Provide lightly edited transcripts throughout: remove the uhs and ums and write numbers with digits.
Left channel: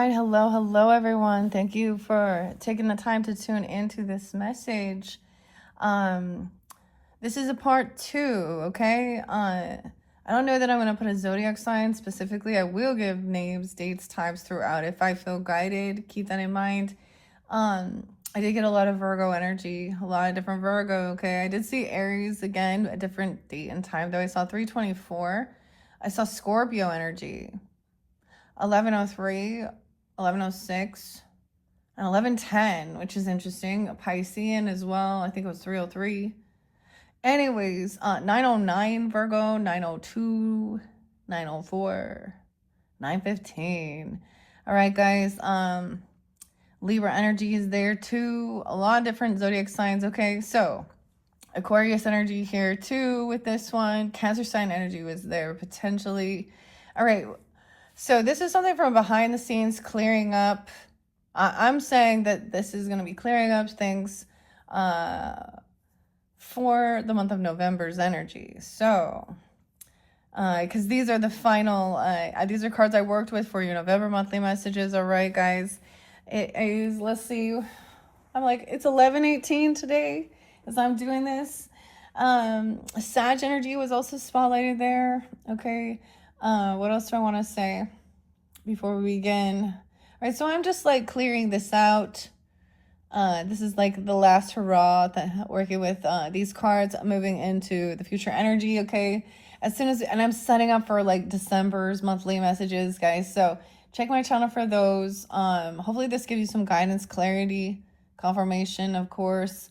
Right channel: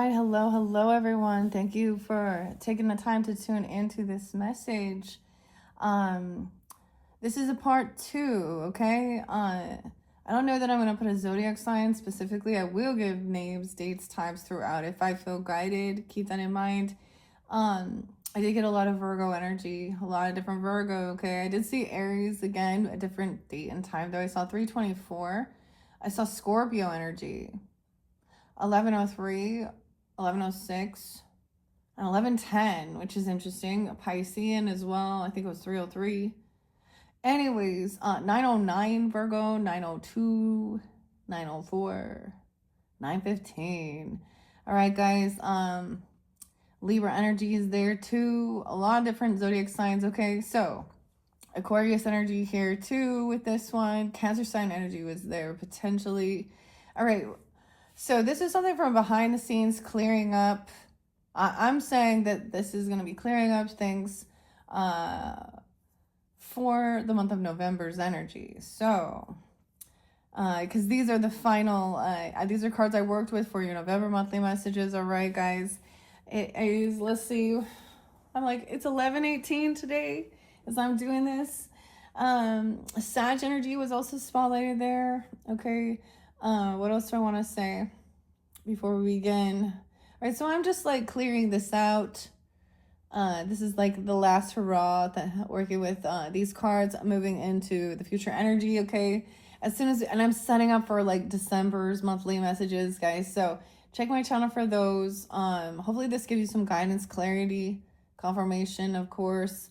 right, hello everyone. Thank you for taking the time to tune into this message. This is a part 2, okay? I don't know that I'm going to put a zodiac sign specifically. I will give names, dates, times throughout if I feel guided. Keep that in mind. I did get a lot of Virgo energy, a lot of different Virgo, okay? I did see Aries again, a different date and time though. I saw 324. I saw Scorpio energy. 1103, 1106, and 1110, which is interesting. A Piscean as well. I think it was 303. Anyways, 909 Virgo, 902, 904, 915. All right, guys. Libra energy is there too. A lot of different zodiac signs. Okay, so Aquarius energy here too with this one. Cancer sign energy was there potentially. All right. So this is something from behind the scenes clearing up. I'm saying that this is going to be clearing up things for the month of November's energy. So, because these are the final, these are cards I worked with for your November monthly messages. All right, guys. It is, let's see, I'm like, it's 11:18 today as I'm doing this. Sag energy was also spotlighted there. Okay. What else do I want to say before we begin? All right, so I'm just like clearing this out. This is like the last hurrah that working with these cards, moving into the future energy. Okay, as soon as, and I'm setting up for like December's monthly messages, guys. So check my channel for those. Hopefully this gives you some guidance, clarity, confirmation, of course.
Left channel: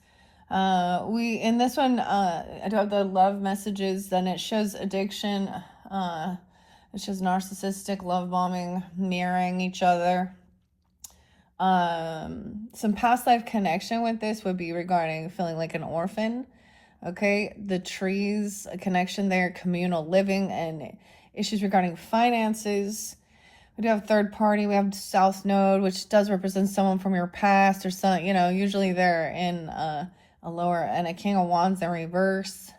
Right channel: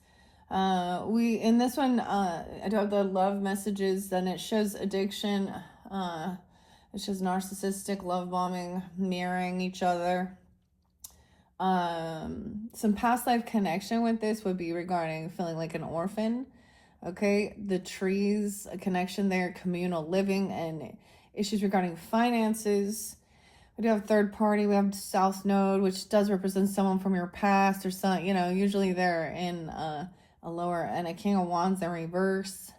We in this one, I do have the love messages. Then it shows addiction. It shows narcissistic love bombing, mirroring each other. Some past life connection with this would be regarding feeling like an orphan. Okay, the trees, a connection there, communal living, and issues regarding finances. We do have third party. We have South Node, which does represent someone from your past or some, you know, usually they're in a lower, and a King of Wands in reverse.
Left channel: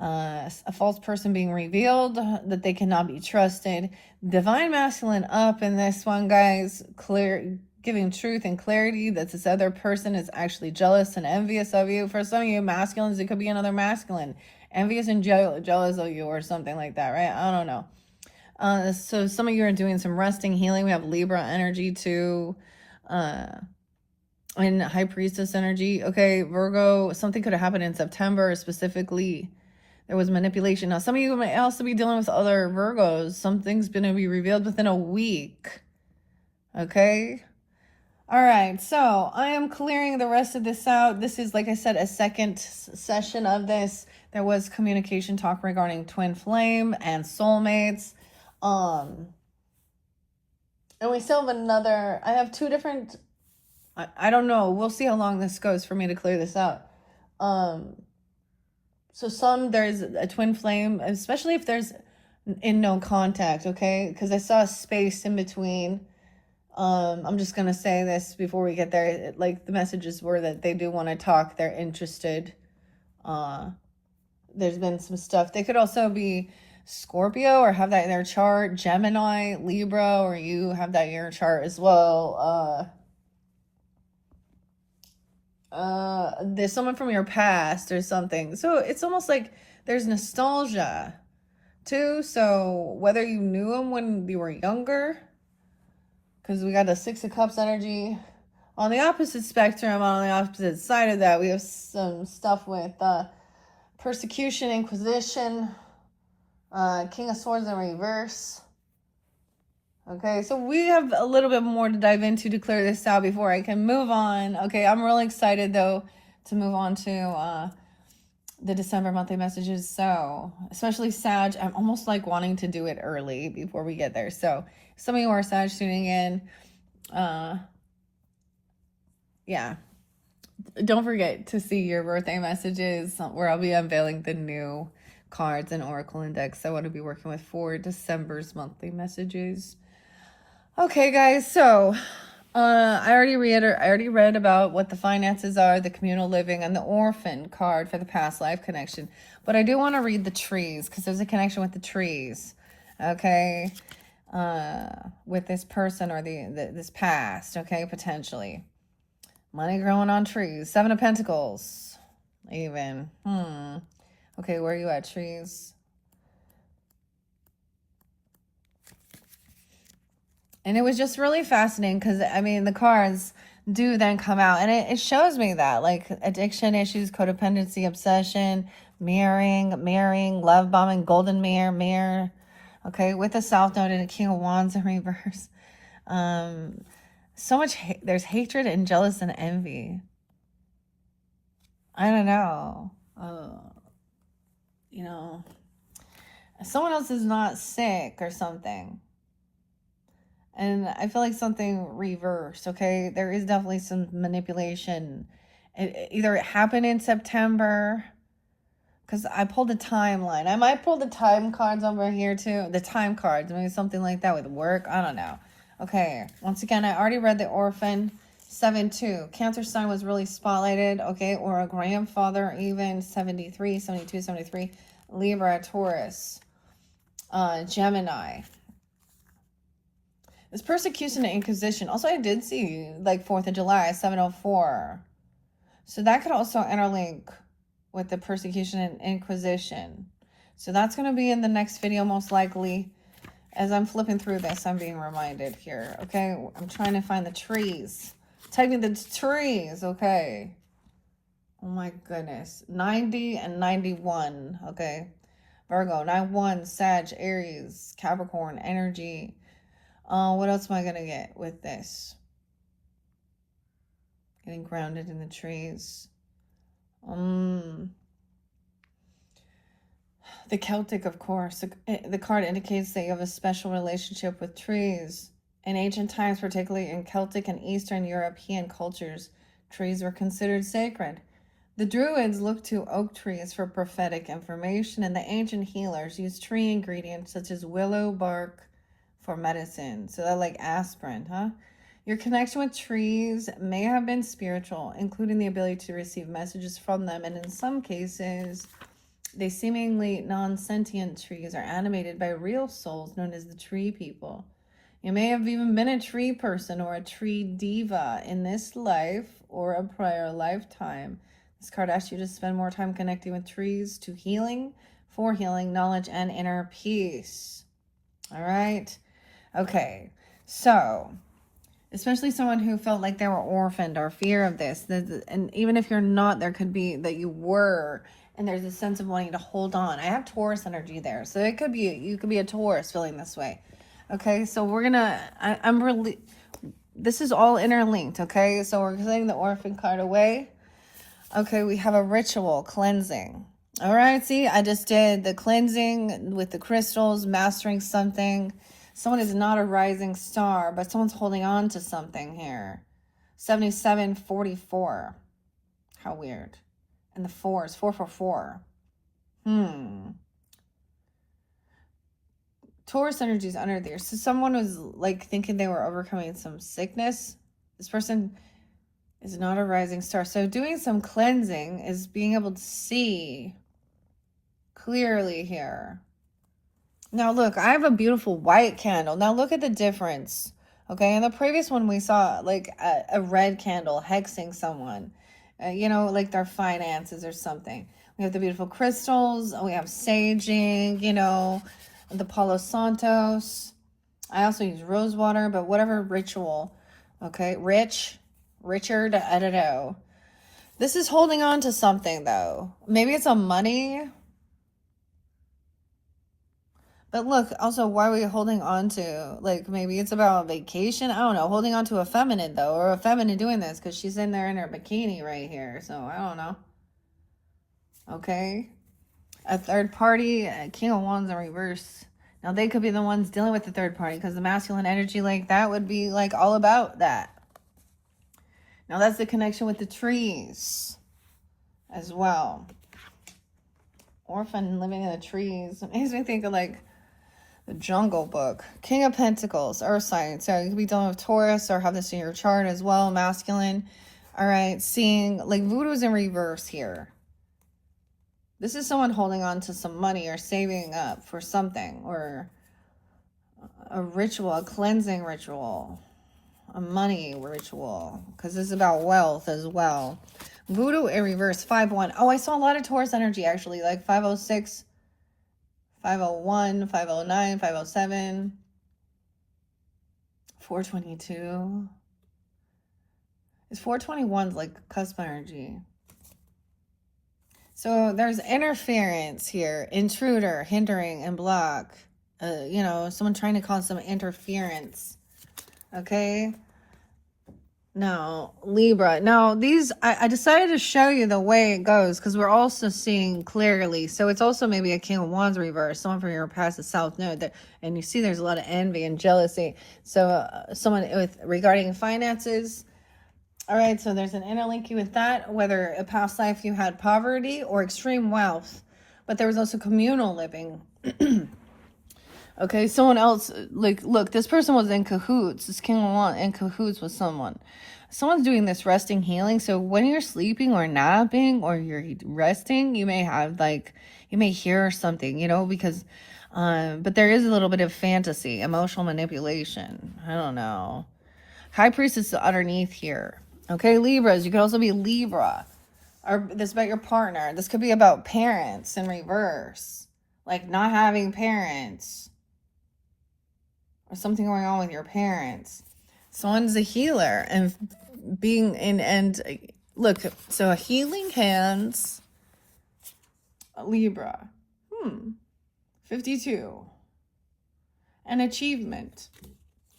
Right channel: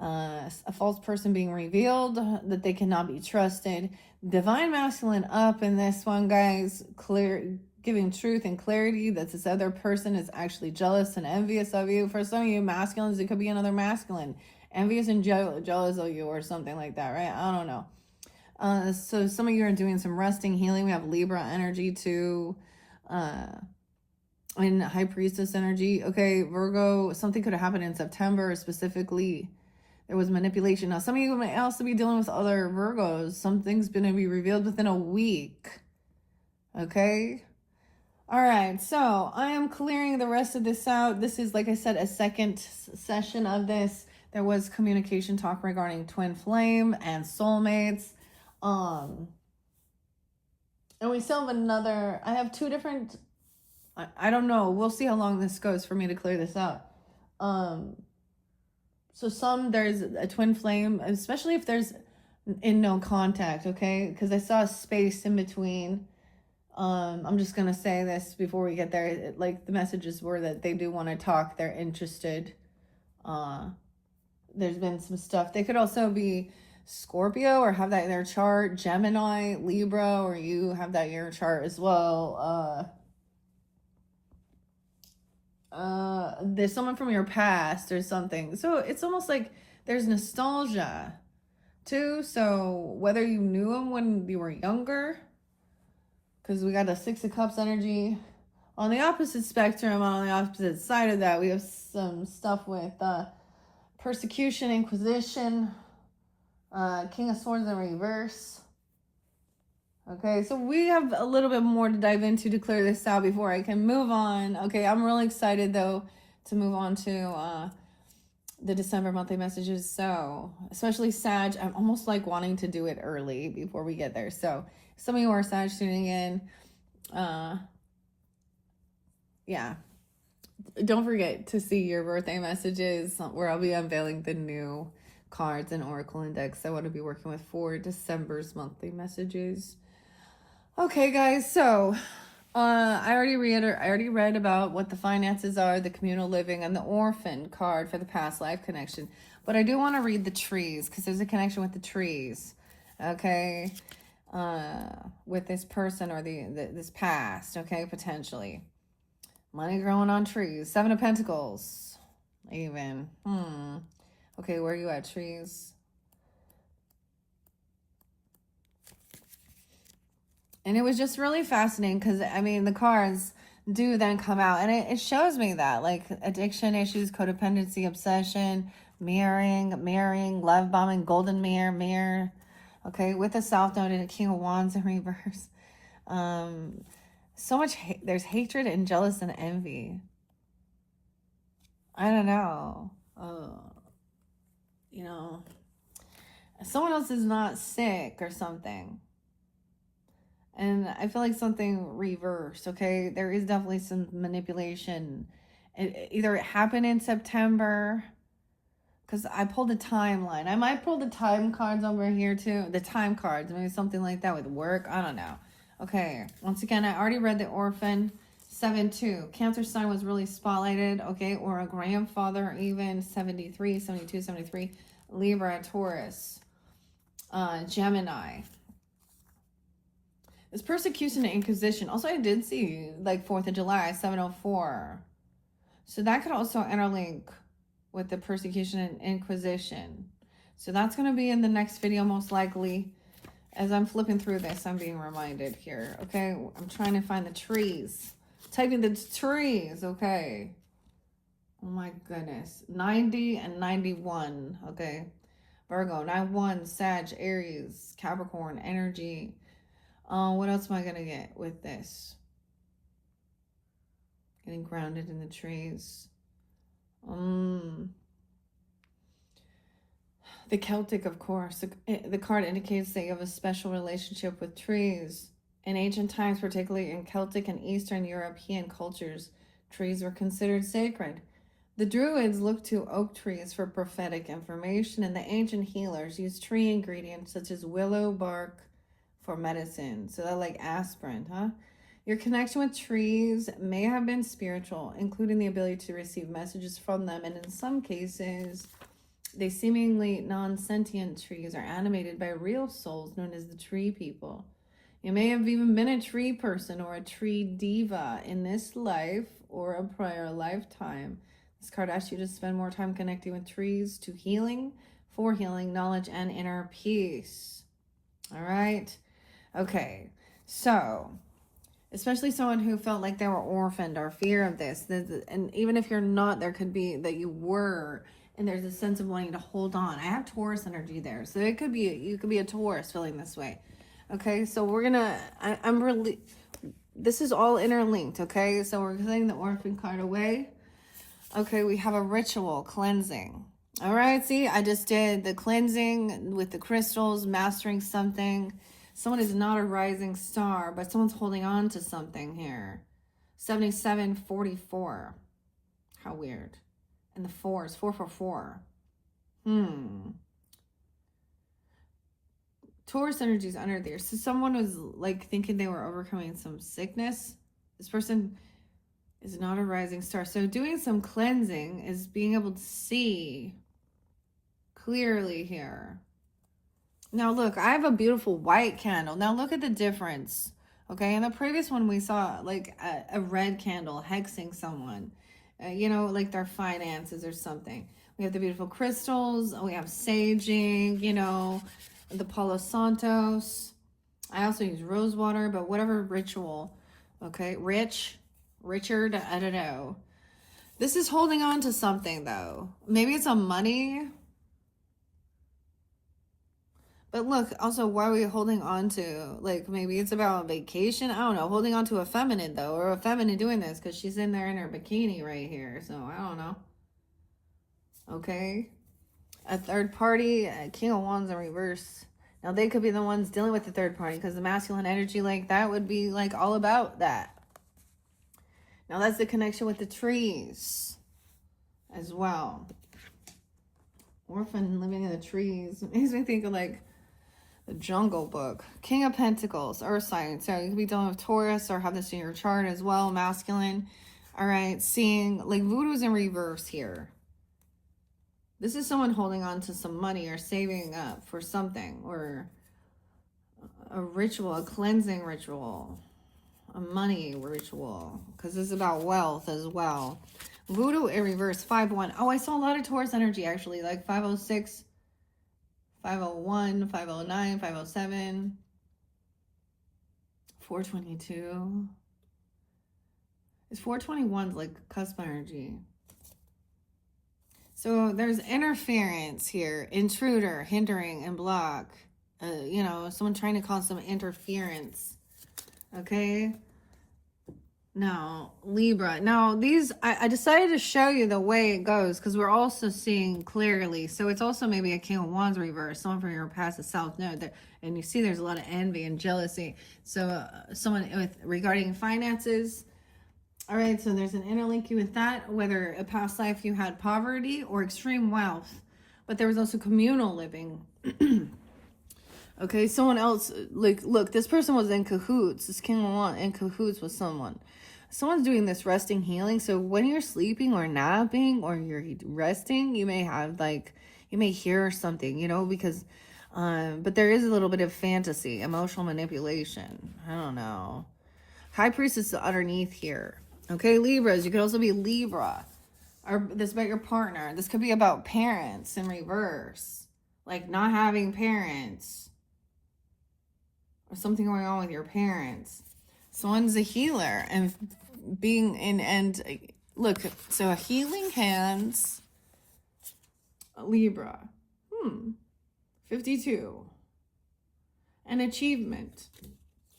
A false person being revealed, that they cannot be trusted. Divine masculine up in this one, guys. Clear, giving truth and clarity that this other person is actually jealous and envious of you. For some of you masculines, it could be another masculine envious and jealous of you or something like that, right? I don't know. So some of you are doing some resting, healing. We have Libra energy too. And High Priestess energy. Okay, Virgo, something could have happened in September specifically. There was manipulation. Now, some of you may also be dealing with other Virgos. Something's going to be revealed within a week. Okay? All right. So, I am clearing the rest of this out. This is, like I said, a second session of this. There was communication talk regarding twin flame and soulmates. And we still have another... I have two different... I don't know. We'll see how long this goes for me to clear this out. So there's a twin flame, especially if there's in no contact, okay? Because I saw a space in between. I'm just going to say this before we get there. Like, the messages were that they do want to talk. They're interested. There's been some stuff. They could also be Scorpio or have that in their chart. Gemini, Libra, or you have that in your chart as well. There's someone from your past or something. So it's almost like there's nostalgia too. So whether you knew him when you were younger, because we got the Six of Cups energy. On the opposite spectrum, on the opposite side of that, we have some stuff with persecution, inquisition, King of Swords in reverse. Okay, so we have a little bit more to dive into to clear this out before I can move on. Okay, I'm really excited, though, to move on to the December monthly messages. So, especially Sag, I'm almost like wanting to do it early before we get there. So, some of you are Sag tuning in. Yeah. Don't forget to see your birthday messages where I'll be unveiling the new cards and Oracle Index I want to be working with for December's monthly messages. Okay, guys, so I already read about what the finances are, the communal living, and the orphan card for the past life connection. But I do want to read the trees because there's a connection with the trees. Okay, with this person or this past, okay, potentially. Money growing on trees. 7 of Pentacles, even. Okay, where are you at, trees? And it was just really fascinating because, I mean, the cards do then come out. And it shows me that, like, addiction issues, codependency, obsession, marrying, love bombing, golden mirror. Okay, with the South Node and the King of Wands in reverse. So much, there's hatred and jealous and envy. I don't know. You know, someone else is not sick or something. And I feel like something reversed, okay? There is definitely some manipulation. Either it happened in September, because I pulled a timeline. I might pull the time cards over here too. The time cards, maybe something like that with work. I don't know. Okay, once again, I already read the Orphan 7-2. Cancer sign was really spotlighted, okay? Or a grandfather even, 73, 72, 73. Libra, Taurus, Gemini. This persecution and inquisition. Also, I did see like 4th of July, 704. So that could also interlink with the persecution and inquisition. So that's going to be in the next video, most likely. As I'm flipping through this, I'm being reminded here. Okay, I'm trying to find the trees. Typing the trees. Okay. Oh my goodness. 90 and 91. Okay. Virgo, 9-1, Sag, Aries, Capricorn, energy. What else am I going to get with this? Getting grounded in the trees. The Celtic, of course. The card indicates that you have a special relationship with trees. In ancient times, particularly in Celtic and Eastern European cultures, trees were considered sacred. The Druids looked to oak trees for prophetic information, and the ancient healers used tree ingredients such as willow bark for medicine. So that like aspirin, huh? Your connection with trees may have been spiritual, including the ability to receive messages from them, and in some cases, they seemingly non-sentient trees are animated by real souls known as the tree people. You may have even been a tree person or a tree diva in this life or a prior lifetime. This card asks you to spend more time connecting with trees to healing, for healing, knowledge, and inner peace. All right? Okay, so especially someone who felt like they were orphaned or fear of this, and even if you're not, there could be that you were, and there's a sense of wanting to hold on. I have Taurus energy there, so it could be, you could be a Taurus feeling this way. Okay, so we're gonna, I'm really, this is all interlinked, okay? So we're getting the orphan card away. Okay, we have a ritual cleansing. All right, see, I just did the cleansing with the crystals, mastering something. Someone is not a rising star, but someone's holding on to something here. 7744. How weird. And the 4 is 444. Taurus energy is under there. So someone was like thinking they were overcoming some sickness. This person is not a rising star. So doing some cleansing is being able to see clearly here. Now look, I have a beautiful white candle. Now look at the difference. Okay, in the previous one we saw like a red candle hexing someone. You know, like their finances or something. We have the beautiful crystals. We have saging, you know, the Palo Santos. I also use rose water, but whatever ritual. Okay, Richard, I don't know. This is holding on to something though. Maybe it's a money. But look, also, why are we holding on to, like, maybe it's about vacation? I don't know. Holding on to a feminine, though, or a feminine doing this, because she's in there in her bikini right here. So, I don't know. Okay. A third party, King of Wands in reverse. Now, they could be the ones dealing with the third party, because the masculine energy like that would be, like, all about that. Now, that's the connection with the trees as well. Orphan living in the trees. It makes me think of, like, the Jungle Book. King of Pentacles, Earth sign. So you could be dealing with Taurus or have this in your chart as well, masculine. All right, seeing like voodoo's in reverse here. This is someone holding on to some money or saving up for something, or a ritual, a cleansing ritual, a money ritual, because this is about wealth as well. Voodoo in reverse, 5-1. Oh, I saw a lot of Taurus energy, actually, like 506, 501, 509, 507, 422. It's 421's like cusp energy. So there's interference here, intruder, hindering, and block. You know, someone trying to cause some interference. Okay. Now, Libra. Now, these, I decided to show you the way it goes because we're also seeing clearly. So it's also maybe a King of Wands reverse, someone from your past, the South Node. That, and you see there's a lot of envy and jealousy. So someone with regarding finances. All right, so there's an interlink with that, whether a past life you had poverty or extreme wealth. But there was also communal living. Okay, someone else, like, look, this person was in cahoots. This King of Wands in cahoots with someone. Someone's doing this resting healing. So when you're sleeping or napping or you're resting, you may have, like, you may hear something, you know, because, but there is a little bit of fantasy, emotional manipulation. I don't know. High Priestess is underneath here. Okay, Libras, you could also be Libra. Or this about your partner. This could be about parents in reverse. Like not having parents. Or something going on with your parents. Someone's a healer and being in, and look, so a healing hands, a Libra, 52, an achievement.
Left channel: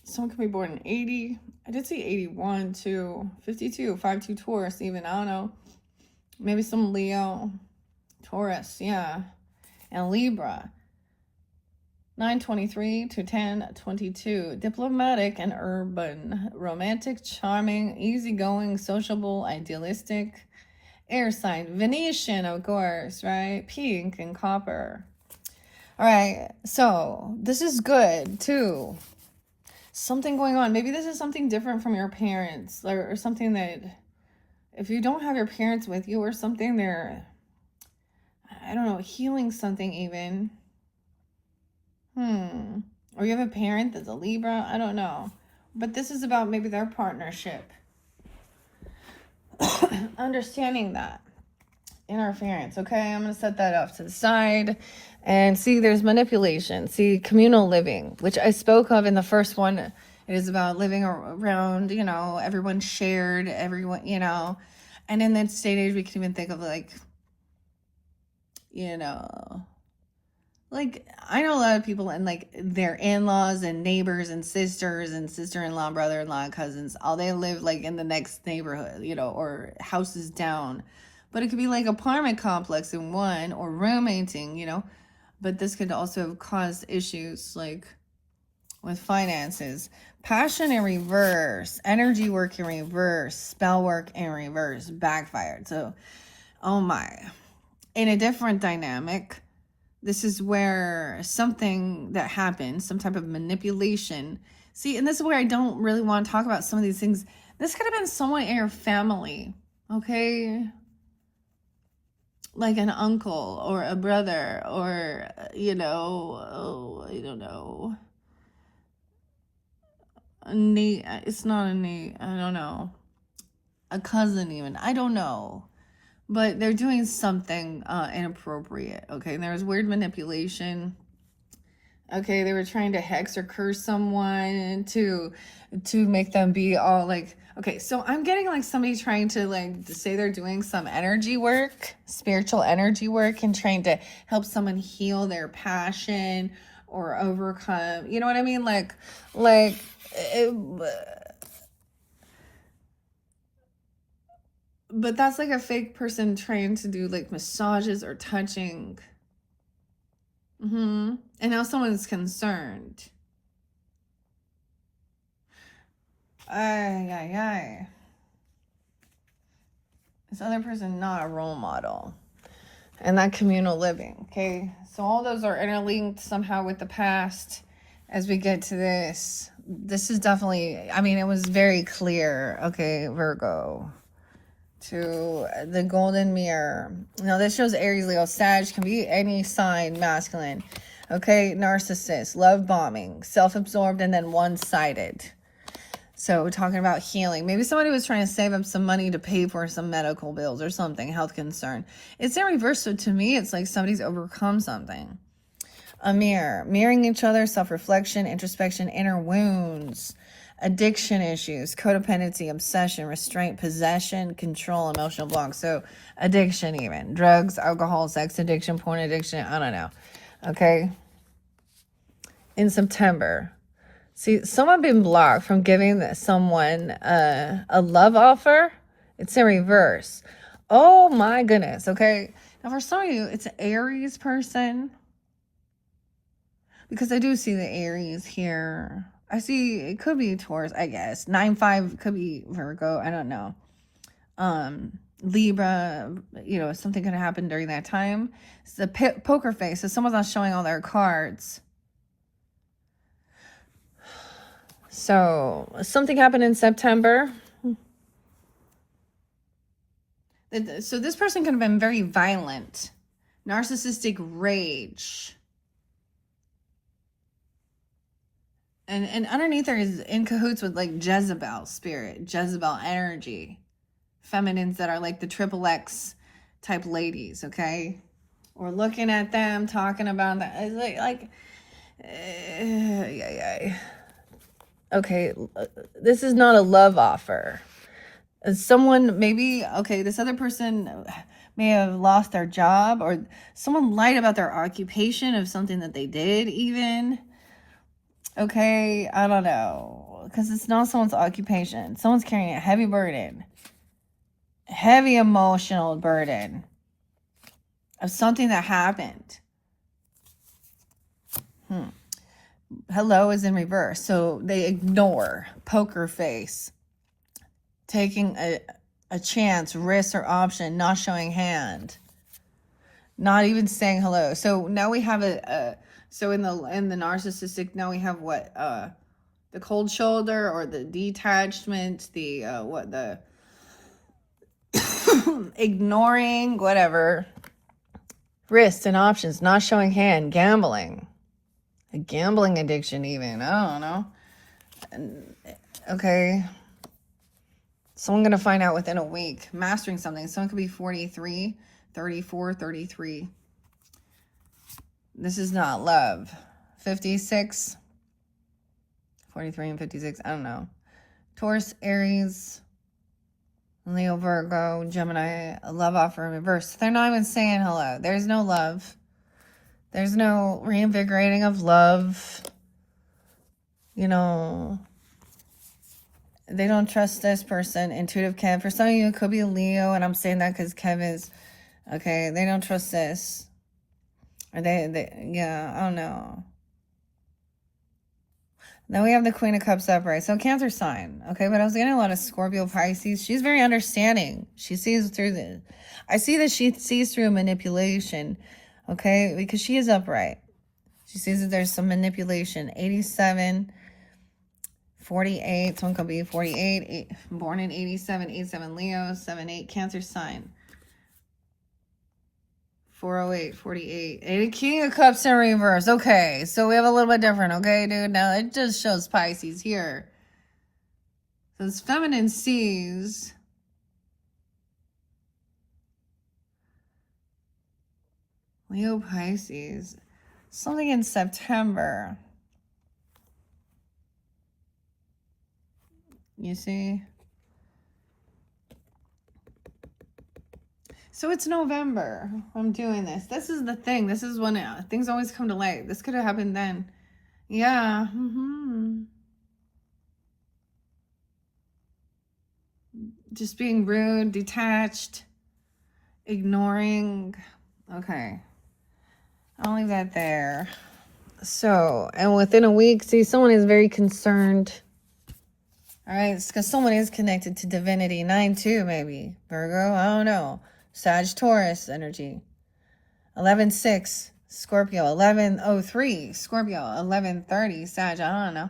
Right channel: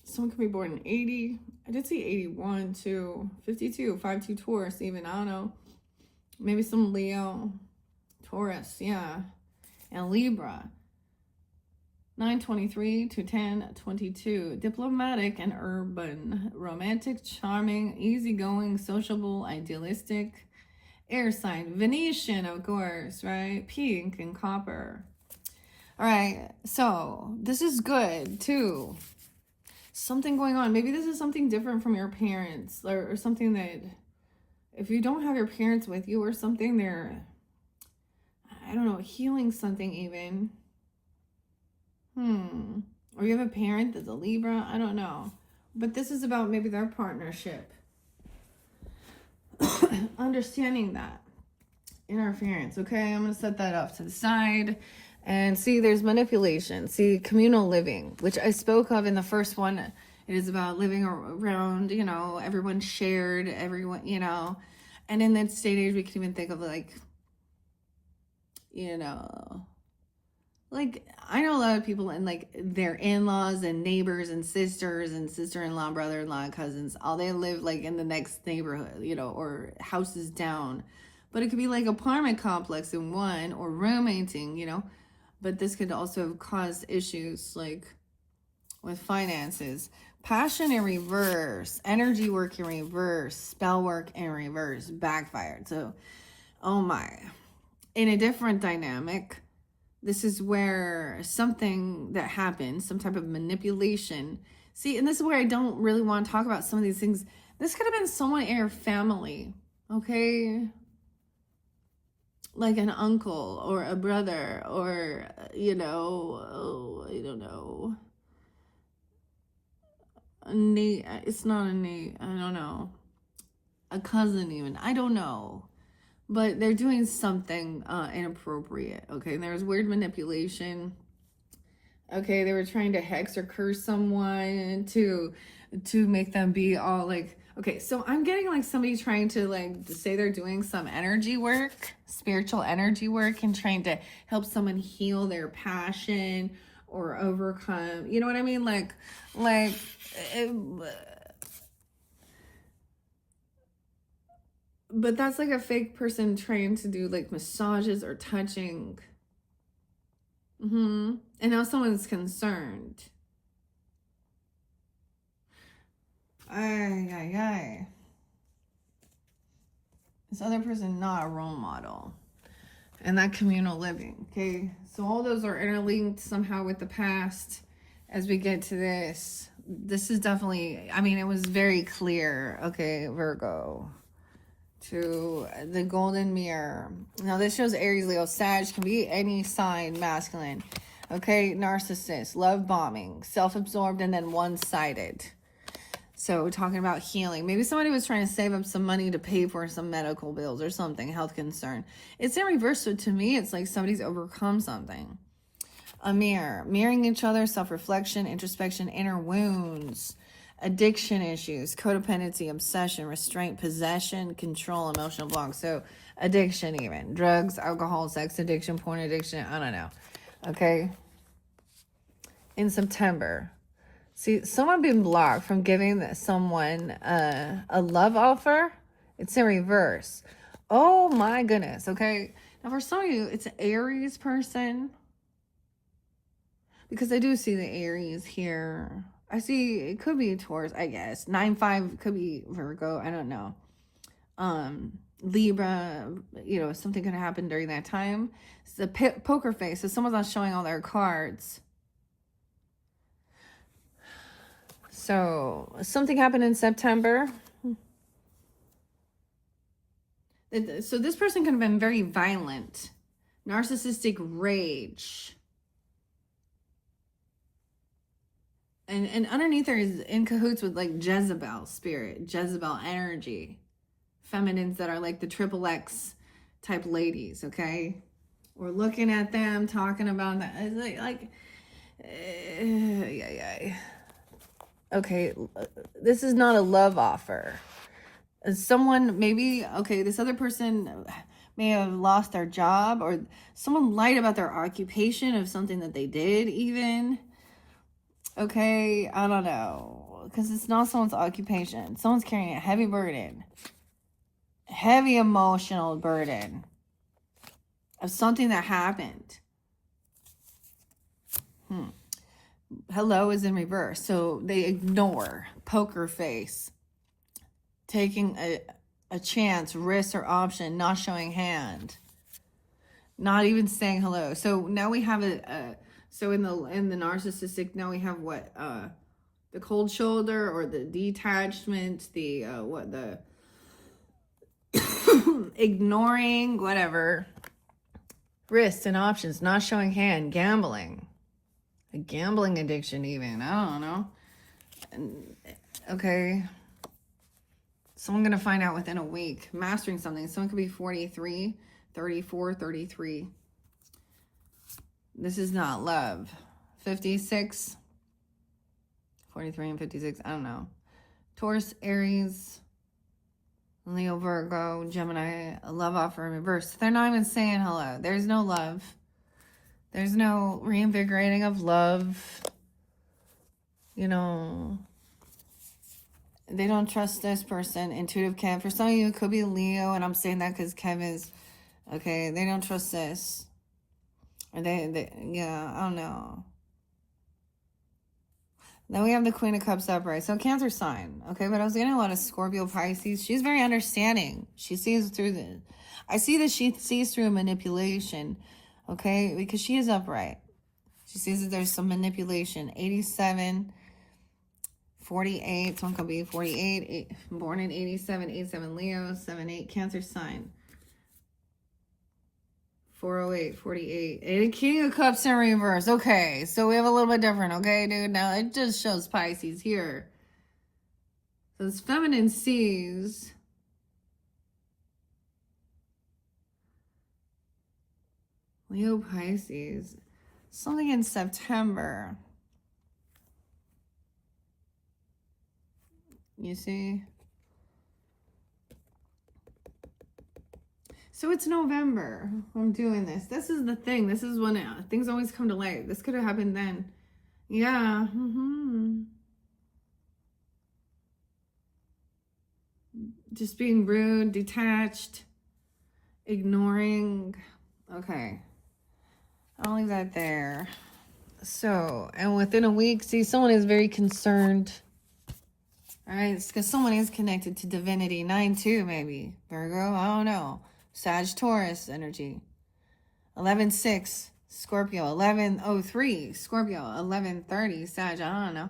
Someone could be born in 80, I did say 81 too, 52, 5-2 Taurus even, I don't know, maybe some Leo, Taurus, yeah, and Libra. 923 to 1022. Diplomatic and urban. Romantic, charming, easygoing, sociable, idealistic. Air sign. Venetian, of course, right? Pink and copper. All right. So this is good too. Something going on. Maybe this is something different from your parents, or something that if you don't have your parents with you or something, they're, I don't know, healing something even. Or you have a parent that's a Libra. I don't know. But this is about maybe their partnership. Understanding that. Interference. Okay, I'm going to set that off to the side. And see, there's manipulation. See, communal living, which I spoke of in the first one. It is about living around, you know, everyone shared, everyone, you know. And in that state age, we can even think of like, you know, like, I know a lot of people and like their in-laws and neighbors and sisters and sister-in-law, brother-in-law, cousins, all they live like in the next neighborhood, you know, or houses down. But it could be like apartment complex in one, or roommating, you know. But this could also cause issues like with finances. Passion in reverse, energy work in reverse, spell work in reverse, backfired. So, oh my. In a different dynamic, this is where something that happened, some type of manipulation. See, and this is where I don't really want to talk about some of these things. This could have been someone in your family, okay? Like an uncle or a brother or, you know, oh, I don't know. It's not a niece, I don't know. A cousin even, I don't know. But they're doing something inappropriate, okay? And there was weird manipulation. Okay, they were trying to hex or curse someone to make them be all like, okay, so I'm getting like somebody trying to like say they're doing some energy work, spiritual energy work, and trying to help someone heal their passion or overcome, you know what I mean? But that's like a fake person trying to do like massages or touching. And now someone's concerned. This other person not a role model. And that communal living, okay? So all those are interlinked somehow with the past. As we get to this, this is definitely, I mean, it was very clear, okay, Virgo. To the golden mirror. Now this shows Aries, Leo, Sag, can be any sign masculine. Okay, narcissist, love bombing, self-absorbed, and then one-sided. So we're talking about healing. Maybe somebody was trying to save up some money to pay for some medical bills or something, health concern. It's in reverse, so to me, it's like somebody's overcome something. A mirror, mirroring each other, self-reflection, introspection, inner wounds, addiction issues, codependency, obsession, restraint, possession, control, emotional blocks. So addiction even, drugs, alcohol, sex addiction, porn addiction, I don't know. Okay. In September, see, someone been blocked from giving someone a love offer. It's in reverse. Oh my goodness. Okay. Now for some of you, it's an Aries person. Because I do see the Aries here. I see it could be Taurus, I guess. 9-5 could be Virgo. I don't know. Libra, you know, something could happen during that time. It's the poker face. So someone's not showing all their cards. So something happened in September. So this person could have been very violent. Narcissistic rage. And underneath there is in cahoots with like Jezebel spirit, Jezebel energy. Feminines that are like the triple X type ladies, okay? Or looking at them, talking about that. It's okay, this is not a love offer. Someone maybe, okay, this other person may have lost their job, or someone lied about their occupation of something that they did even. Okay, I don't know. Because it's not someone's occupation. Someone's carrying a heavy burden. Heavy emotional burden of something that happened. Hello is in reverse. So they ignore, poker face, taking a chance, risk, or option, not showing hand, not even saying hello. So now we have so in the narcissistic, now we have what, the cold shoulder or the detachment, the ignoring, whatever, risks and options, not showing hand, gambling, a gambling addiction even, I don't know. Okay. Someone going to find out within a week, mastering something. Someone could be 43, 34, 33. This is not love. 56, 43 and 56, I don't know. Taurus, Aries, Leo, Virgo, Gemini, a love offer in reverse. They're not even saying hello. There's no love. There's no reinvigorating of love. You know, they don't trust this person. Intuitive Kev. For some of you, it could be Leo, and I'm saying that because Kev is, okay, they don't trust this. Or yeah, I don't know. Then we have the Queen of Cups upright. So Cancer sign. Okay, but I was getting a lot of Scorpio, Pisces. She's very understanding. She sees through the... I see that she sees through manipulation. Okay, because she is upright. She sees that there's some manipulation. 87, 48. Someone could be 48. Born in 87, 87 Leo, 78 Cancer sign. 408, 48. And a King of Cups in reverse. Okay, so we have a little bit different, okay, dude? Now, it just shows Pisces here. So it's feminine sees. Leo, Pisces. Something in September. You see? So it's November. I'm doing this. This is the thing. This is when things always come to light. This could have happened then. Yeah. Just being rude, detached, ignoring. Okay. I'll leave that there. So, and within a week, see, someone is very concerned. All right, it's because someone is connected to divinity. 9-2, maybe. Virgo, I don't know. Sag, Taurus energy. 11-6, Scorpio. 11-03, Scorpio. 11-30, Sag, I don't know.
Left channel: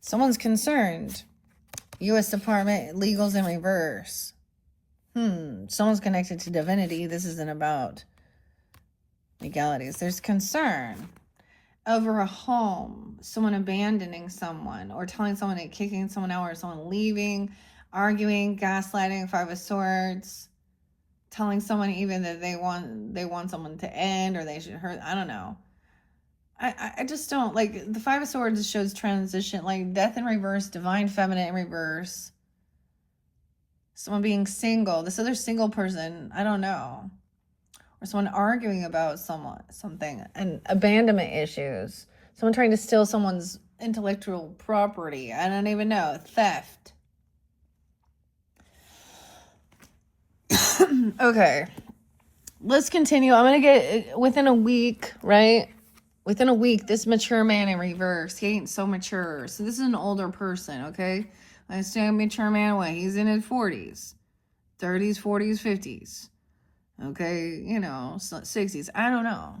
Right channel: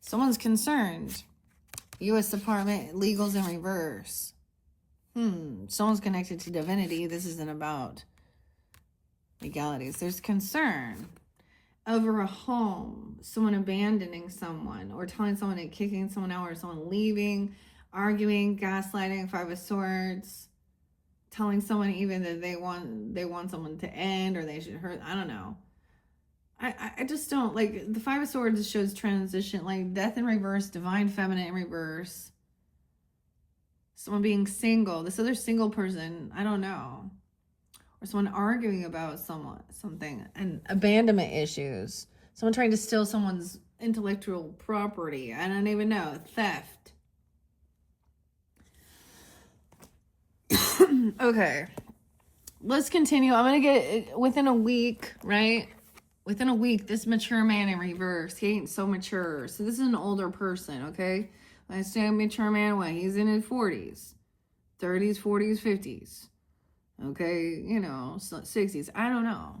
Someone's concerned. U.S. Department, legals in reverse. Someone's connected to divinity. This isn't about legalities. There's concern. over a home, someone abandoning someone, or telling someone and kicking someone out, or someone leaving, arguing, gaslighting, Five of Swords, telling someone even that they want someone to end, or they should hurt. I don't know. I just don't like the Five of Swords shows transition, like death in reverse, divine feminine in reverse, someone being single, this other single person, I don't know, or someone arguing about something, and abandonment issues, someone trying to steal someone's intellectual property, I don't even know, theft. Okay, let's continue. I'm gonna get within a week, right? Within a week, this mature man in reverse. He ain't so mature. So this is an older person, okay? I say a mature man way. He's in his 40s, 30s, 40s, 50s. Okay, 60s. I don't know.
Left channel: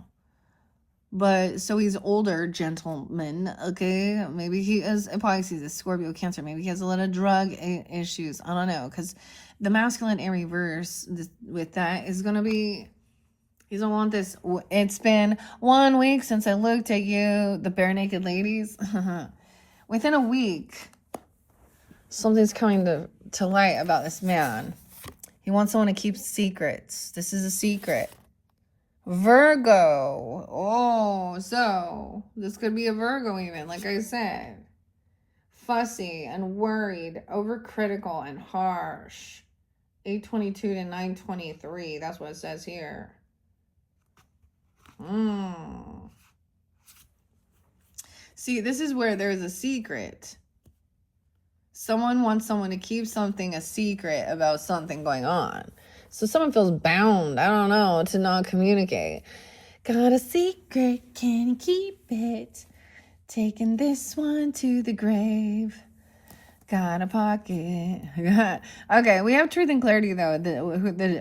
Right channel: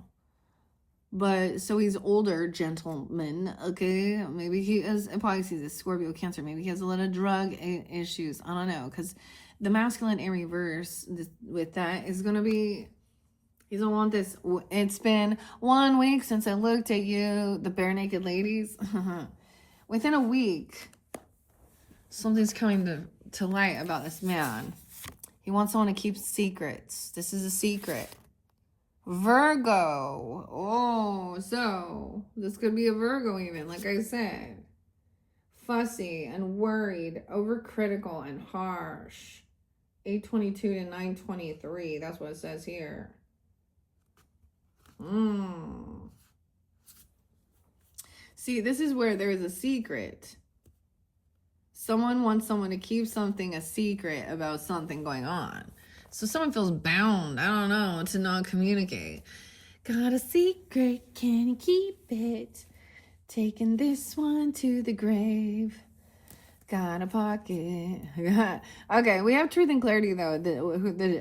But so he's older gentleman, okay? Maybe he is a Pisces, a Scorpio, Cancer. Maybe he has a lot of drug issues. I don't know, because the masculine in reverse with that is going to be, he's gonna want this. It's been 1 week since I looked at you, the bare naked ladies. Within a week, something's coming to light about this man. He wants someone to keep secrets. This is a secret. Virgo. Oh, so this could be a Virgo even, like I said. Fussy and worried, overcritical and harsh. 822 to 923. That's what it says here. See, this is where there's a secret. Someone wants someone to keep something a secret about something going on. So someone feels bound, I don't know, to not communicate. Got a secret, can keep it. Taking this one to the grave. Got a pocket. Okay, we have truth and clarity, though.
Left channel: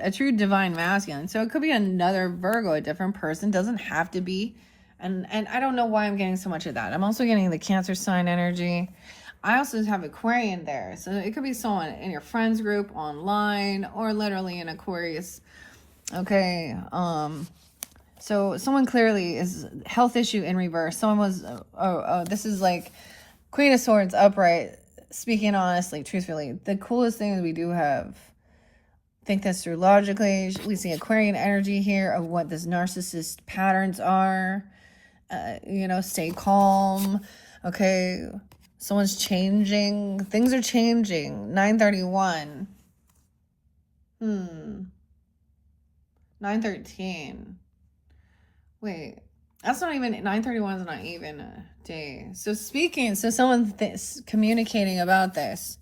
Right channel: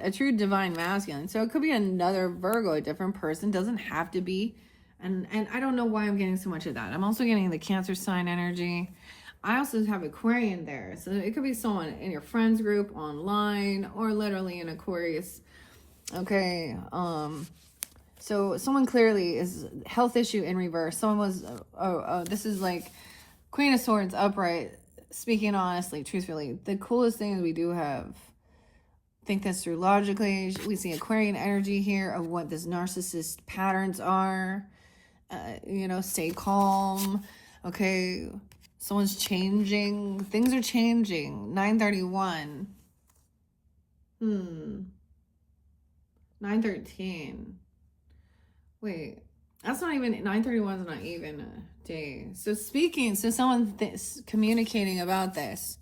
A true divine masculine. So it could be another Virgo, a different person. Doesn't have to be. And I don't know why I'm getting so much of that. I'm also getting the Cancer sign energy. I also have Aquarian there. So it could be someone in your friends group, online, or literally in Aquarius. Okay. So someone clearly is health issue in reverse. Someone was, this is like Queen of Swords upright. Speaking honestly, truthfully, the coolest thing is we do have, think this through logically. We see Aquarian energy here of what this narcissist patterns are. Stay calm. Okay. Someone's changing. Things are changing. 931. 913. Wait. That's not even, 931 is not even a day. So someone communicating about this.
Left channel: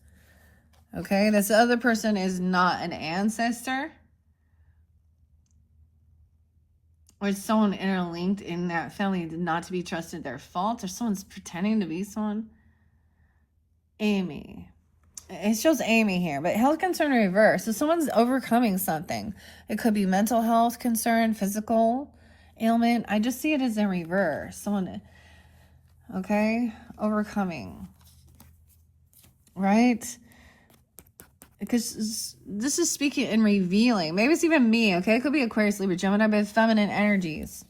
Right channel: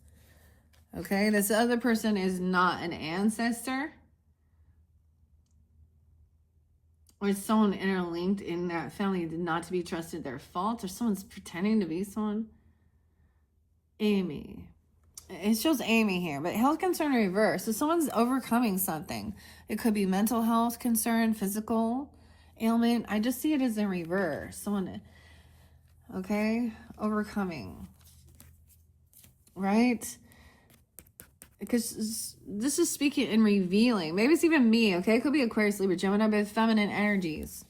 Okay, this other person is not an ancestor. Or it's someone interlinked in that family, not to be trusted, their fault. Or someone's pretending to be someone. Amy. It shows Amy here, but health concern in reverse. So someone's overcoming something. It could be mental health concern, physical ailment. I just see it as in reverse. Someone, okay, overcoming, right? Because this is speaking and revealing. Maybe it's even me, okay? It could be Aquarius, Libra, Gemini, but feminine energies.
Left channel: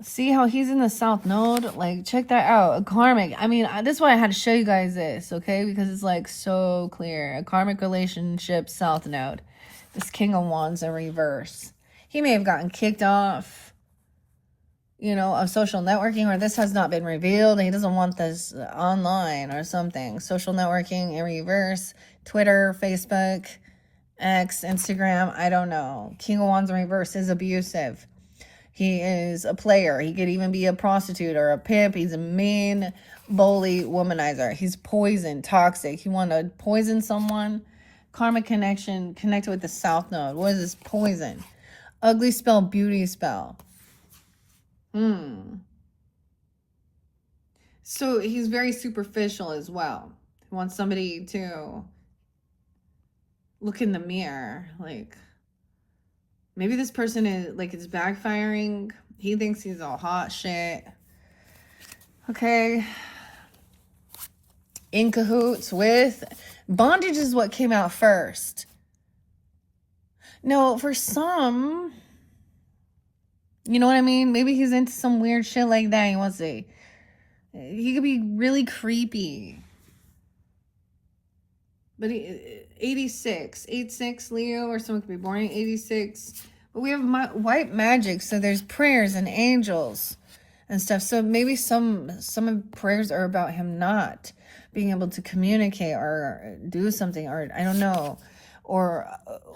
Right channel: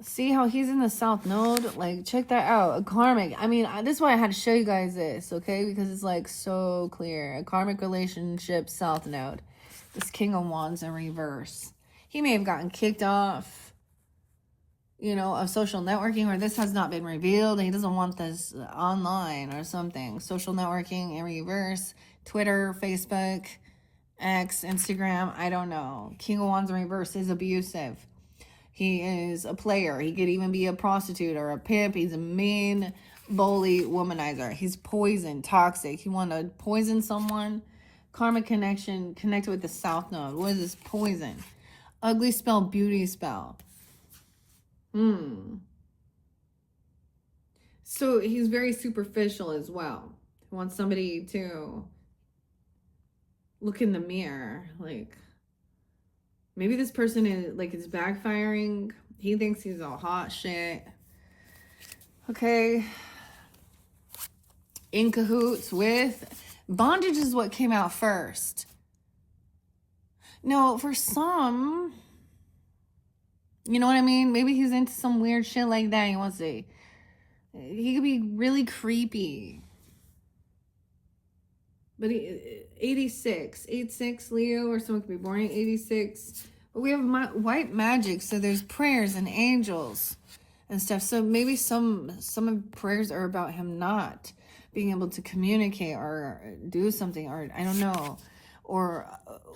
See how he's in the South Node? Like, check that out. A karmic. I mean, this is why I had to show you guys this, okay? Because it's, like, so clear. A karmic relationship, South Node. This King of Wands in reverse. He may have gotten kicked off, of social networking, or this has not been revealed. He doesn't want this online or something. Social networking in reverse. Twitter, Facebook, X, Instagram. I don't know. King of Wands in reverse is abusive. He is a player. He could even be a prostitute or a pimp. He's a mean, bully womanizer. He's poison, toxic. He want to poison someone. Karmic connection connected with the South Node. What is this? Poison. Ugly spell, beauty spell. So he's very superficial as well. He wants somebody to look in the mirror. Like, maybe this person is, like, it's backfiring. He thinks he's all hot shit. Okay. In cahoots with. Bondage is what came out first. No, for some, You know what I mean? Maybe he's into some weird shit like that. He could be really creepy. But 86, 86 Leo, or someone could be born in 86. But we have white magic, so there's prayers and angels and stuff. So maybe some of the prayers are about him not being able to communicate or do something, or I don't know, or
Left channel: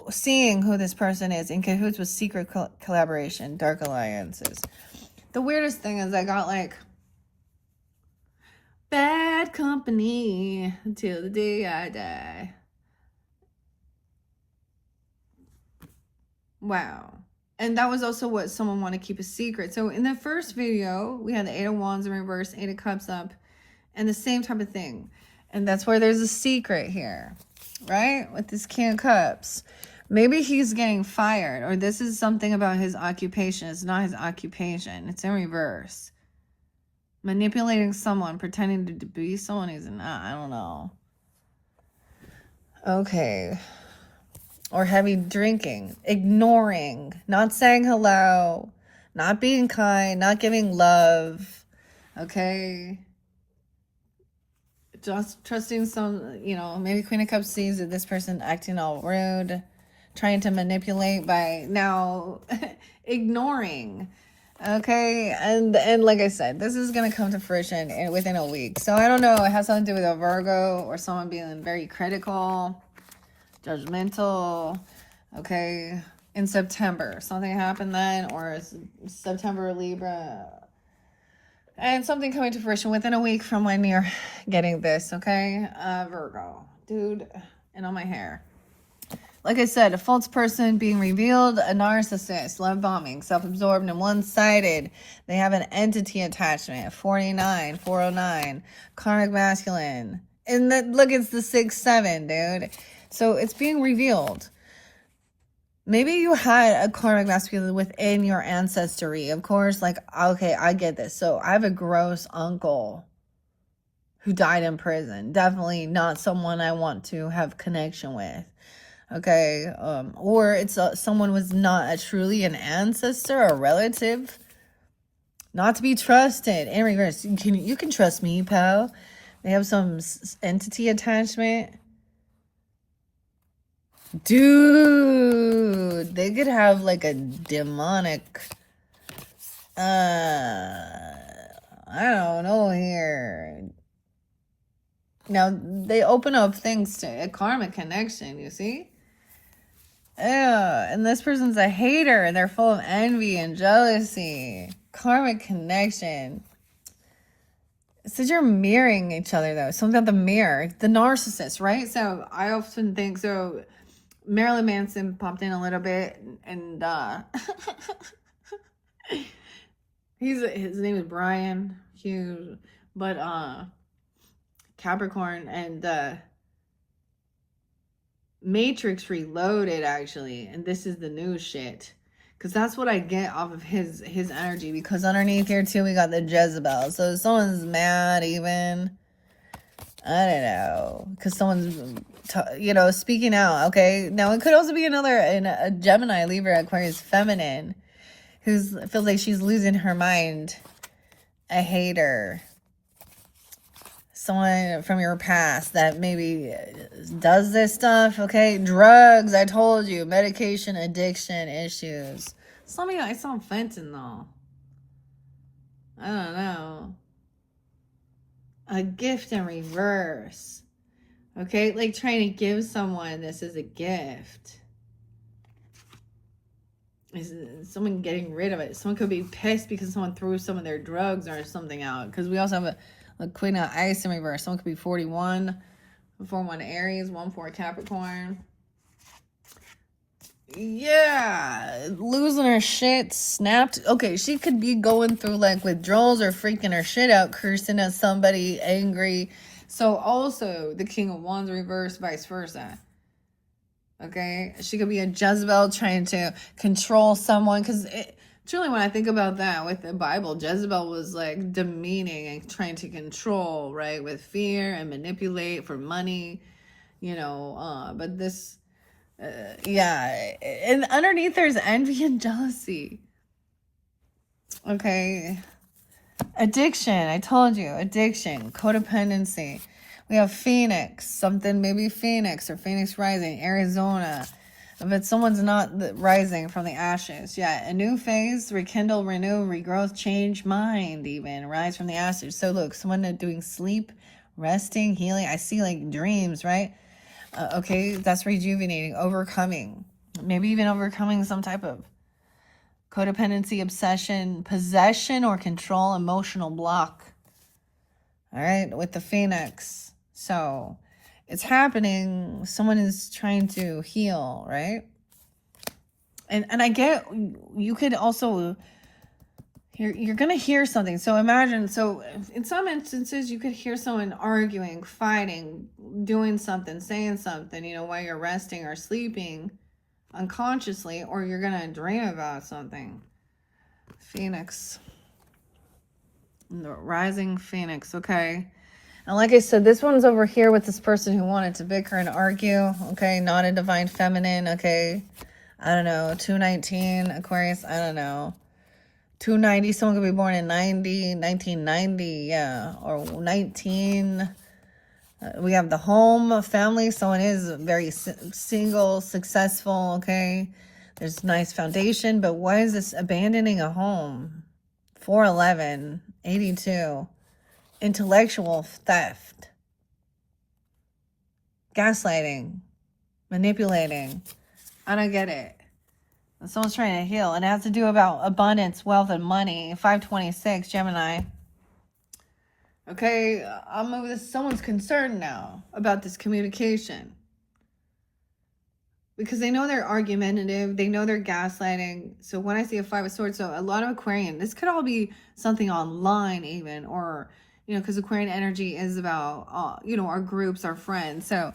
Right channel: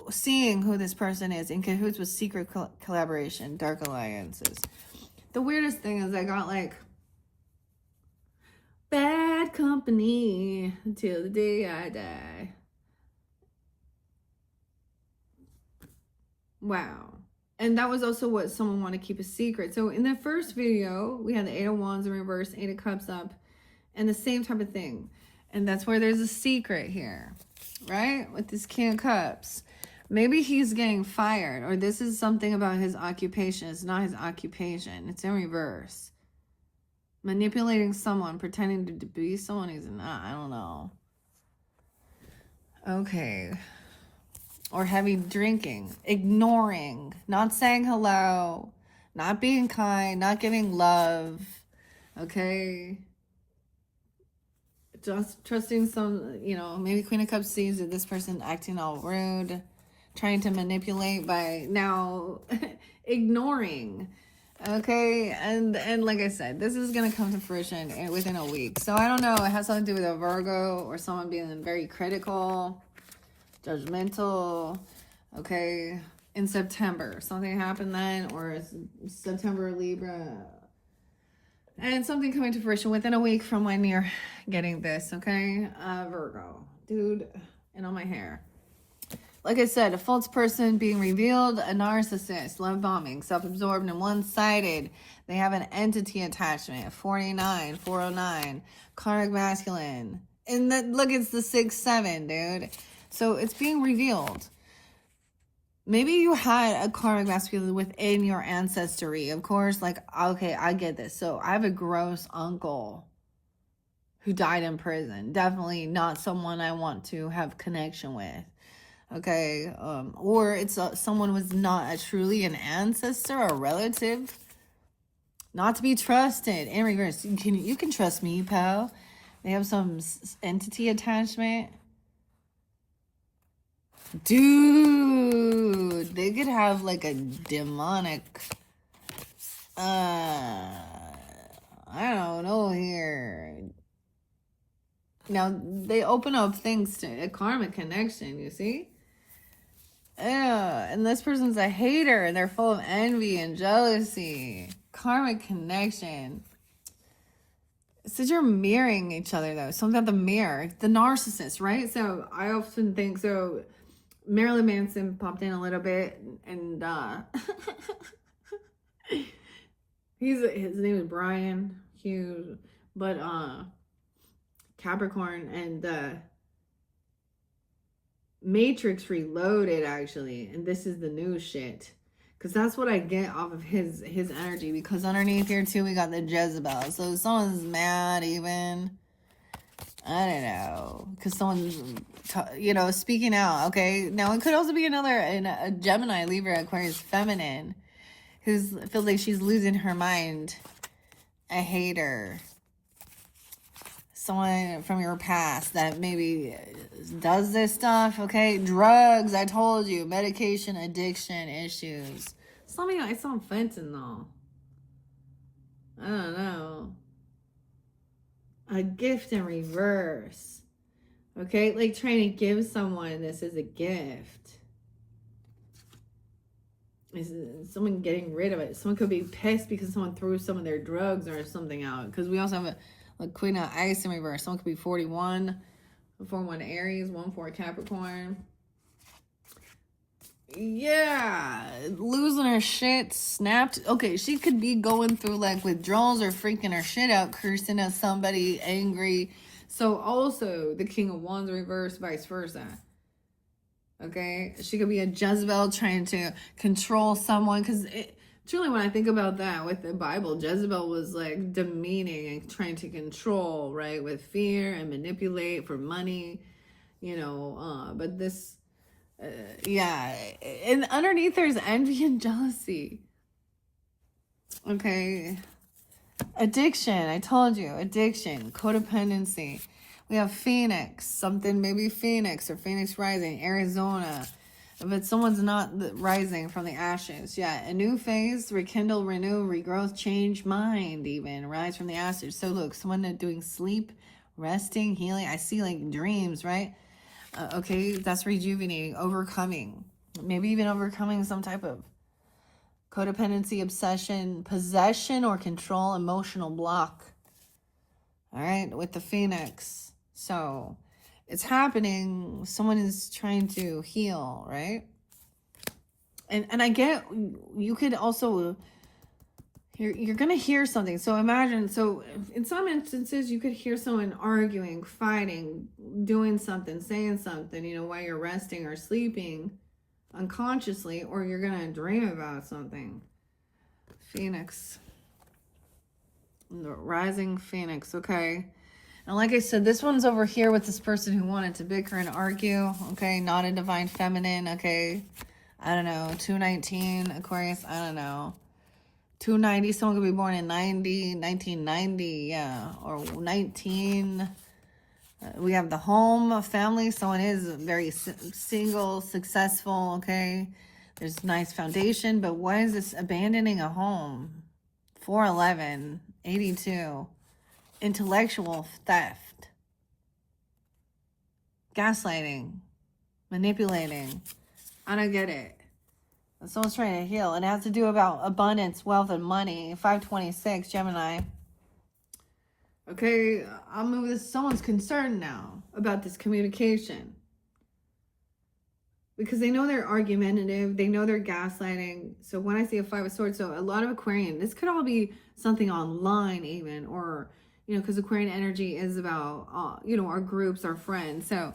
seeing who this person is in cahoots with secret collaboration, dark alliances. The weirdest thing is I got like bad company till the day I die. Wow. And that was also what someone wanted to keep a secret. So in the first video, we had the Eight of Wands in reverse, Eight of Cups up, and the same type of thing. And that's where there's a secret here, right? With this King of Cups. Maybe he's getting fired, or this is something about his occupation. It's not his occupation. It's in reverse. Manipulating someone, pretending to be someone he's not. I don't know. Okay. Or heavy drinking, ignoring, not saying hello, not being kind, not giving love. Okay. Just trusting some, you know, maybe Queen of Cups sees that this person acting all rude, trying to manipulate by now ignoring. Okay, and like I said, this is going to come to fruition within a week. So I don't know, it has something to do with a Virgo or someone being very critical, judgmental, okay, in September. Something happened then, or September, Libra. And something coming to fruition within a week from when you're getting this, okay? Virgo. Dude, and on my hair. Like I said, a false person being revealed, a narcissist, love bombing, self-absorbed and one-sided. They have an entity attachment, 49, 409, karmic masculine. And look, it's the 6-7, dude. So it's being revealed. Maybe you had a karmic masculine within your ancestry. Of course, like, okay, I get this. So I have a gross uncle who died in prison. Definitely not someone I want to have connection with. Okay, or it's someone was not truly an ancestor or relative, not to be trusted. In reverse, you can trust me, pal. They have some entity attachment, dude. They could have like a demonic, I don't know here. Now they open up things to a karmic connection. You see. Yeah, and this person's a hater, and they're full of envy and jealousy. Karmic connection. It says you're mirroring each other, though. Something about the mirror. The narcissist, right? So I often think, so Marilyn Manson popped in a little bit, and his name is Brian Hughes, but Capricorn, and Matrix Reloaded, actually, and this is the new shit, because that's what I get off of his energy, because underneath here too we got the Jezebel. So if someone's mad, even, I don't know, because someone's you know, speaking out. Okay, now it could also be a Gemini, Libra, Aquarius, feminine, who's feels like she's losing her mind, a hater, someone from your past that maybe does this stuff, okay? Drugs, I told you, medication, addiction issues. Some of you, I saw fentanyl. I don't know. A gift in reverse. Okay, like trying to give someone this as a gift. Is someone getting rid of it? Someone could be pissed because someone threw some of their drugs or something out. Because we also have a Queen of Ice in reverse. Someone could be 41, 41 Aries, 14 Capricorn. Yeah, losing her shit, snapped. Okay, she could be going through like withdrawals or freaking her shit out, cursing at somebody, angry. So also the King of Wands reverse, vice versa. Okay, she could be a Jezebel trying to control someone, because truly, when I think about that with the Bible, Jezebel was like demeaning and trying to control, right? With fear and manipulate for money, you know, but this, yeah. And underneath there's envy and jealousy. Okay. Addiction. I told you. Addiction. Codependency. We have Phoenix. Something maybe Phoenix or Phoenix rising. Arizona. But someone's not rising from the ashes. Yeah. A new phase. Rekindle, renew, regrowth, change, mind even. Rise from the ashes. So look, someone doing sleep, resting, healing. I see like dreams, right? Okay. That's rejuvenating. Overcoming. Maybe even overcoming some type of codependency, obsession, possession, or control, emotional block. All right, with the Phoenix. So it's happening. Someone is trying to heal, right? And I get, you could also, you're going to hear something. So imagine, so in some instances, you could hear someone arguing, fighting, doing something, saying something, you know, while you're resting or sleeping unconsciously, or you're gonna dream about something. Phoenix, the rising Phoenix. Okay, and like I said, this one's over here with this person who wanted to bicker and argue. Okay, not a divine feminine. Okay, I don't know. 219 Aquarius. I don't know. 290. Someone could be born in 1990. Yeah, or 19. We have the home, family. Someone is very single, successful, okay? There's nice foundation, but why is this abandoning a home? 411, 82. Intellectual theft. Gaslighting. Manipulating. I don't get it. Someone's trying to heal. And it has to do about abundance, wealth, and money. 526, Gemini. Okay, I'll move this. Someone's concerned now about this communication. Because they know they're argumentative. They know they're gaslighting. So when I see a 5 of Swords, so a lot of Aquarian, this could all be something online even. Or, you know, because Aquarian energy is about, you know, our groups, our friends. So,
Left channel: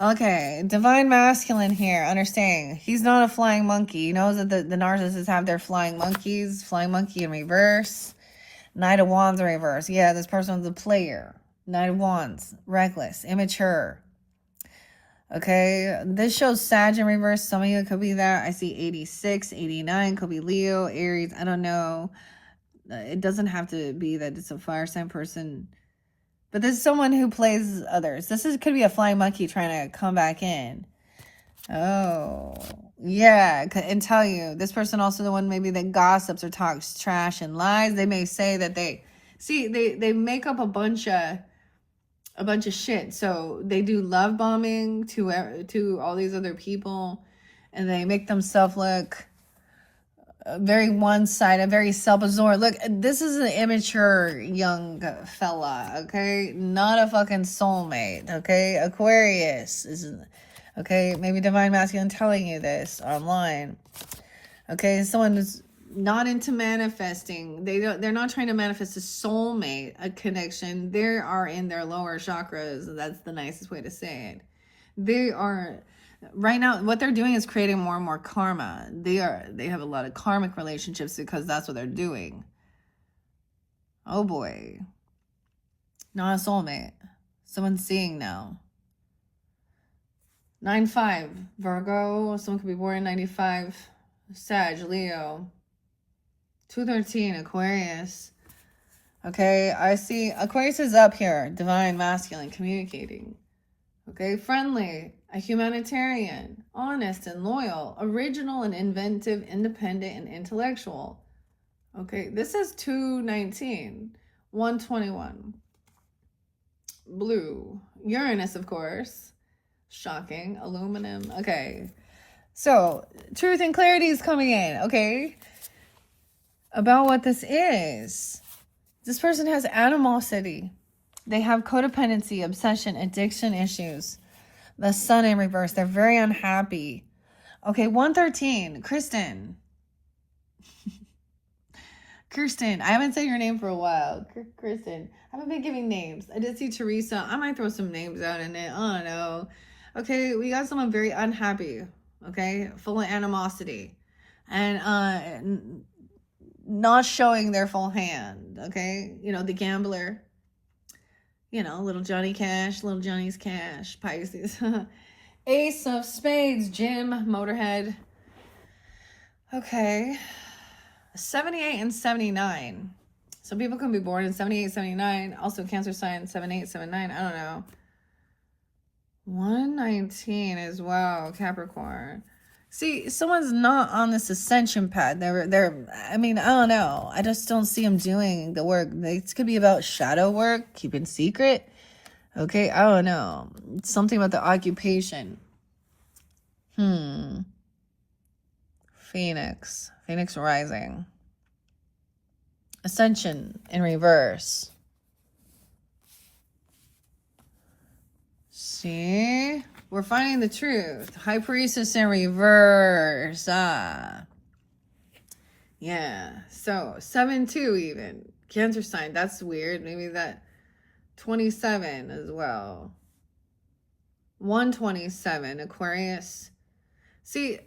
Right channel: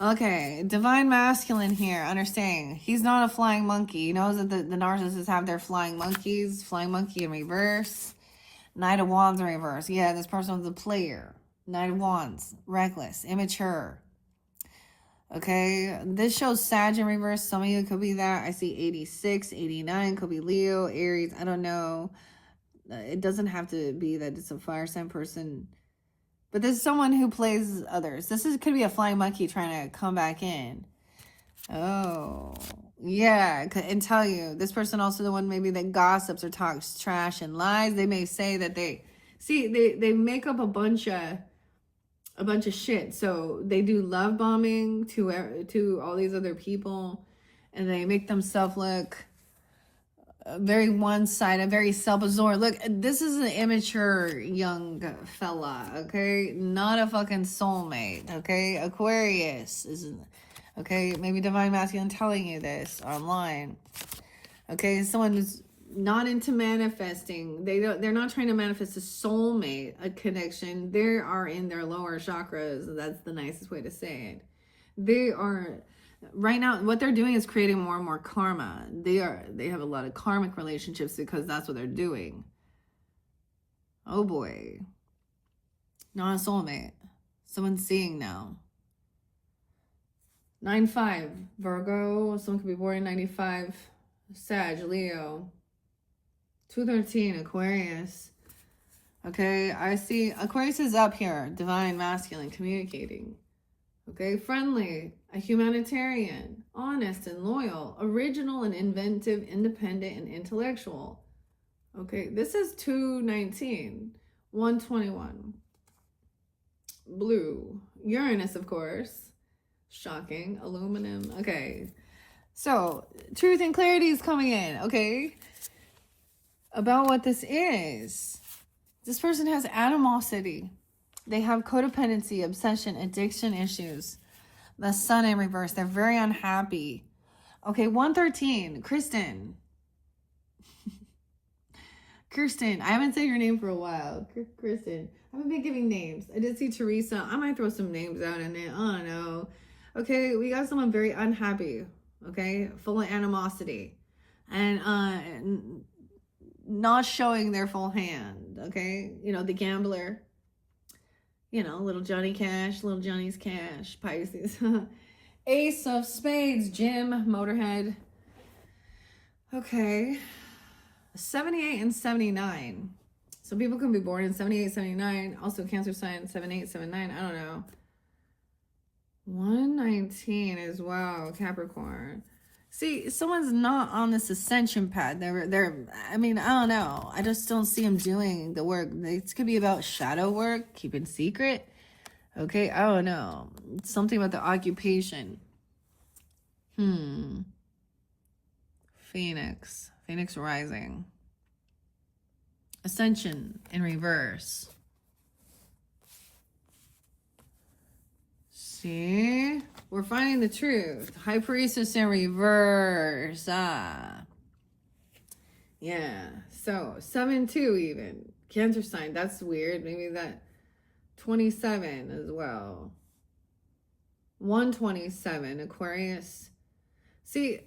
okay, Divine Masculine here, understanding. He's not a flying monkey. He knows that the narcissists have their flying monkeys. Flying monkey in reverse. Knight of Wands in reverse. Yeah, this person was a player. Knight of Wands. Reckless. Immature. Okay. This shows Sag in reverse. Some of you could be that. I see 86, 89. Could be Leo, Aries. I don't know. It doesn't have to be that it's a fire sign person. But this is someone who plays others. Could be a flying monkey trying to come back in. Oh. Yeah, and tell you, this person also the one maybe that gossips or talks trash and lies. They may say that they make up a bunch of shit. So they do love bombing to all these other people, and they make themselves look very one-sided, very self-absorbed. Look, this is an immature young fella, okay? Not a fucking soulmate, okay? Aquarius is. Okay, maybe Divine Masculine telling you this online. Okay, someone who's not into manifesting. They're not trying to manifest a soulmate, a connection. They are in their lower chakras. That's the nicest way to say it. They are right now, what they're doing is creating more and more karma. They have a lot of karmic relationships because that's what they're doing. Oh boy. Not a soulmate. Someone's seeing now. 9-5, Virgo. Someone could be born in 95. Sag, Leo. 213, Aquarius. Okay, I see Aquarius is up here. Divine, masculine, communicating. Okay, friendly, a humanitarian, honest and loyal, original and inventive, independent and intellectual. Okay, this is 219. 121. Blue. Uranus, of course. Shocking. Aluminum. Okay. So, truth and clarity is coming in, okay? About what this is. This person has animosity. They have codependency, obsession, addiction issues. The sun in reverse. They're very unhappy. Okay, 113. Kristen. Kirsten. I haven't said your name for a while. Kristen. I haven't been giving names. I did see Teresa. I might throw some names out in it. I don't know. Okay, we got someone very unhappy. Okay, full of animosity. And not showing their full hand. Okay, you know, the gambler. You know, little Johnny Cash, little Johnny's Cash, Pisces. Ace of Spades, Jim, Motorhead. Okay. 78 and 79. Some people can be born in 78, 79. Also Cancer sign 78, 79. I don't know. 119 as well, Capricorn. See, someone's not on this ascension path. I mean, I don't know. I just don't see them doing the work. This could be about shadow work, keeping secret. Okay, I don't know. It's something about the occupation. Phoenix rising. Ascension in reverse. See? We're finding the truth. High Priestess in reverse. Yeah. So, 7-2 even. Cancer sign. That's weird. Maybe that 27 as well. 127. Aquarius. See,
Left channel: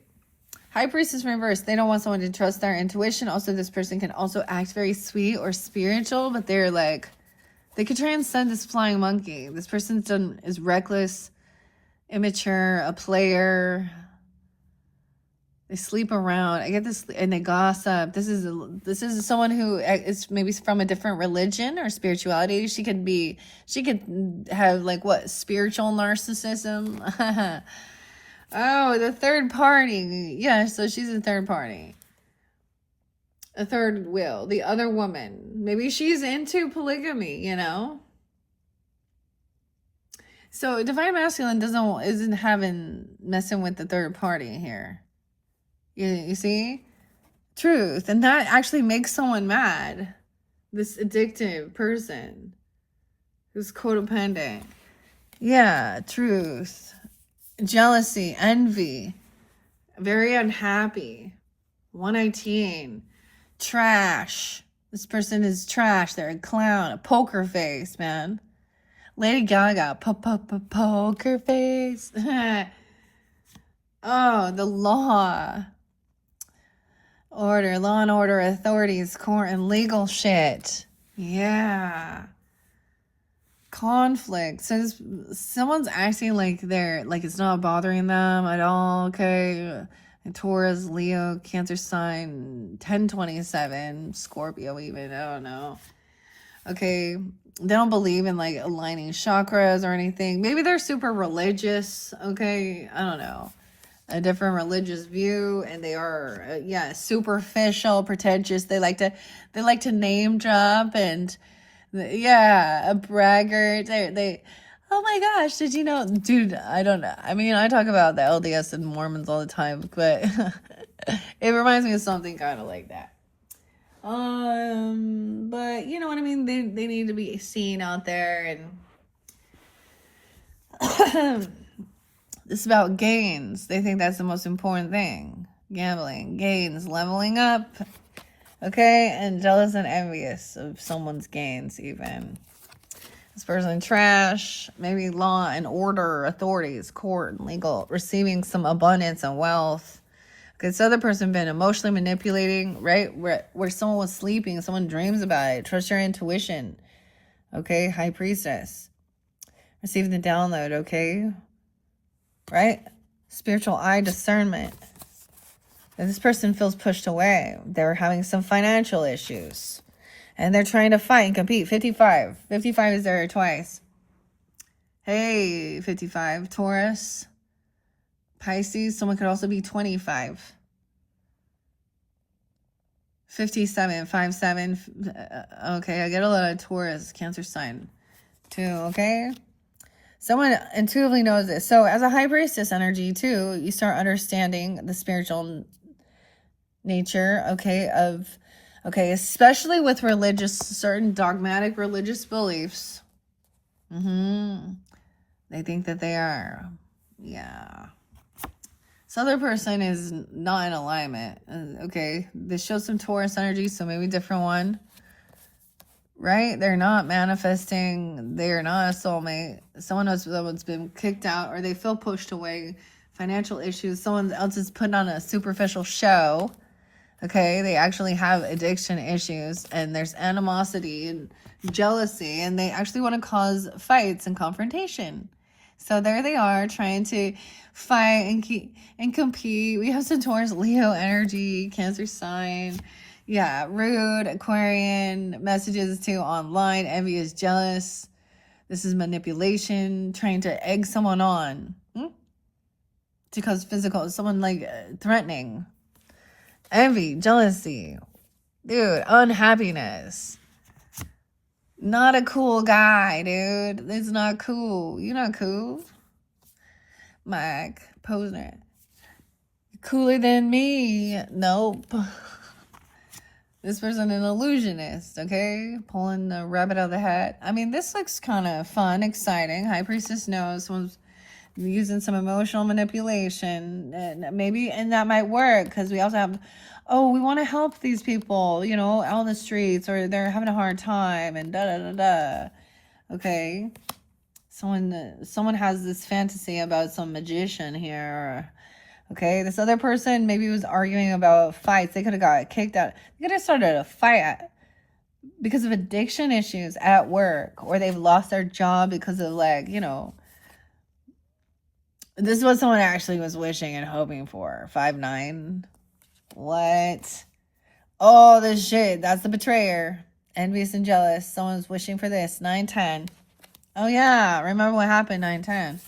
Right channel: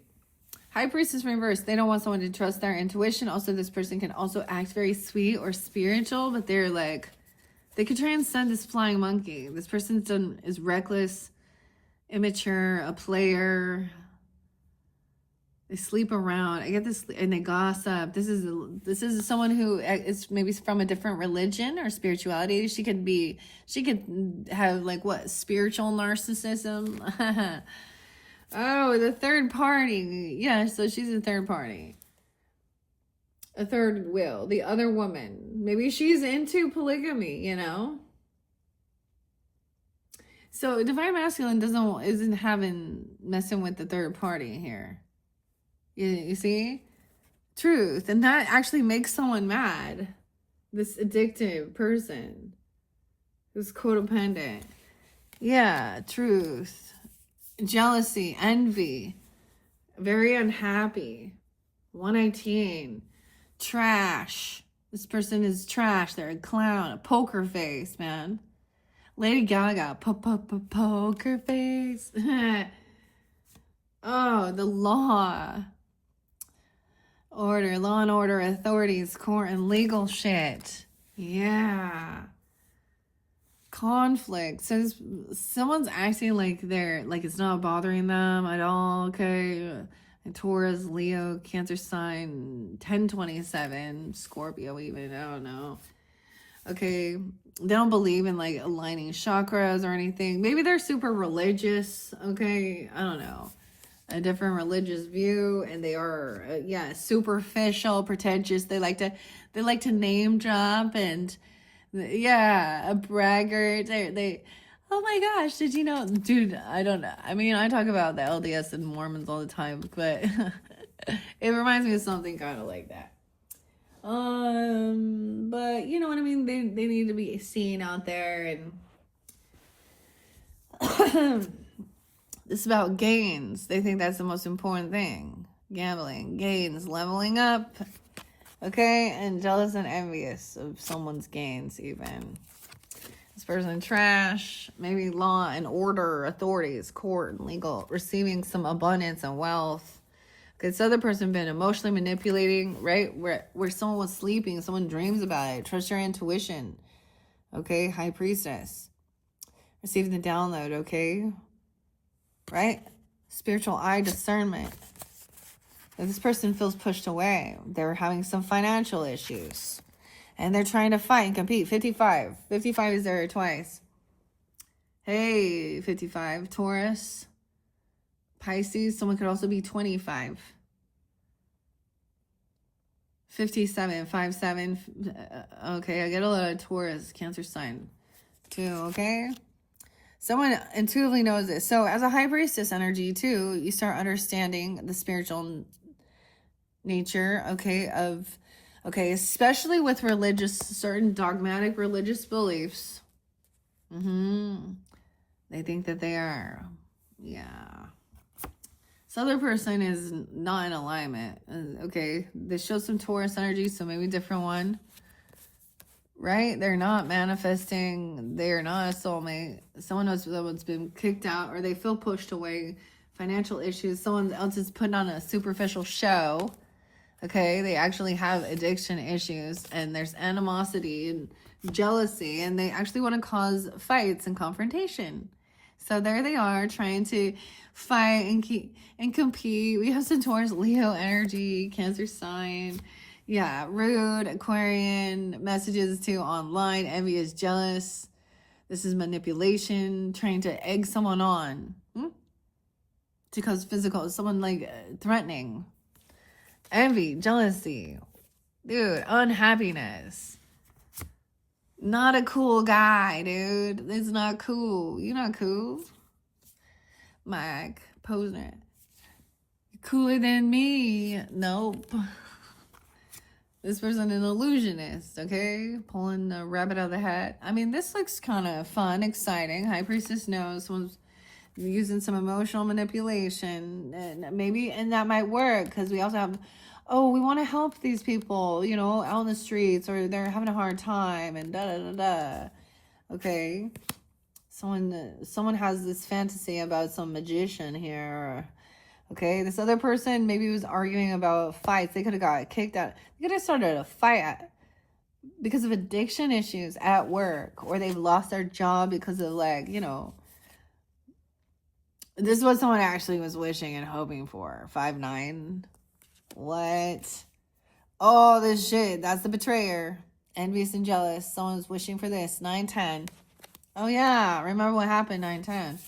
High Priestess in reverse. They don't want someone to trust their intuition. Also, this person can also act very sweet or spiritual, but they're like, they could transcend this flying monkey. This person is reckless, immature, a player. They sleep around. I get this, and they gossip. This is someone who is maybe from a different religion or spirituality. She could have like what, spiritual narcissism. Oh, the third party. Yeah, so she's a third party. A third wheel. The other woman. Maybe she's into polygamy, you know? So Divine Masculine isn't messing with the third party here. You see? Truth. And that actually makes someone mad. This addictive person who's codependent. Yeah, truth. Jealousy, envy, very unhappy. 119, trash. This person is trash. They're a clown, a poker face, man. Lady Gaga, poker face. Oh, the law and order, authorities, court, and legal shit. Yeah. Conflict. So someone's acting like it's not bothering them at all. Okay, Taurus, Leo, Cancer sign, 1027, Scorpio even, I don't know. Okay, they don't believe in like aligning chakras or anything. Maybe they're super religious. Okay, I don't know, a different religious view, and they are superficial, pretentious. They like to name drop, and a braggart. They oh my gosh, did you know? Dude, I don't know. I mean, I talk about the LDS and Mormons all the time, but it reminds me of something kind of like that. But you know what I mean? They need to be seen out there, and it's about gains. They think that's the most important thing. Gambling, gains, leveling up. Okay, and jealous and envious of someone's gains even. This person trash, maybe law and order, authorities, court, legal, receiving some abundance and wealth. Okay, this other person been emotionally manipulating, right? Where someone was sleeping, someone dreams about it. Trust your intuition. Okay, High Priestess. Receiving the download, okay? Right? Spiritual eye discernment. This person feels pushed away. They're having some financial issues. And they're trying to fight and compete. 55. 55 is there twice. Hey, 55. Taurus. Pisces. Someone could also be 25. 57. 57. Okay, I get a lot of Taurus. Cancer sign too, okay? Someone intuitively knows this. So as a High Priestess energy too, you start understanding the spiritual nature, okay, especially with certain dogmatic religious beliefs. They think that they are, this other person is not in alignment. Okay, this shows some Taurus energy, so maybe a different one, right? They're not manifesting. They're not a soulmate. Someone else that's been kicked out, or they feel pushed away. Financial issues. Someone else is putting on a superficial show. Okay, they actually have addiction issues, and there's animosity and jealousy, and they actually want to cause fights and confrontation. So there they are, trying to fight and compete. We have some Taurus, Leo energy, Cancer sign, Yeah, rude, Aquarian, messages to online, envious, jealous. This is manipulation, trying to egg someone on. To cause physical, someone like threatening. Envy, jealousy. Dude, unhappiness. Not a cool guy, dude. It's not cool. You're not cool. Mike, Posner. Cooler than me. Nope. This person an illusionist, okay? Pulling the rabbit out of the hat. I mean, this looks kind of fun, exciting. High Priestess knows someone's using some emotional manipulation. And maybe, and that might work because we also have, oh, we want to help these people, you know, out in the streets, or they're having a hard time, and da-da-da-da. Okay? Someone has this fantasy about some magician here. Okay, this other person maybe was arguing about fights. They could have got kicked out. They could have started a fight because of addiction issues at work, or they've lost their job because of, like, you know. This is what someone actually was wishing and hoping for. 5-9. What? Oh, this shit. That's the betrayer. Envious and jealous. Someone's wishing for this. 9-10. Oh, yeah. Remember what happened, 9-10.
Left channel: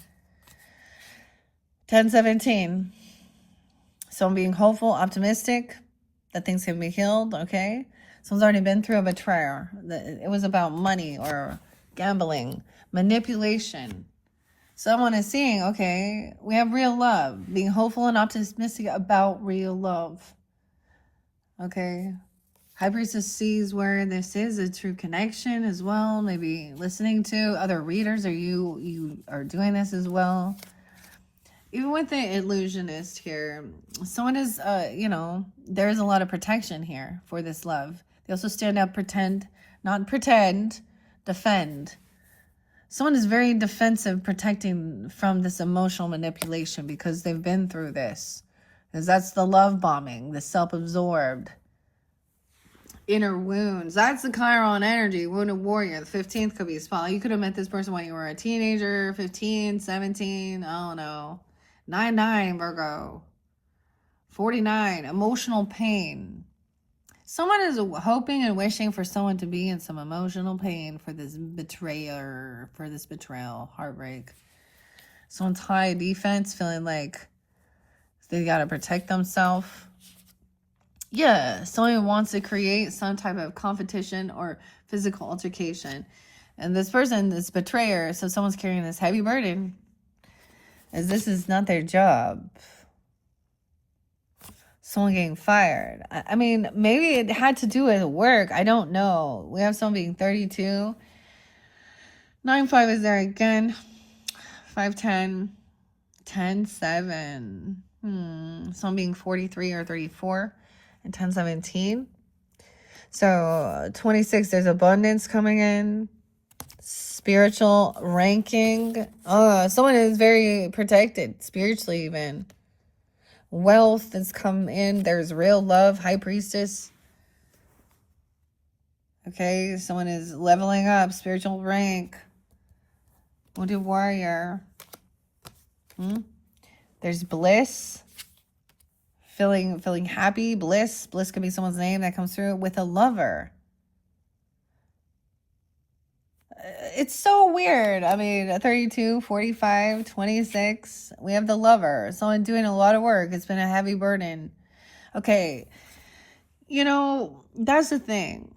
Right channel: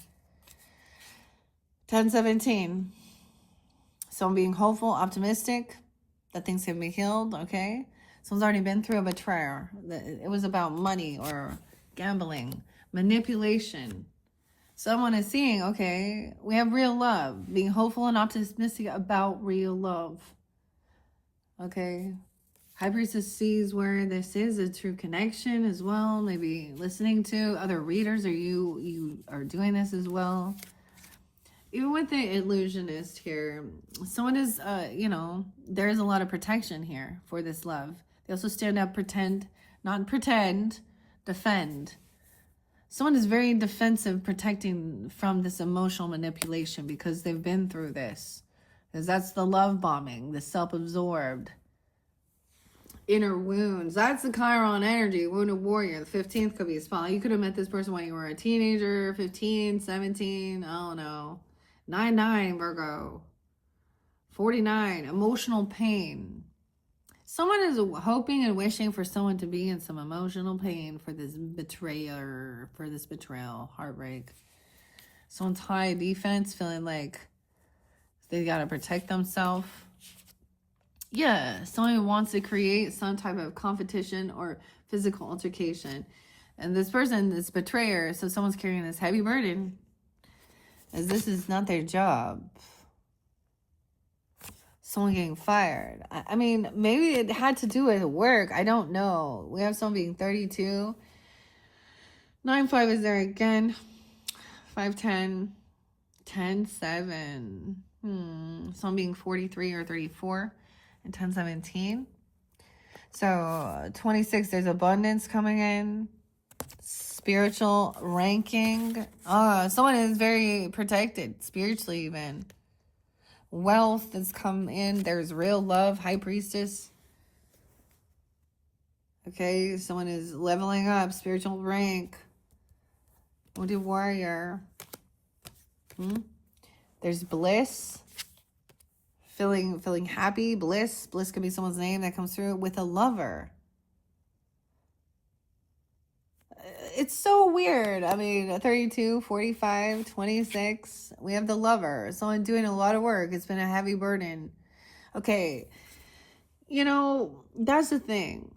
10-17. Someone being hopeful, optimistic, that things can be healed, okay? Someone's already been through a betrayal. It was about money or gambling, manipulation. Someone is seeing, okay, we have real love, being hopeful and optimistic about real love, okay? High Priestess sees where this is a true connection as well, maybe listening to other readers, or you are doing this as well. Even with the illusionist here, someone is, you know, there's a lot of protection here for this love. They also stand up, not pretend, defend. Someone is very defensive, protecting from this emotional manipulation because they've been through this. Because that's the love bombing, the self-absorbed, inner wounds. That's the Chiron energy, wounded warrior. The 15th could be a spot. You could have met this person when you were a teenager, 15, 17, I don't know. 9-9, Virgo. 49, emotional pain. Someone is hoping and wishing for someone to be in some emotional pain for this betrayer, for this betrayal, heartbreak. Someone's high defense, feeling like they got to protect themselves. Yeah, someone wants to create some type of competition or physical altercation. And this person, this betrayer, so someone's carrying this heavy burden, as this is not their job. Someone getting fired. I mean, maybe it had to do with work. I don't know. We have someone being 32. 9-5 is there again. 5-10. 10-7. Someone being 43 or 34. And 10-17. So 26, there's abundance coming in. Spiritual ranking. Oh, someone is very protected spiritually, even. Wealth has come in. There's real love. High Priestess. Okay, someone is leveling up. Spiritual rank. Wounded warrior. There's bliss. Feeling happy. Bliss. Bliss could be someone's name that comes through with a lover. It's so weird. I mean, 32, 45, 26. We have the lover. Someone doing a lot of work. It's been a heavy burden. Okay. You know, that's the thing.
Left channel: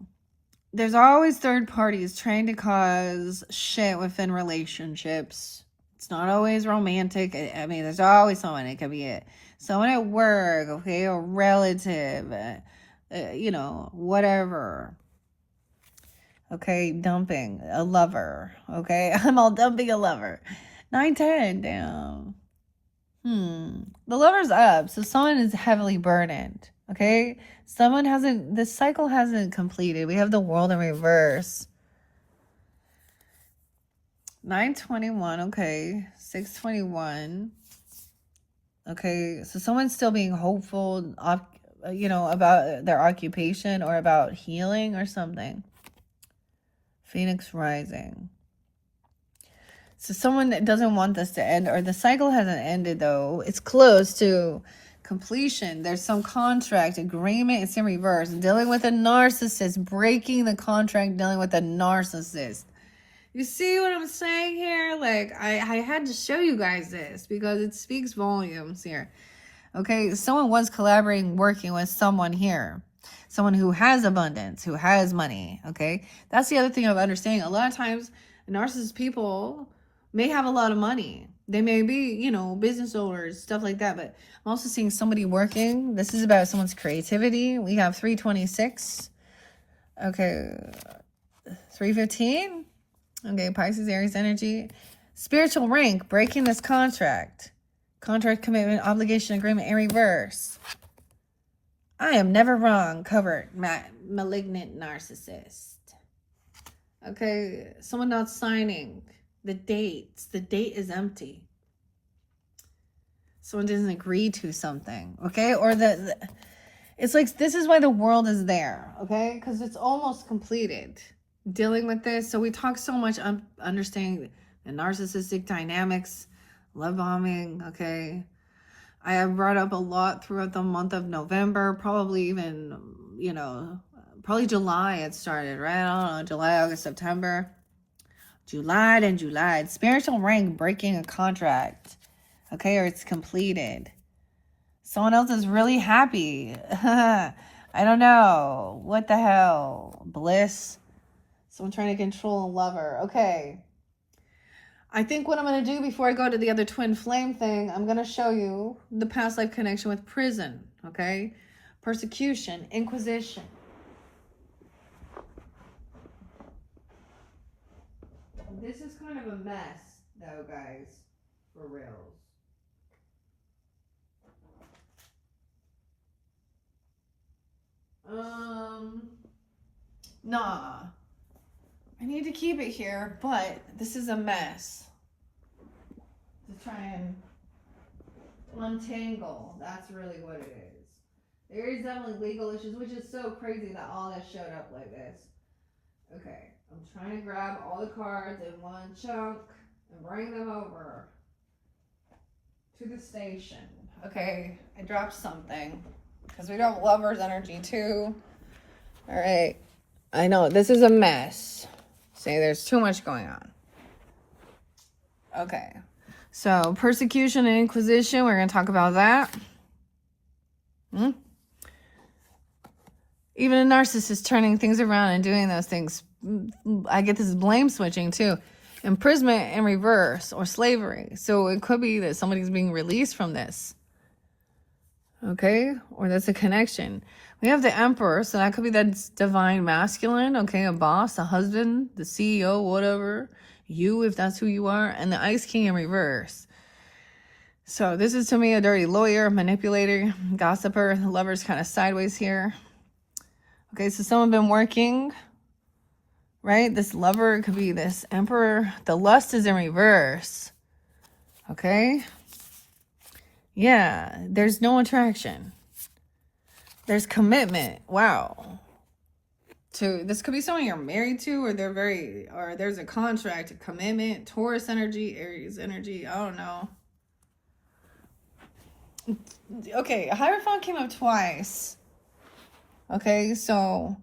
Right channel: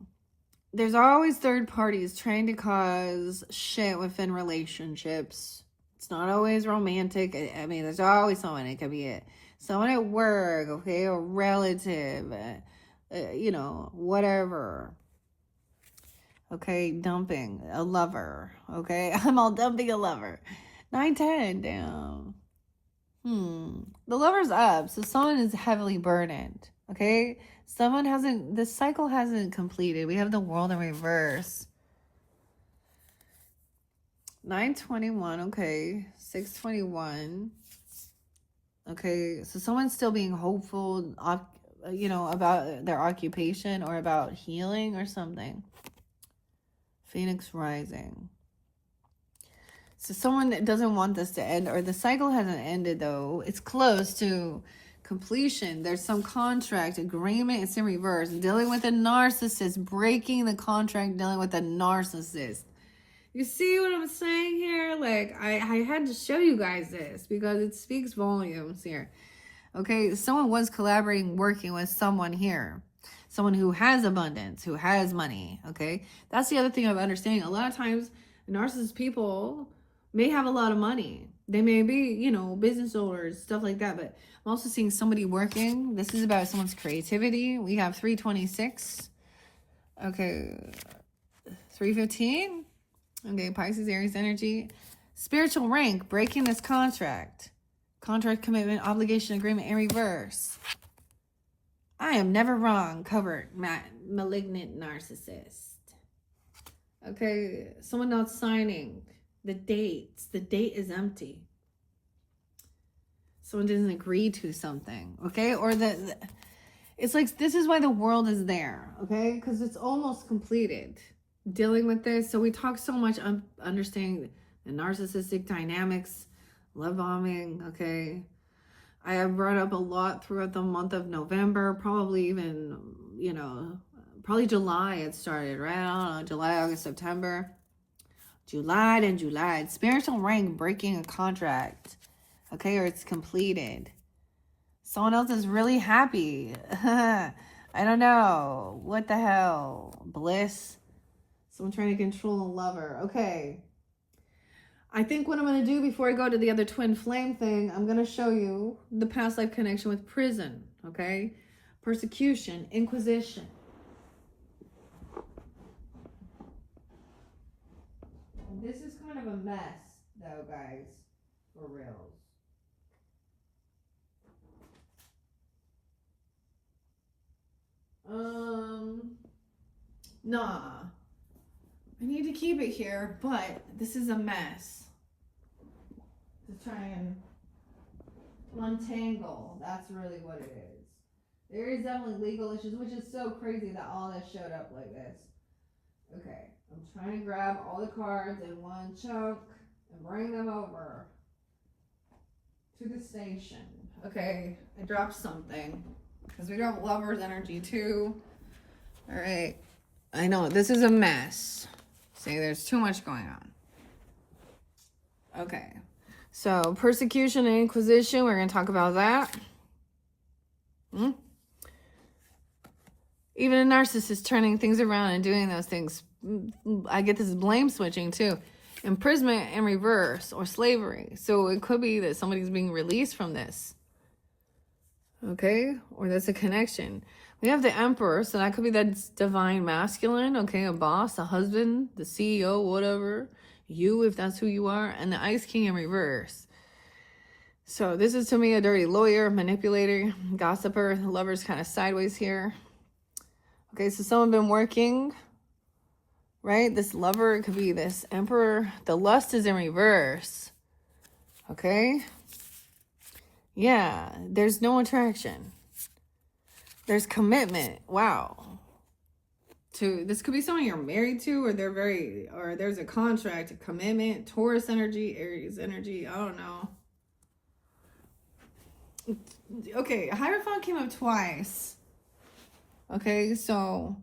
There's always third parties trying to cause shit within relationships. It's not always romantic. I mean, there's always someone. It could be someone at work, okay, a relative, you know, whatever. Okay, dumping a lover. Okay, I'm all dumping a lover. 9-10, damn. The lover's up, so someone is heavily burdened. Okay, someone hasn't. The cycle hasn't completed. We have the world in reverse. 9-21. Okay, 6-21. Okay, so someone's still being hopeful, you know, about their occupation or about healing or something. Phoenix rising. So someone doesn't want this to end, or the cycle hasn't ended though. It's close to completion. There's some contract, agreement. It's in reverse. Dealing with a narcissist. Breaking the contract, dealing with a narcissist. You see what I'm saying here? Like, I had to show you guys this because it speaks volumes here. Okay, someone was collaborating, working with someone here. Someone who has abundance, who has money, okay? That's the other thing of understanding. A lot of times, narcissist people may have a lot of money. They may be, you know, business owners, stuff like that. But I'm also seeing somebody working. This is about someone's creativity. We have 326. Okay, 315. Okay, Pisces, Aries energy. Spiritual rank, breaking this contract. Contract, commitment, obligation, agreement in reverse. I am never wrong, covered, malignant narcissist. Okay, someone not signing the dates. The date is empty. Someone doesn't agree to something, okay? Or it's like, this is why the world is there, okay? Because it's almost completed. Dealing with this. So we talk so much on understanding the narcissistic dynamics, love bombing, okay? I have brought up a lot throughout the month of November, probably even, you know, probably July it started, right? I don't know, July, August, September. July. Spiritual rank, breaking a contract, okay? Or it's completed. Someone else is really happy. I don't know. What the hell? Bliss. Someone trying to control a lover. Okay. I think what I'm going to do before I go to the other twin flame thing, I'm going to show you the past life connection with prison, okay? Persecution, inquisition. This is kind of a mess, though, guys, for reals. Nah. I need to keep it here, but this is a mess. To try and untangle. That's really what it is. There is definitely legal issues, which is so crazy that all that showed up like this. Okay, I'm trying to grab all the cards in one chunk and bring them over to the station. Okay, I dropped something because we don't have lover's energy too. All right, I know this is a mess. See, there's too much going on. Okay, so persecution and inquisition, we're going to talk about that. Even a narcissist turning things around and doing those things. I get this blame switching too. Imprisonment in reverse or slavery. So it could be that somebody's being released from this. Okay, or that's a connection. We have the Emperor, so that could be that divine masculine, okay, a boss, a husband, the CEO, whatever, you, if that's who you are, and the Ice King in reverse. So this is, to me, a dirty lawyer, manipulator, gossiper. The lover's kind of sideways here. Okay, so someone been working, right? This lover could be this Emperor. The lust is in reverse, okay? Yeah, there's no attraction. There's commitment. Wow. This could be someone you're married to, or there's a contract, a commitment, Taurus energy, Aries energy. I don't know. Okay, Hierophant came up twice. Okay, so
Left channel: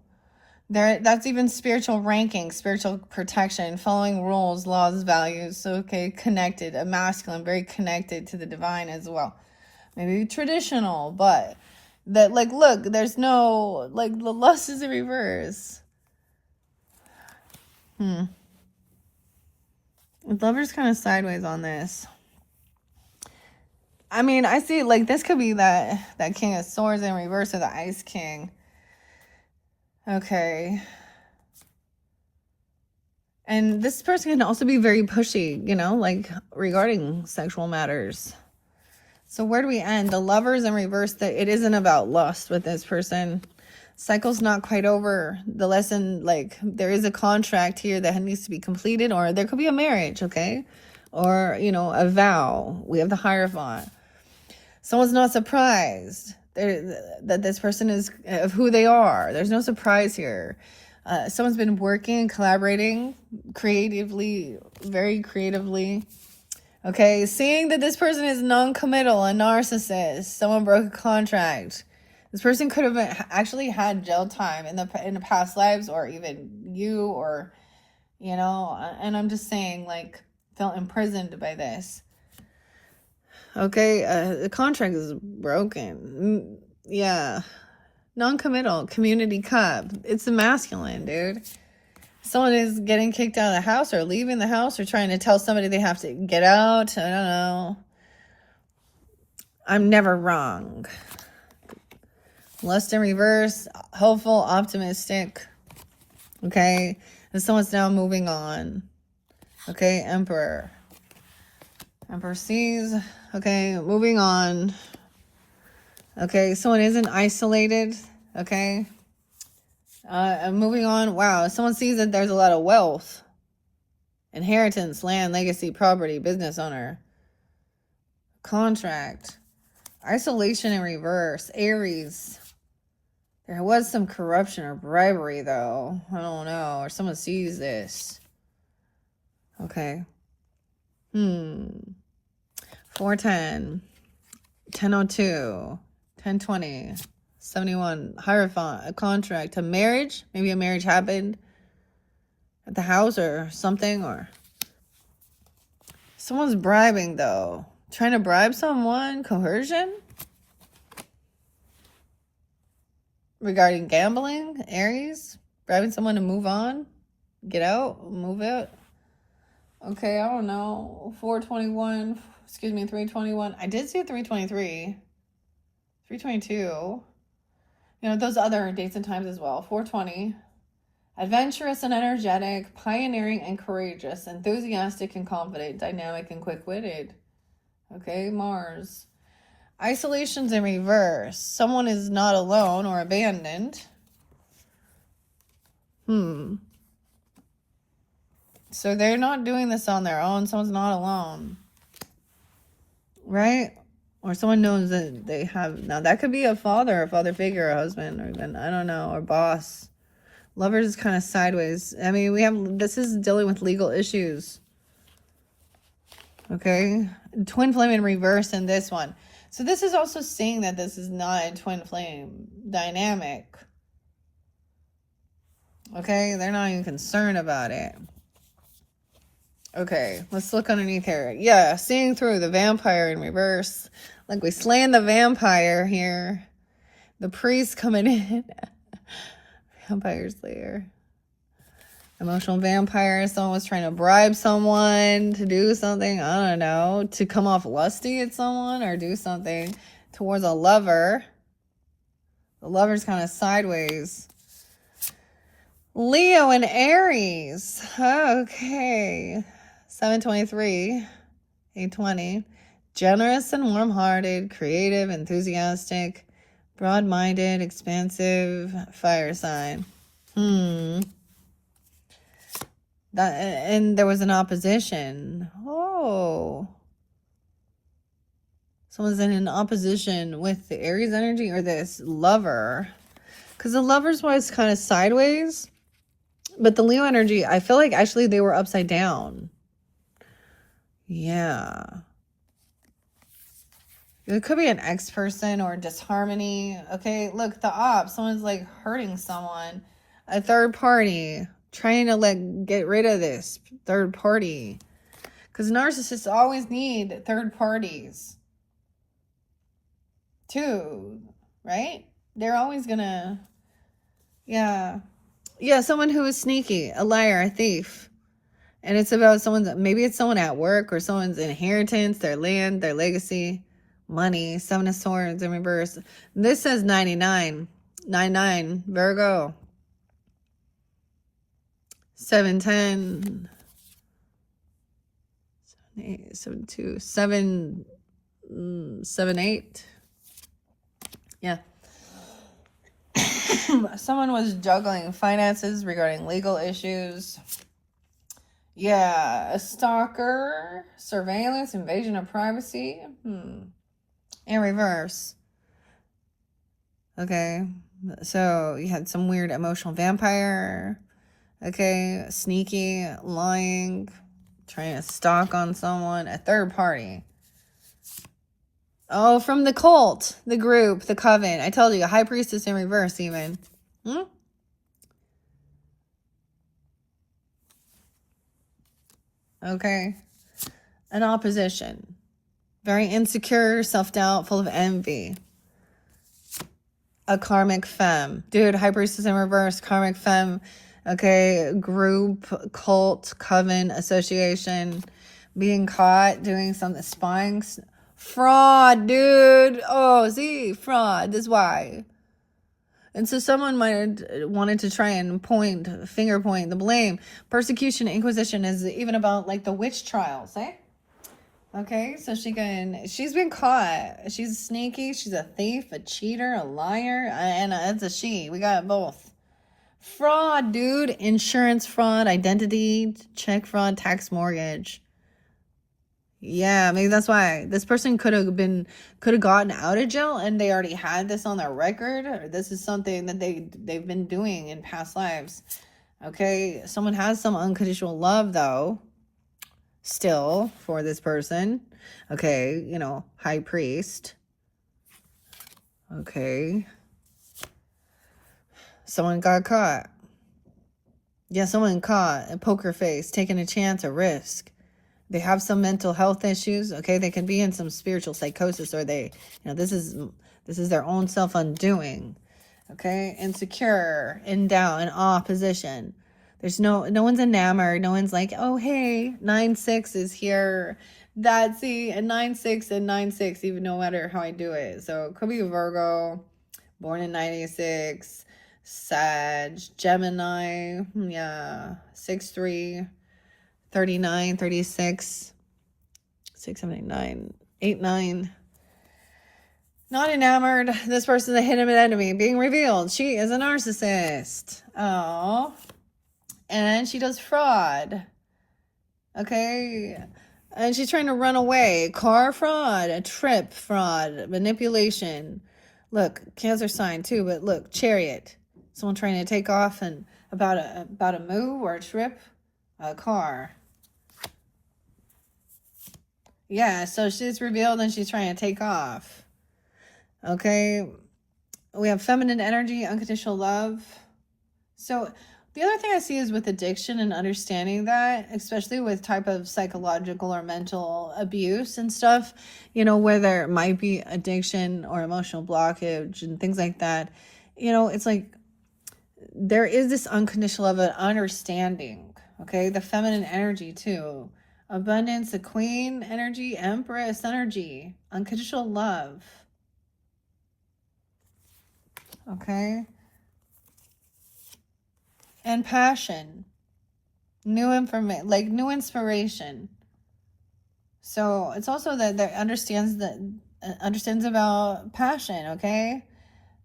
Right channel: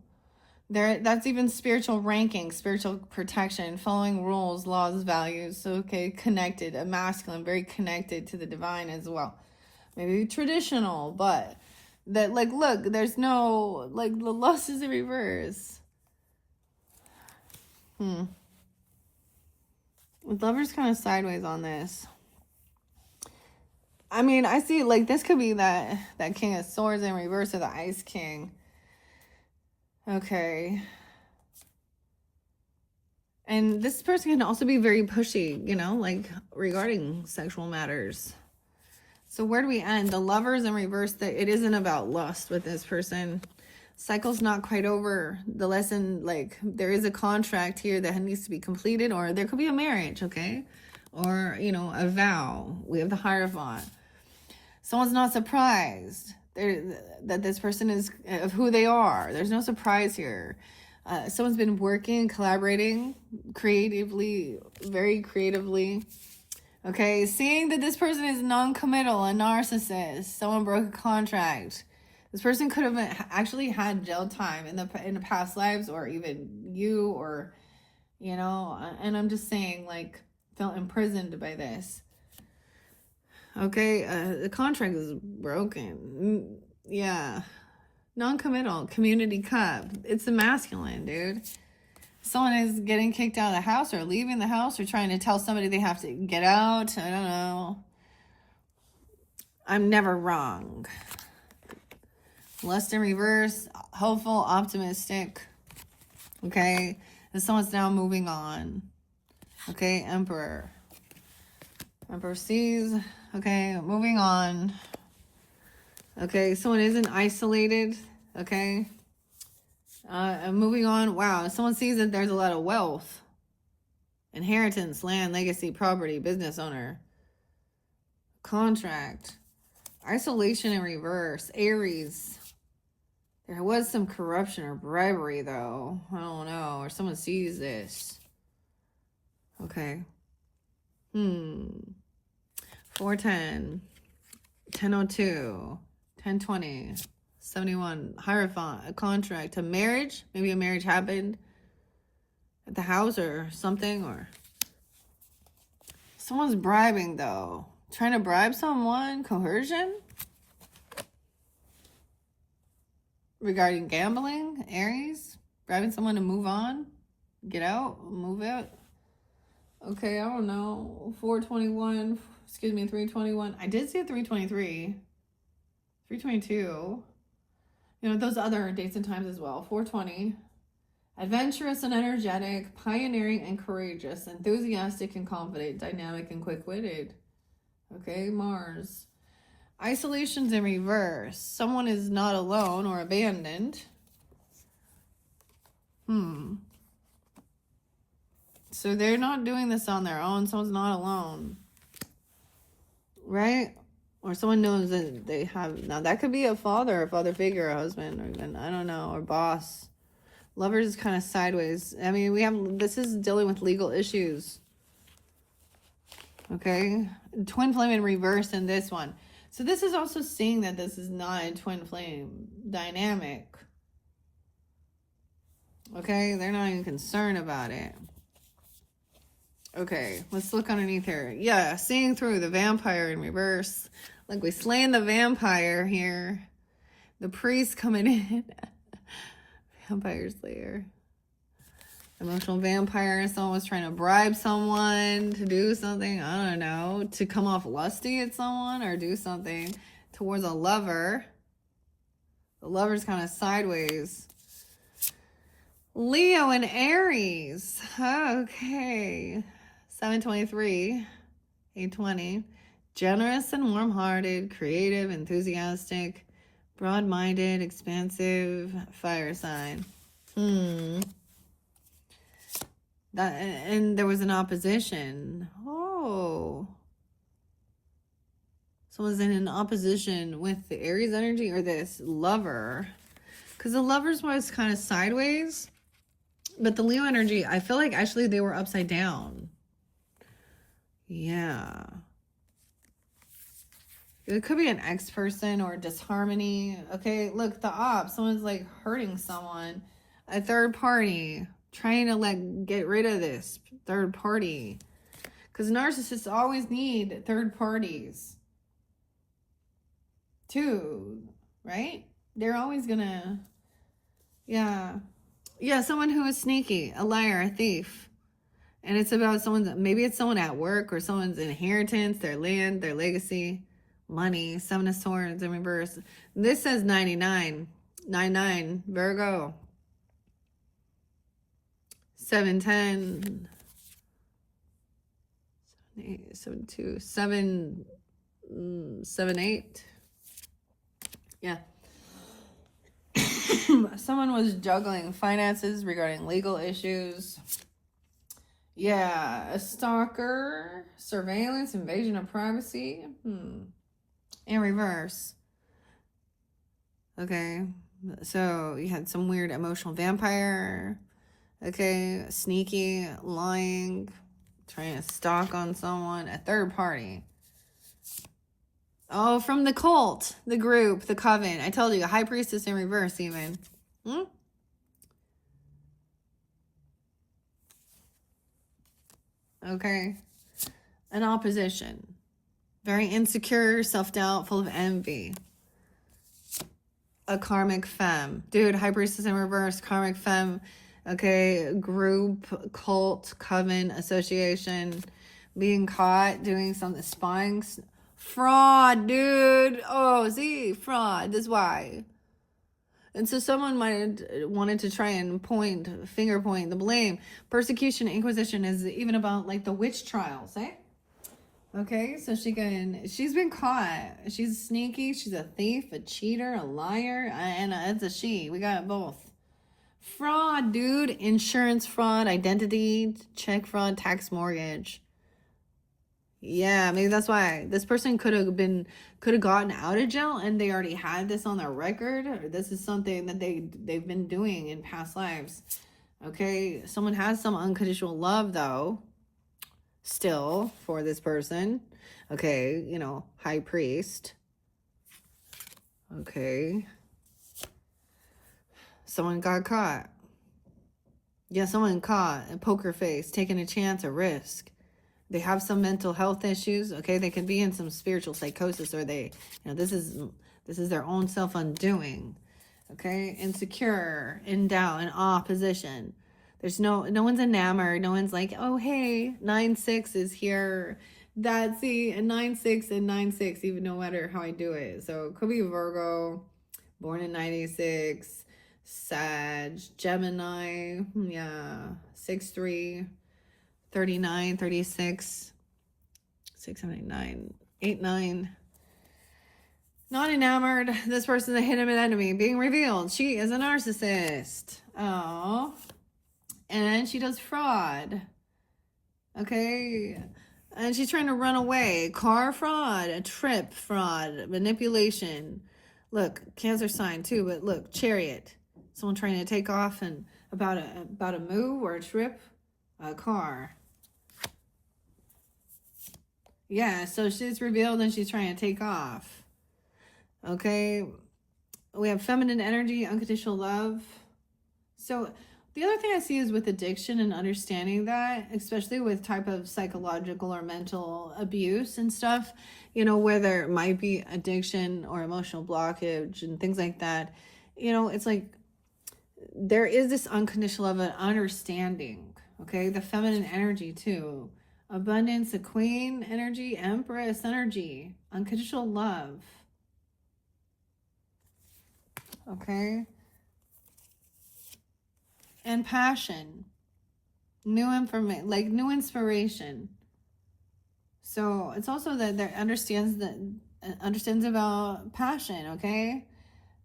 that's even spiritual ranking, spiritual protection, following rules, laws, values. So, okay, connected, a masculine, very connected to the divine as well. Maybe traditional, but that, like, look, there's no, like, the lust is in reverse. The lover's kind of sideways on this. I mean, I see, like, this could be that King of Swords in reverse, or the Ice King. Okay. And this person can also be very pushy, you know, like, regarding sexual matters. So where do we end? The Lover's in reverse, that it isn't about lust with this person. Cycle's not quite over. The lesson, like, there is a contract here that needs to be completed, or there could be a marriage, okay? Or, you know, a vow. We have the Hierophant. Someone's not surprised that this person is of who they are. There's no surprise here. Someone's been working, collaborating creatively, very creatively, Okay, seeing that this person is non-committal, a narcissist, someone broke a contract. This person could have actually had jail time in the past lives, or even you, or you know. And I'm just saying, like, felt imprisoned by this. Okay, the contract is broken. Yeah, non-committal, community cup. It's the masculine, dude. Someone is getting kicked out of the house or leaving the house or trying to tell somebody they have to get out. I don't know. I'm never wrong. Lust in reverse, hopeful, optimistic. Okay, and someone's now moving on. Okay, Emperor. Emperor sees. Okay, moving on. Okay, someone isn't isolated. Okay. Moving on. Wow, someone sees that there's a lot of wealth. Inheritance, land, legacy, property, business owner. Contract. Isolation in reverse. Aries. There was some corruption or bribery, though. I don't know. Or someone sees this. Okay. 410. 1002. 1020. 71. Hierophant. A contract. A marriage. Maybe a marriage happened at the house or something. Or someone's bribing, though. Trying to bribe someone. Coercion. Regarding gambling, Aries, bribing someone to move on, get out, move out. Okay, I don't know. 421, excuse me, 321. I did see a 323, 322. You know, those other dates and times as well. 420. Adventurous and energetic, pioneering and courageous, enthusiastic and confident, dynamic and quick-witted. Okay, Mars. Isolation's in reverse. Someone is not alone or abandoned. So they're not doing this on their own. Someone's not alone. Right? Or someone knows that they have... Now, that could be a father figure, a husband, or even, I don't know, or boss. Lovers is kind of sideways. I mean, we have... This is dealing with legal issues. Okay? Twin flame in reverse in this one. So this is also saying that this is not a twin flame dynamic. Okay, they're not even concerned about it. Okay, let's look underneath here. Yeah, seeing through the vampire in reverse. Like we slaying the vampire here. The priest coming in. Vampire slayer. Emotional vampire. Someone was trying to bribe someone to do something. I don't know. To come off lusty at someone or do something towards a lover. The lover's kind of sideways. Leo and Aries. Okay. 723. 820. Generous and warm-hearted. Creative, enthusiastic. Broad-minded, expansive. Fire sign. That, and there was an opposition. Oh. Someone's in an opposition with the Aries energy or this lover. Because the lover's was kind of sideways. But the Leo energy, I feel like actually they were upside down. Yeah. It could be an ex-person or disharmony. Okay, look, the op. Someone's like hurting someone. A third party. Trying to get rid of this third party. Because narcissists always need third parties. Too. Right? They're always gonna... Yeah. Yeah, someone who is sneaky. A liar, a thief. And it's about someone's... Maybe it's someone at work or someone's inheritance, their land, their legacy, money. 7 of Swords in reverse. This says 99. 99. Virgo. 710, 7 2 7 7 8. Yeah. Someone was juggling finances regarding legal issues. Yeah, a stalker, surveillance, invasion of privacy. In reverse. Okay, so you had some weird emotional vampire. Okay, sneaky, lying, Trying to stalk on someone. A third party. Oh, from the cult, the group, the coven. I told you, a high priestess in reverse even. Okay. An opposition. Very insecure, self-doubt, full of envy. A karmic femme. Dude, high priestess in reverse, karmic femme. Okay, group, cult, coven, association. Being caught doing something, spying. Fraud, dude. Oh, see, fraud. That's why. And so someone might have wanted to try and finger point the blame. Persecution, inquisition is even about like the witch trials, eh? Okay, so she's been caught. She's sneaky, she's a thief, a cheater, a liar, and it's a she. We got both. Fraud, dude. Insurance fraud, identity, check fraud, tax mortgage. Yeah, maybe that's why this person could have gotten out of jail and they already had this on their record, or this is something that they've been doing in past lives. Okay, someone has some unconditional love though, still for this person. Okay, you know, high priest. Okay. Someone got caught. Yeah, someone caught, a poker face, taking a chance, a risk. They have some mental health issues. Okay, they can be in some spiritual psychosis, or they, you know, this is their own self undoing. Okay, insecure, in doubt, in opposition. There's no one's enamored. No one's like, oh hey, 9-6 is here. That's the 9-6 and 9-6, even no matter how I do it. So it could be a Virgo, born in 96, Sag, Gemini, yeah, 6-3. 39, 36, 6, 7, 8, 9, 8, 9. Not enamored. This person's a hidden enemy. Being revealed. She is a narcissist. Oh. And then she does fraud. Okay. And she's trying to run away. Car fraud. A trip fraud. Manipulation. Look, Cancer sign too, but look, Chariot. Someone trying to take off and about a move or a trip. A car. Yeah, so she's revealed and she's trying to take off. Okay. We have feminine energy, unconditional love. So the other thing I see is with addiction and understanding that, especially with type of psychological or mental abuse and stuff, you know, where there might be addiction or emotional blockage and things like that, you know, it's like there is this unconditional love and understanding. Okay, the feminine energy too. Abundance, the queen energy, empress energy, unconditional love. Okay. And passion. New information, like new inspiration. So it's also that there understands about passion, okay?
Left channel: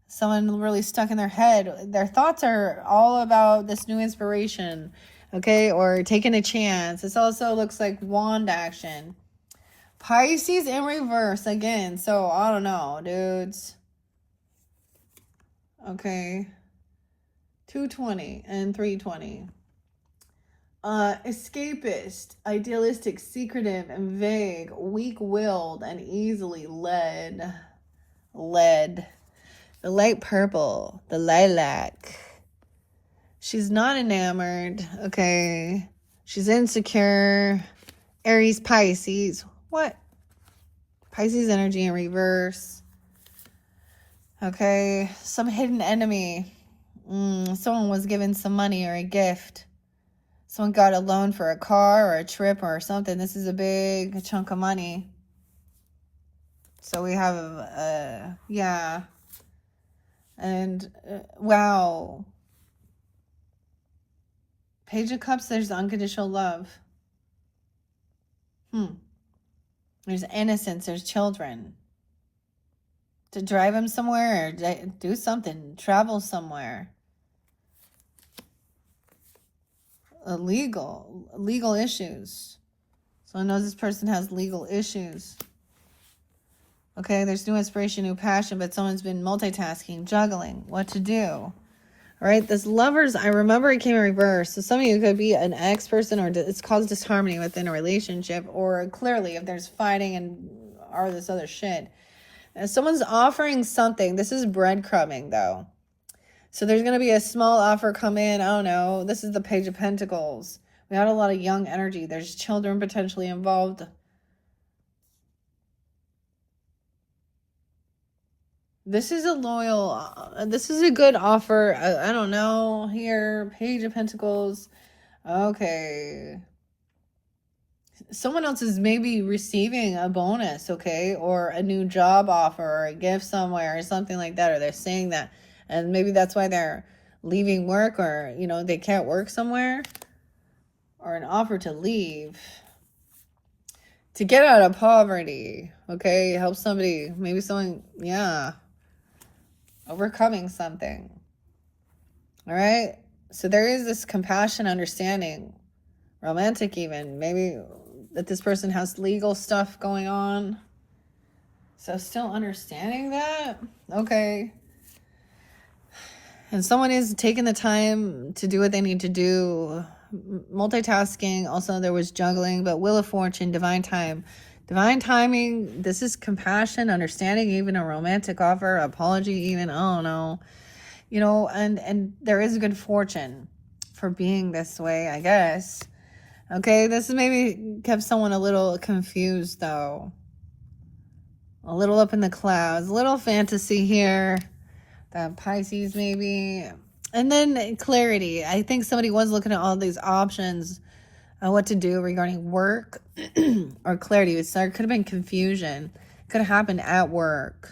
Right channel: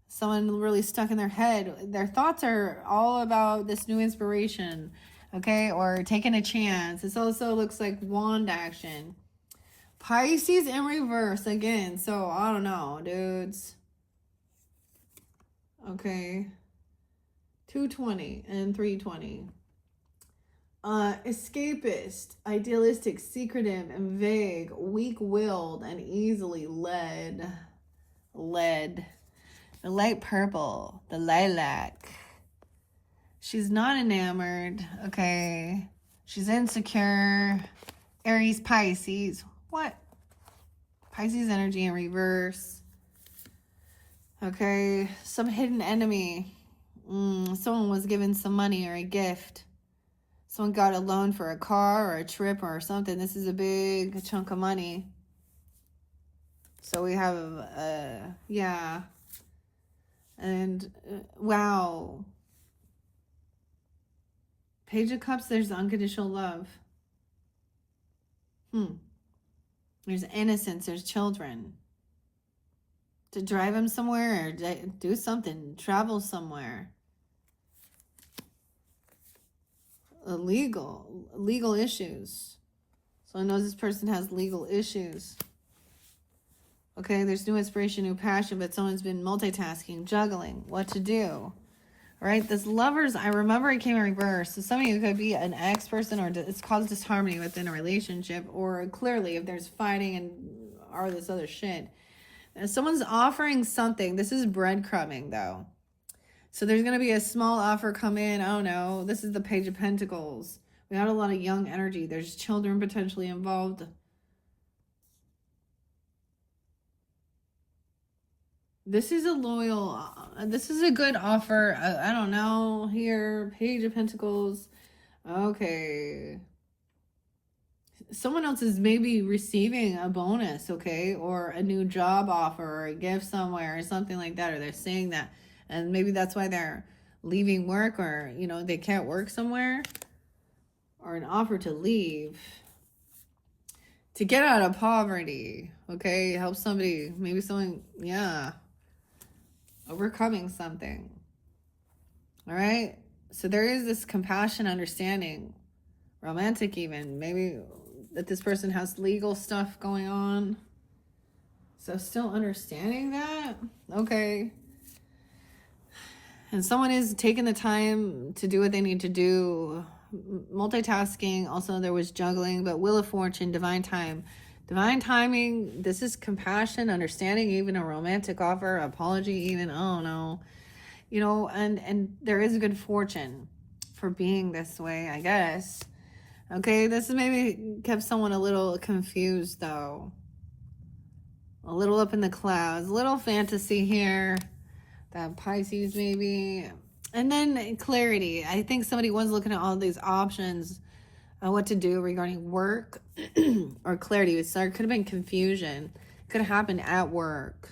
Someone really stuck in their head. Their thoughts are all about this new inspiration. Okay, or taking a chance. This also looks like wand action. Pisces in reverse again. So, I don't know, dudes. Okay. 220 and 320. Escapist, idealistic, secretive, and vague, weak-willed, and easily led. The light purple, the lilac. She's not enamored, okay? She's insecure. Aries, Pisces. What? Pisces energy in reverse. Okay, some hidden enemy. Someone was given some money or a gift. Someone got a loan for a car or a trip or something. This is a big chunk of money. So we have, yeah. And, wow. Page of Cups, there's unconditional love. There's innocence, there's children. To drive them somewhere or do something, travel somewhere. Legal issues. Someone knows this person has legal issues. Okay, there's new inspiration, new passion, but someone's been multitasking, juggling, what to do. All right, this lovers, I remember it came in reverse. So some of you could be an ex person, or it's caused disharmony within a relationship, or clearly if there's fighting and all this other shit. And someone's offering something. This is breadcrumbing though. So there's going to be a small offer come in. I don't know. This is the Page of Pentacles. We had a lot of young energy. There's children potentially involved. This is a loyal, this is a good offer. I don't know here. Page of Pentacles. Okay. Someone else is maybe receiving a bonus, okay? Or a new job offer or a gift somewhere or something like that. Or they're saying that. And maybe that's why they're leaving work, or, you know, they can't work somewhere. Or an offer to leave. To get out of poverty, okay? Help somebody, maybe someone, yeah. Overcoming something. All right? So there is this compassion, understanding, romantic even. Maybe that this person has legal stuff going on. So still understanding that. Okay. And someone is taking the time to do what they need to do. Multitasking. Also, there was juggling, but Wheel of Fortune, divine time. Divine timing. This is compassion, understanding, even a romantic offer, apology even. Oh, no. You know, and there is good fortune for being this way, I guess. Okay, this is maybe kept someone a little confused, though. A little up in the clouds. A little fantasy here. That Pisces, maybe. And then clarity. I think somebody was looking at all these options on what to do regarding work or clarity. There could have been confusion. Could have happened at work.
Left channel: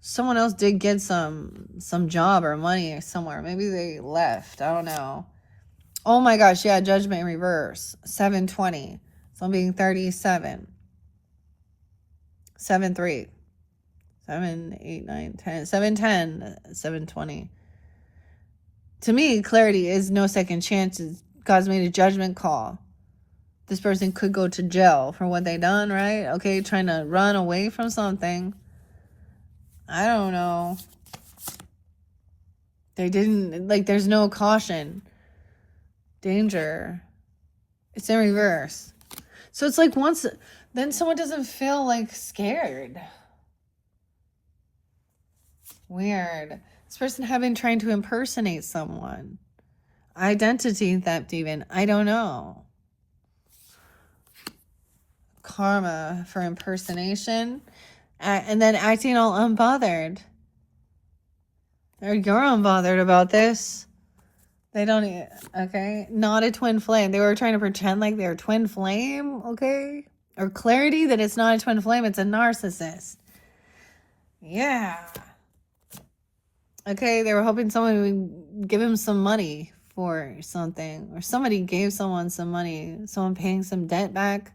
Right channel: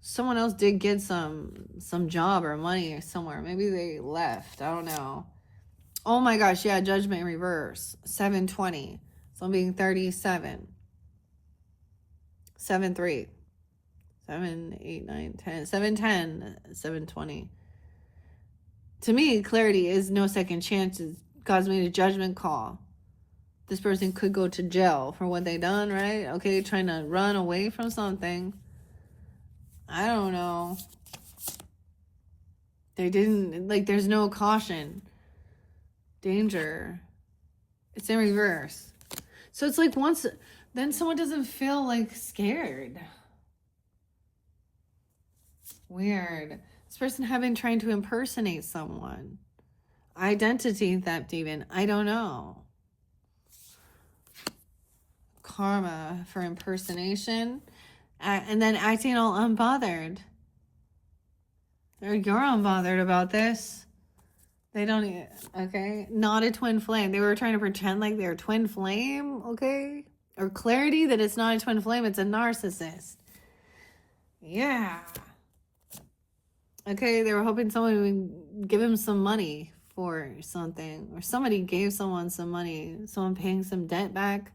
Someone else did get some job or money somewhere. Maybe they left. I don't know. Oh my gosh, yeah, Judgment in reverse. 720. So I'm being 37. 7-3. 7, 8, 9, 10. 710. 720. To me, clarity is no second chances. God's made a judgment call. This person could go to jail for what they done, right? Okay, trying to run away from something. I don't know. They didn't, like, there's no caution. Danger. It's in reverse. So it's like once, then someone doesn't feel like scared. Weird. This person having trying to impersonate someone. Identity theft even. I don't know. Karma for impersonation. And then acting all unbothered. Or you're unbothered about this. They don't, okay? Not a twin flame. They were trying to pretend like they're twin flame, okay? Or clarity that it's not a twin flame, it's a narcissist. Yeah. Okay, they were hoping someone would give him some money for something. Or somebody gave someone some money. Someone paying some debt back.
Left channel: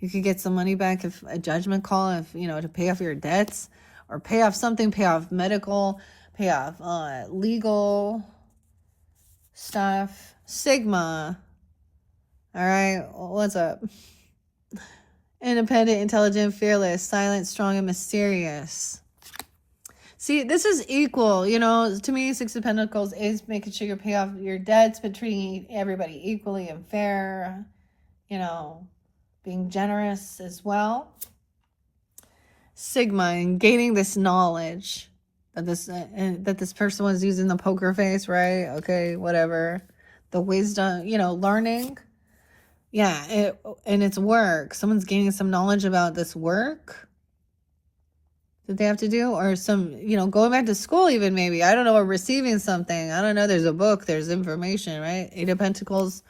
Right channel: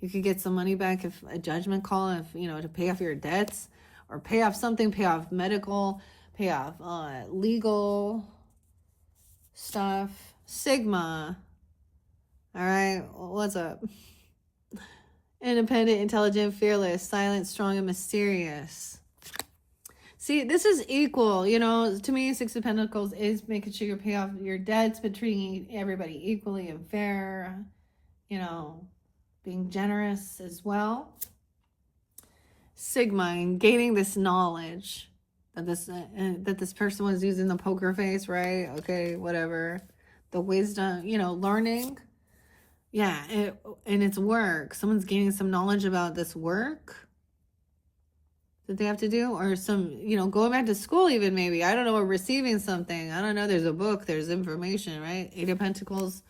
You could get some money back if a judgment call, if, you know, to pay off your debts. Or pay off something, pay off medical, pay off legal stuff. Sigma. All right, what's up? Independent, intelligent, fearless, silent, strong, and mysterious. See, this is equal, you know, to me, Six of Pentacles is making sure you pay off your debts, but treating everybody equally and fair, you know, being generous as well. Sigma, and gaining this knowledge that this person was using the poker face, right? Okay, whatever. The wisdom, you know, learning. Yeah, and it's work. Someone's gaining some knowledge about this work that they have to do, or some, you know, going back to school even maybe. I don't know, or receiving something. I don't know. There's a book. There's information, right? Eight of Pentacles.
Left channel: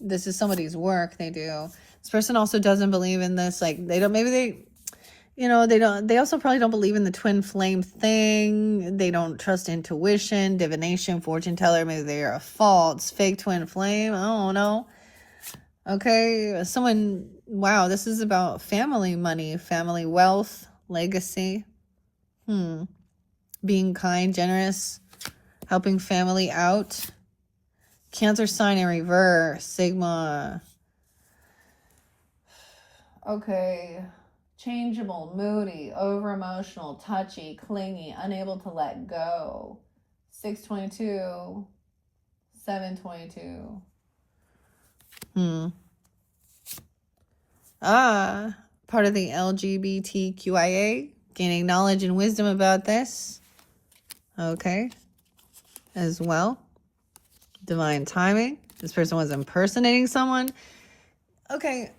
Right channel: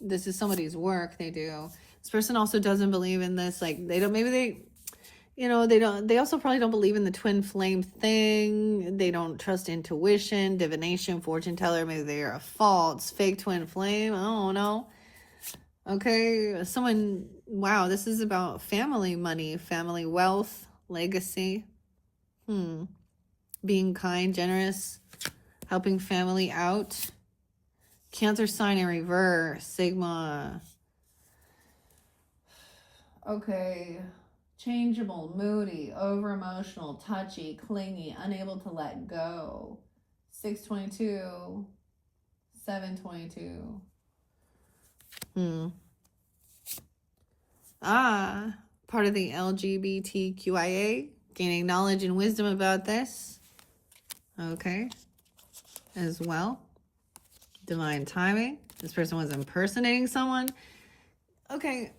This is somebody's work they do. This person also doesn't believe in this. Like, they don't, maybe they, you know, they also probably don't believe in the twin flame thing. They don't trust intuition, divination, fortune teller. Maybe they are a false, fake twin flame. I don't know. Okay, someone, wow, this is about family money, family wealth, legacy. Being kind, generous, helping family out. Cancer sign in reverse, Sigma. Okay, changeable, moody, over emotional, touchy, clingy, unable to let go. 622, 722. Part of the LGBTQIA, gaining knowledge and wisdom about this. Okay. As well. Divine timing. This person was impersonating someone. Okay.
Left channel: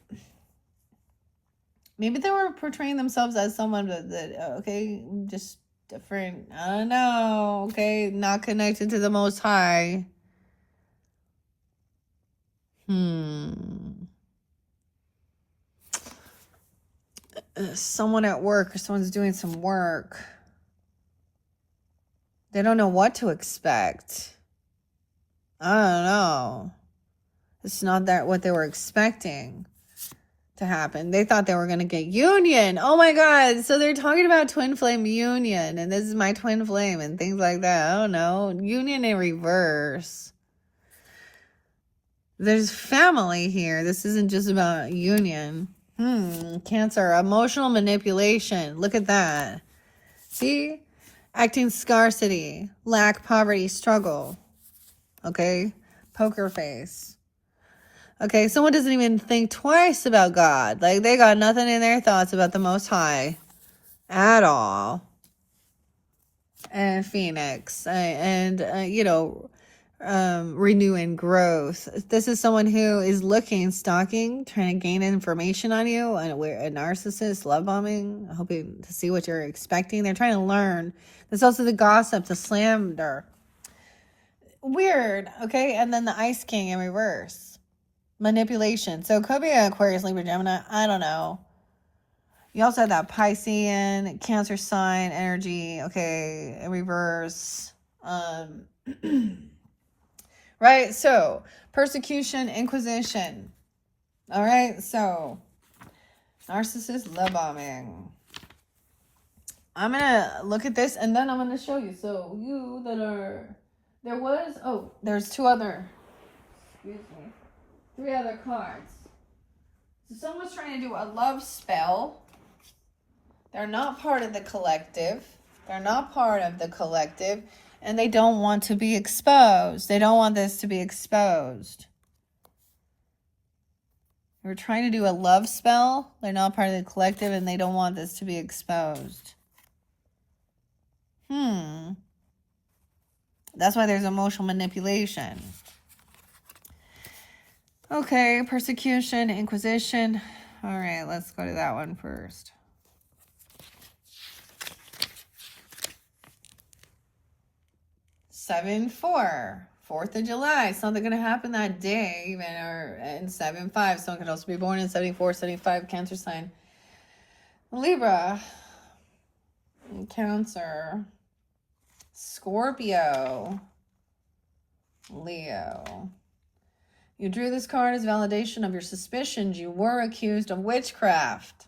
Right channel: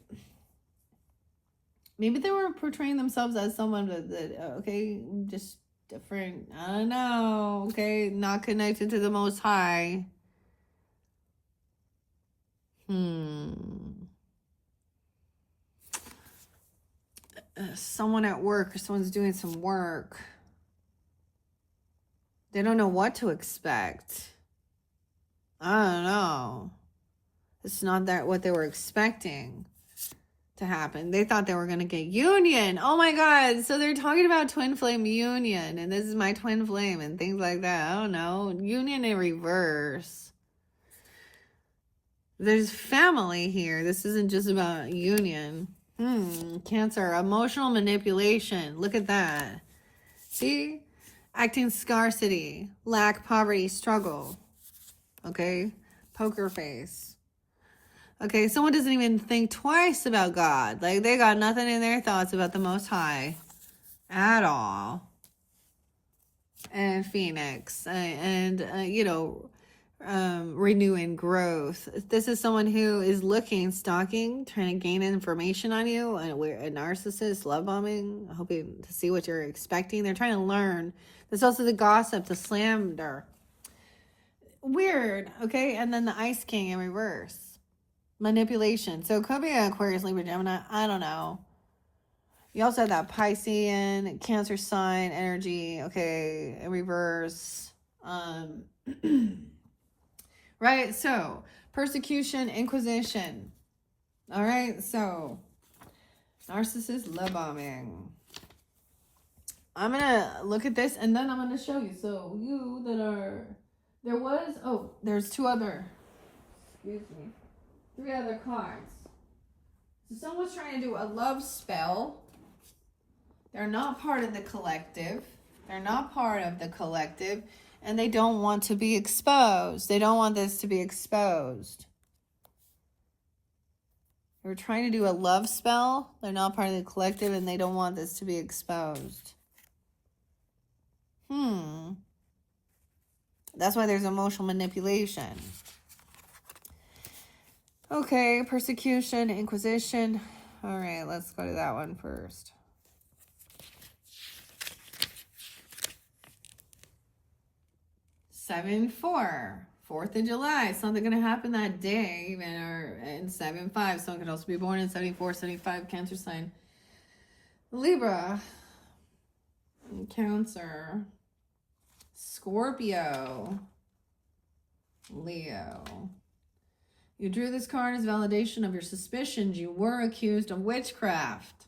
Maybe they were portraying themselves as someone that okay, just different. I don't know. Okay, not connected to the Most High. Someone at work, or someone's doing some work. They don't know what to expect. I don't know. It's not that what they were expecting to happen. They thought they were going to get union. Oh my God. So they're talking about twin flame union, and this is my twin flame and things like that. I don't know. Union in reverse. There's family here. This isn't just about union. Cancer, emotional manipulation. Look at that. See? Acting scarcity, lack, poverty, struggle. Okay? Poker face. Okay, someone doesn't even think twice about God. Like, they got nothing in their thoughts about the Most High at all. And Phoenix. Renew and growth. This is someone who is looking, stalking, trying to gain information on you, and a narcissist, love bombing, hoping to see what you're expecting. They're trying to learn. There's also the gossip, the slander. Weird, okay? And then the Ice King in reverse. Manipulation. So it could be an Aquarius, Libra, Gemini. I don't know. You also have that Piscean, Cancer sign energy, okay, in reverse. Right, so persecution, inquisition. All right, so narcissist, love bombing. I'm gonna look at this and then I'm gonna show you. So you that are, there's three other cards. So someone's trying to do a love spell. They're not part of the collective. And they don't want to be exposed. They don't want this to be exposed. We're trying to do a love spell. They're not part of the collective and they don't want this to be exposed. That's why there's emotional manipulation. Okay, persecution, inquisition. All right, let's go to that one first. Seven, 4th of July. Something going to happen that day, even, or in 7-5. Someone could also be born in 74, 75, Cancer sign. Libra, Cancer, Scorpio, Leo. You drew this card as validation of your suspicions. You were accused of witchcraft.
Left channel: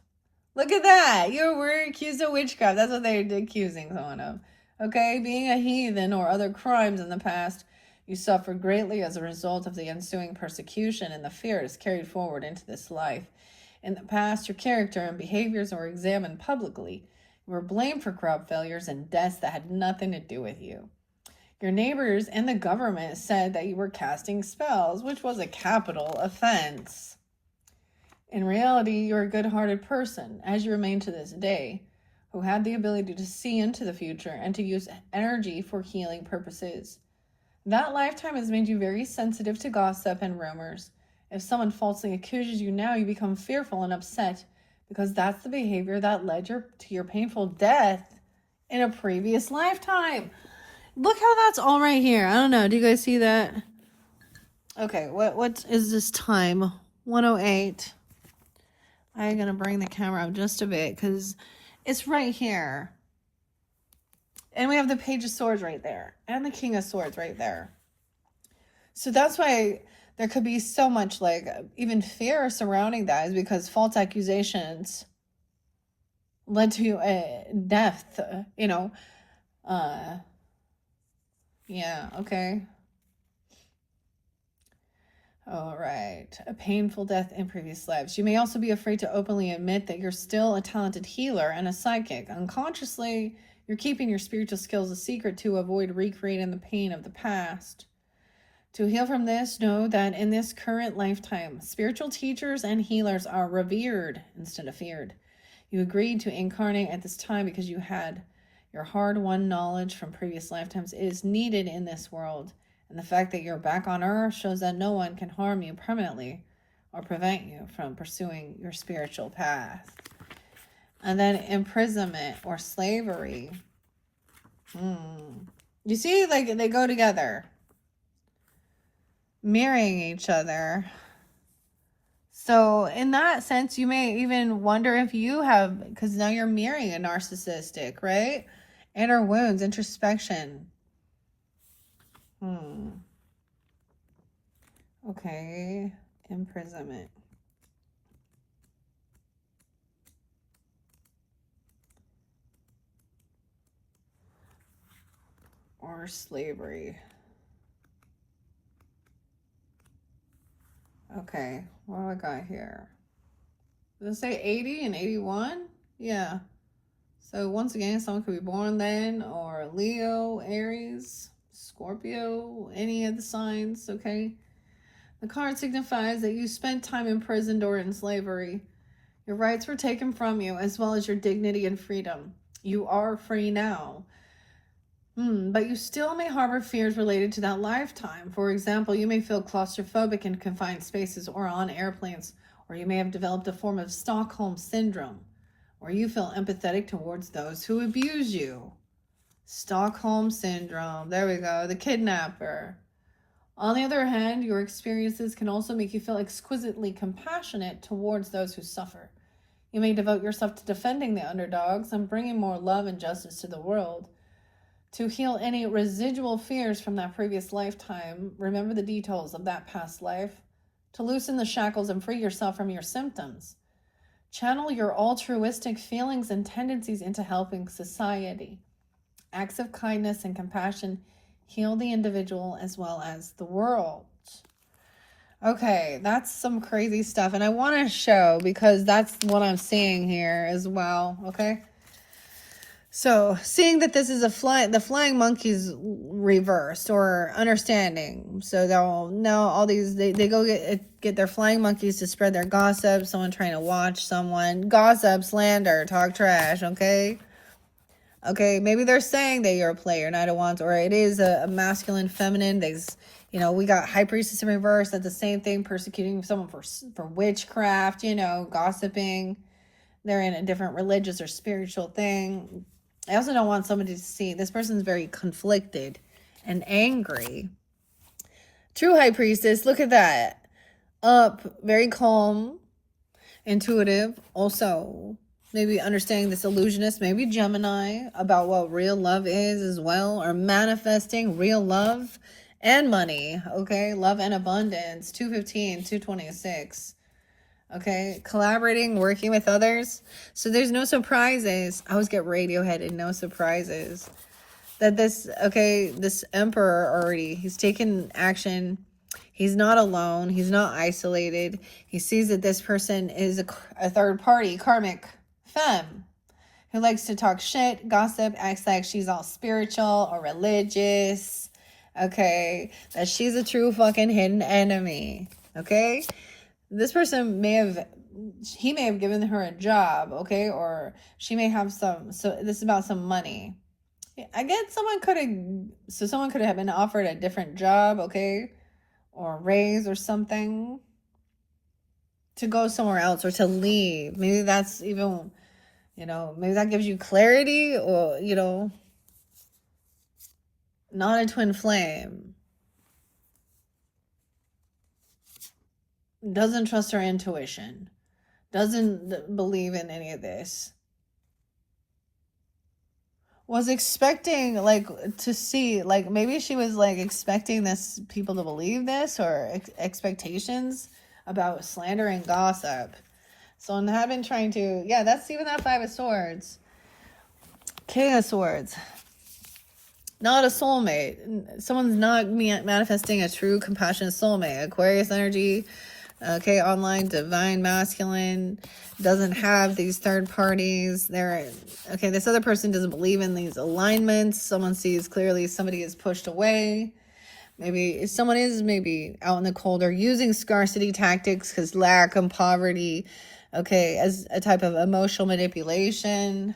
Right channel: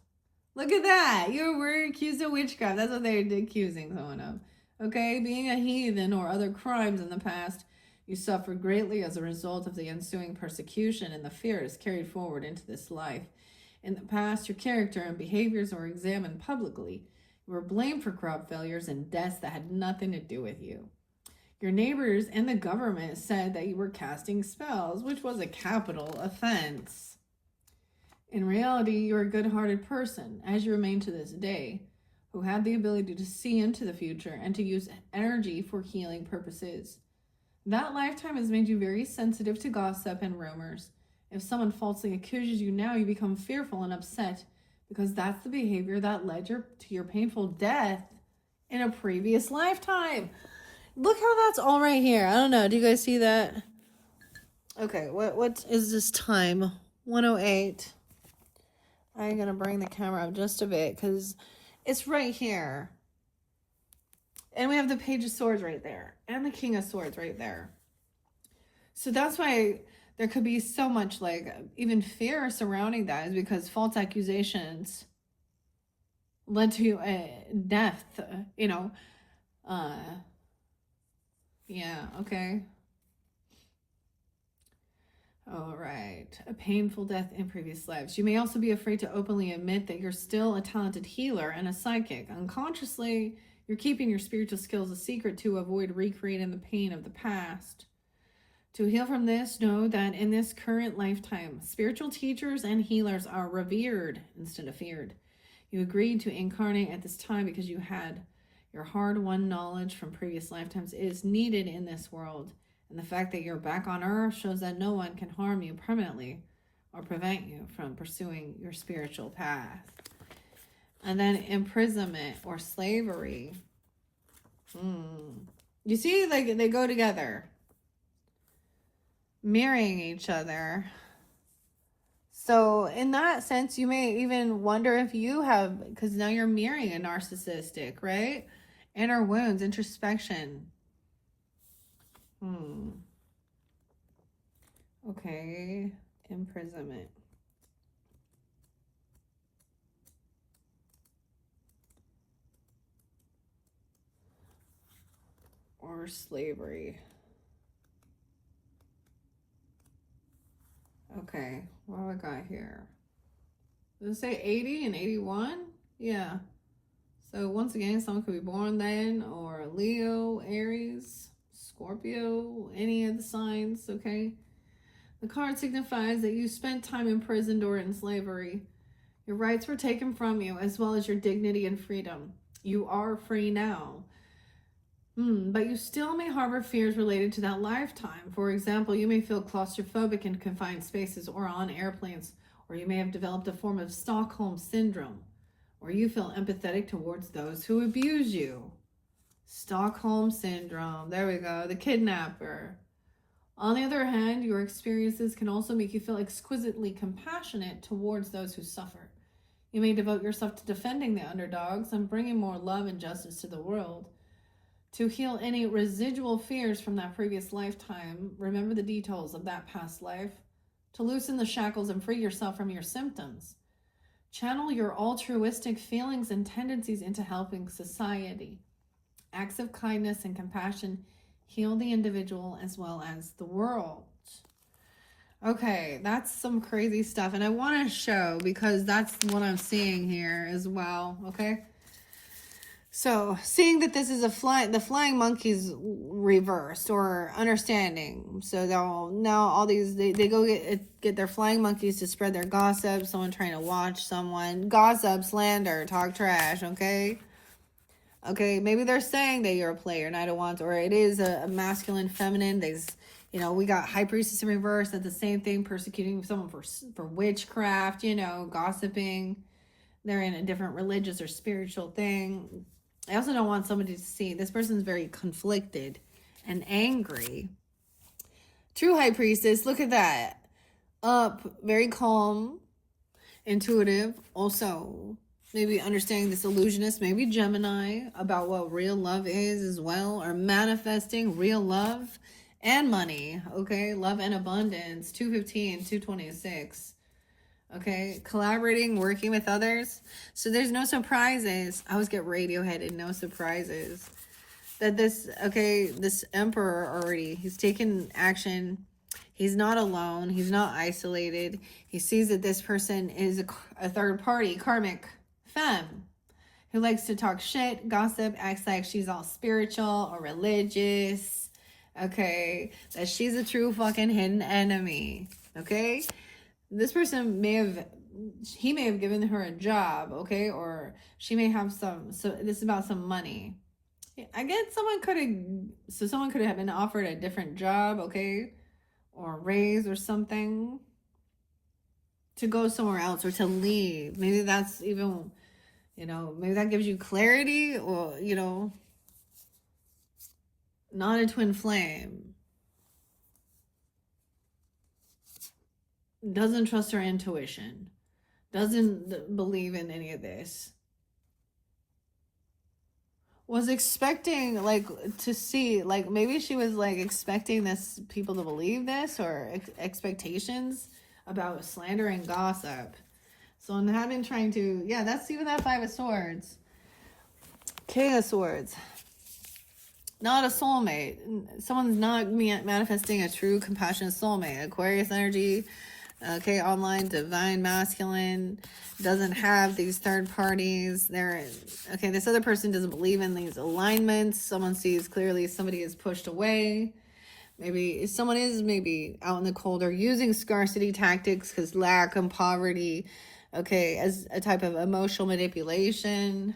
Look at that. You were accused of witchcraft. That's what they're accusing someone of. Okay, being a heathen or other crimes in the past, you suffered greatly as a result of the ensuing persecution, and the fear is carried forward into this life. In the past, your character and behaviors were examined publicly. You were blamed for crop failures and deaths that had nothing to do with you. Your neighbors and the government said that you were casting spells, which was a capital offense. In reality, you're a good-hearted person, as you remain to this day, who had the ability to see into the future and to use energy for healing purposes. That lifetime has made you very sensitive to gossip and rumors. If someone falsely accuses you now, you become fearful and upset because that's the behavior that led to your painful death in a previous lifetime. Look how that's all right here. I don't know. Do you guys see that? Okay, what is this time? 1:08. I'm going to bring the camera up just a bit because it's right here. And we have the Page of Swords right there. And the King of Swords right there. So that's why there could be so much, like, even fear surrounding that, is because false accusations led to death, you know. Yeah, okay. All right. A painful death in previous lives. You may also be afraid to openly admit that you're still a talented healer and a psychic. Unconsciously, You're keeping your spiritual skills a secret to avoid recreating the pain of the past. To heal from this, know that in this current lifetime, spiritual teachers and healers are revered instead of feared. You agreed to incarnate at this time because you had your hard-won knowledge from previous lifetimes is needed in this world. And the fact that you're back on Earth shows that no one can harm you permanently or prevent you from pursuing your spiritual path. And then imprisonment or slavery. You see, like, they go together. Marrying each other. So in that sense, you may even wonder if you have, because now you're marrying a narcissistic, right? Inner wounds, introspection. Okay, imprisonment. Or slavery. Okay, what do I got here? Does it say 80 and 81? Yeah. So once again, someone could be born then, or Leo, Aries, Scorpio, any of the signs, okay? The card signifies that you spent time imprisoned or in slavery. Your rights were taken from you, as well as your dignity and freedom. You are free now. But you still may harbor fears related to that lifetime. For example, you may feel claustrophobic in confined spaces or on airplanes, or you may have developed a form of Stockholm syndrome, or you feel empathetic towards those who abuse you. Stockholm syndrome. There we go. The kidnapper. On the other hand, your experiences can also make you feel exquisitely compassionate towards those who suffer. You may devote yourself to defending the underdogs and bringing more love and justice to the world. To heal any residual fears from that previous lifetime, remember the details of that past life. To loosen the shackles and free yourself from your symptoms. Channel your altruistic feelings and tendencies into helping society. Acts of kindness and compassion heal the individual as well as the world. Okay, that's some crazy stuff. And I want to show, because that's what I'm seeing here as well, okay? So, seeing that this is the flying monkeys reversed or understanding. So they'll now all these they go get their flying monkeys to spread their gossip. Someone trying to watch someone gossip, slander, talk trash. Okay, maybe they're saying that you're a player, Knight of Wands, or it is a masculine, feminine. We got High Priestess in reverse. That's the same thing, persecuting someone for witchcraft. Gossiping. They're in a different religious or spiritual thing. I also don't want somebody to see this person's very conflicted and angry. True High Priestess, look at that. Up, very calm, intuitive. Also, maybe understanding this illusionist, maybe Gemini, about what real love is as well, or manifesting real love and money. Okay, love and abundance. 215, 226. Okay, collaborating, working with others. So there's no surprises. I always get Radiohead and no surprises. That this emperor already, he's taken action. He's not alone. He's not isolated. He sees that this person is a third party, karmic femme, who likes to talk shit, gossip, acts like she's all spiritual or religious. Okay, that she's a true fucking hidden enemy. Okay? This person may have given her a job, okay? Or she may have so this is about some money. I guess someone could have been offered a different job, okay? Or a raise or something. To go somewhere else or to leave. Maybe that's even, maybe that gives you clarity or, not a twin flame. Doesn't trust her intuition, doesn't believe in any of this, was expecting to see, maybe she was expecting people to believe this, or expectations about slander and gossip. So I've been trying to, that's even that Five of Swords, King of Swords. Not a soulmate. Someone's not manifesting a true compassionate soulmate. Aquarius energy. Okay, online divine masculine doesn't have these third parties. Okay, this other person doesn't believe in these alignments. Someone sees clearly somebody is pushed away. Maybe someone is maybe out in the cold or using scarcity tactics because lack and poverty, okay, as a type of emotional manipulation.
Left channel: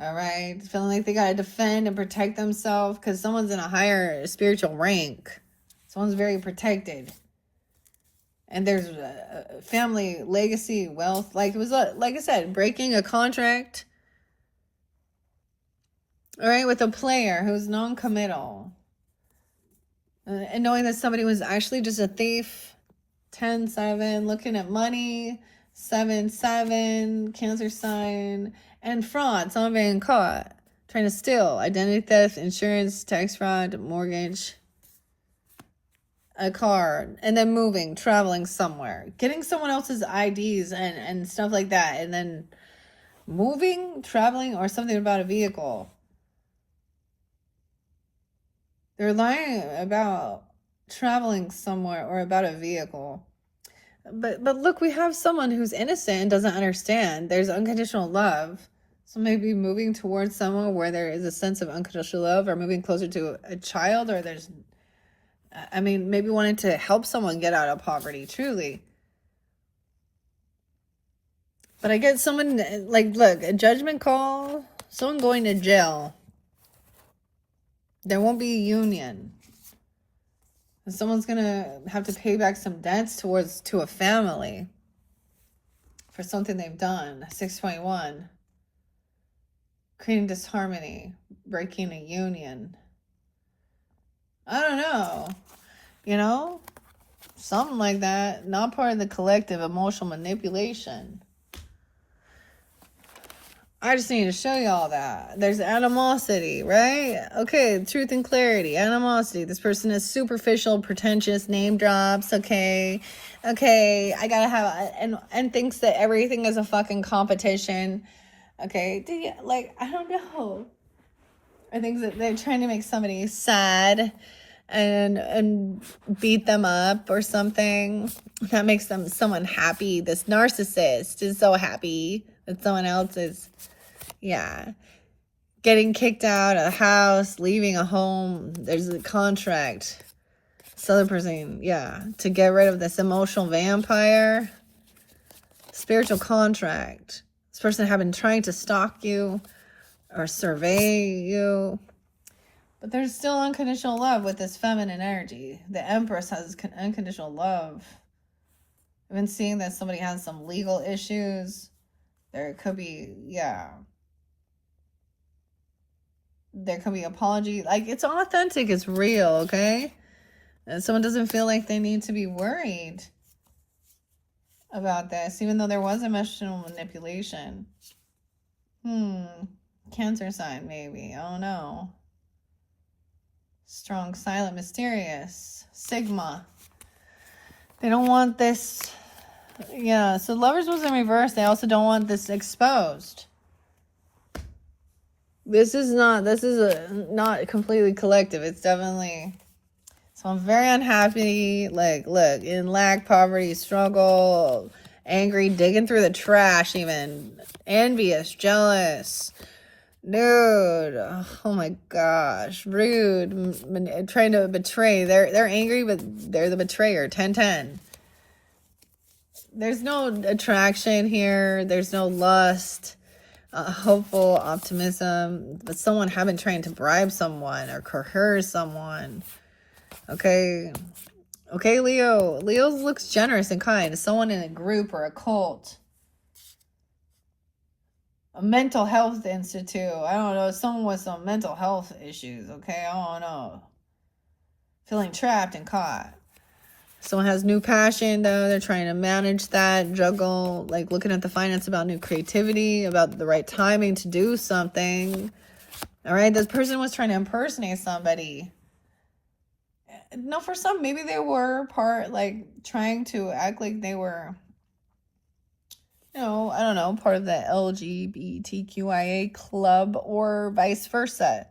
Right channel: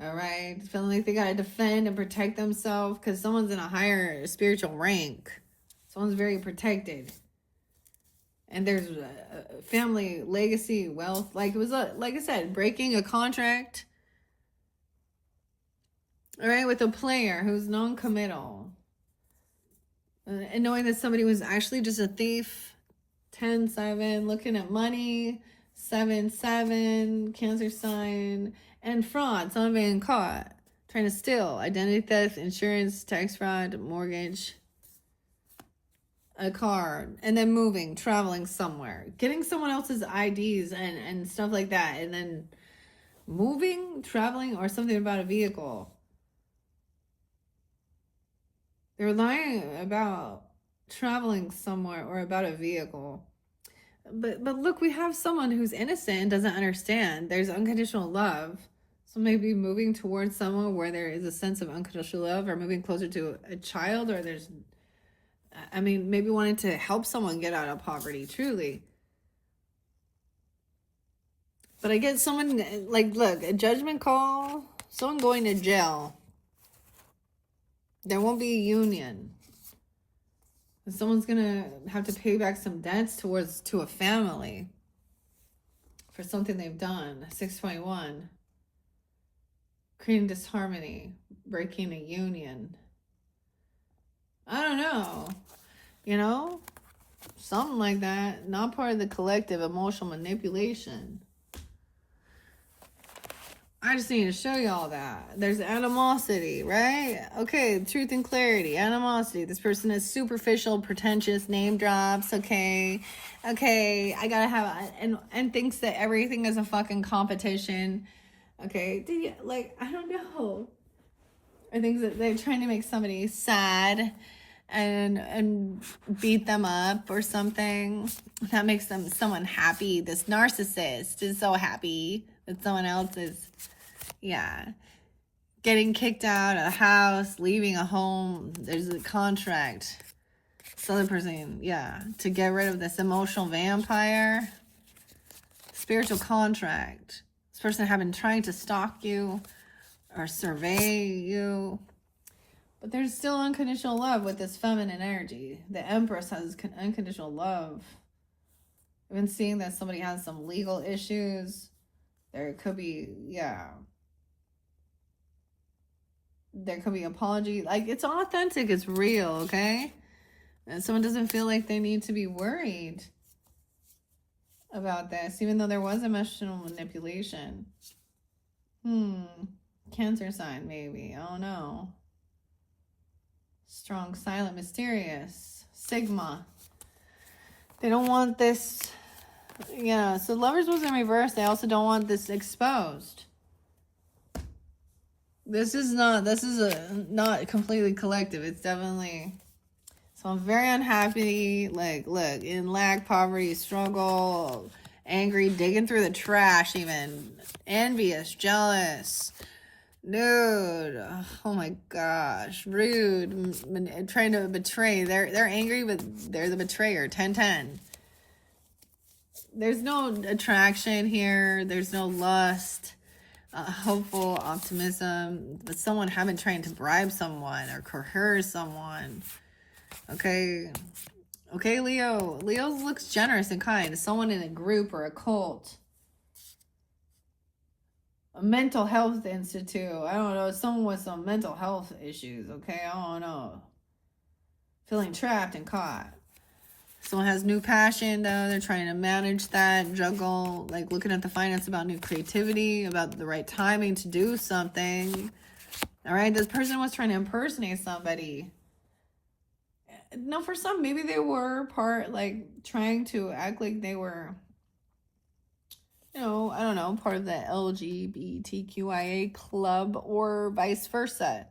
All right, feeling like they got to defend and protect themselves because someone's in a higher spiritual rank. Someone's very protected. And there's a family legacy, wealth. Like it was, like I said, breaking a contract. All right, with a player who's non-committal. And knowing that somebody was actually just a thief. 10-7, looking at money. 7-7, Cancer sign. And fraud, someone being caught. Trying to steal. Identity theft, insurance, tax fraud, mortgage. A car, and then moving, traveling somewhere, getting someone else's IDs and stuff like that, and then moving, traveling, or something about a vehicle. They're lying about traveling somewhere or about a vehicle. But look, we have someone who's innocent and doesn't understand. There's unconditional love. So maybe moving towards someone where there is a sense of unconditional love, or moving closer to a child, or maybe wanting to help someone get out of poverty, truly. But I get someone, like, look, a judgment call, someone going to jail. There won't be a union. Someone's going to have to pay back some debts to a family for something they've done. 621. Creating disharmony, breaking a union. I don't know. Something like that. Not part of the collective emotional manipulation. I just need to show you all that. There's animosity, right? Okay, truth and clarity, animosity. This person is superficial, pretentious, name drops, okay, I gotta have, and thinks that everything is a fucking competition, okay? I don't know. I think that they're trying to make somebody sad and beat them up or something. That makes someone happy. This narcissist is so happy that someone else is, getting kicked out of the house, leaving a home. There's a contract. This other person, to get rid of this emotional vampire. Spiritual contract. This person had been trying to stalk you or survey you. But there's still unconditional love with this feminine energy. The Empress has unconditional love. I've been seeing that somebody has some legal issues. There could be, there could be apology. Like, it's authentic, it's real, okay? And someone doesn't feel like they need to be worried about this, even though there was emotional manipulation. Cancer sign, maybe. Oh, no. Strong, silent, mysterious. Sigma. They don't want this. So Lovers was in reverse. They also don't want this exposed. This is not completely collective. It's definitely, so I'm very unhappy. Like, look, in lack, poverty, struggle, angry, digging through the trash, even envious, jealous. Dude, oh my gosh, rude, trying to betray. They're angry, but they're the betrayer. 10-10. There's no attraction here. There's no lust, hopeful optimism. But someone have been trying to bribe someone or coerce someone. Okay, Leo. Leo looks generous and kind. Someone in a group or a cult. A mental health institute. I don't know. Someone with some mental health issues. Okay, I don't know. Feeling trapped and caught. Someone has new passion, though. They're trying to manage that, juggle, like looking at the finance about new creativity, about the right timing to do something. All right, this person was trying to impersonate somebody. No, for some, maybe they were trying to act like they were, I don't know, part of the LGBTQIA club or vice versa.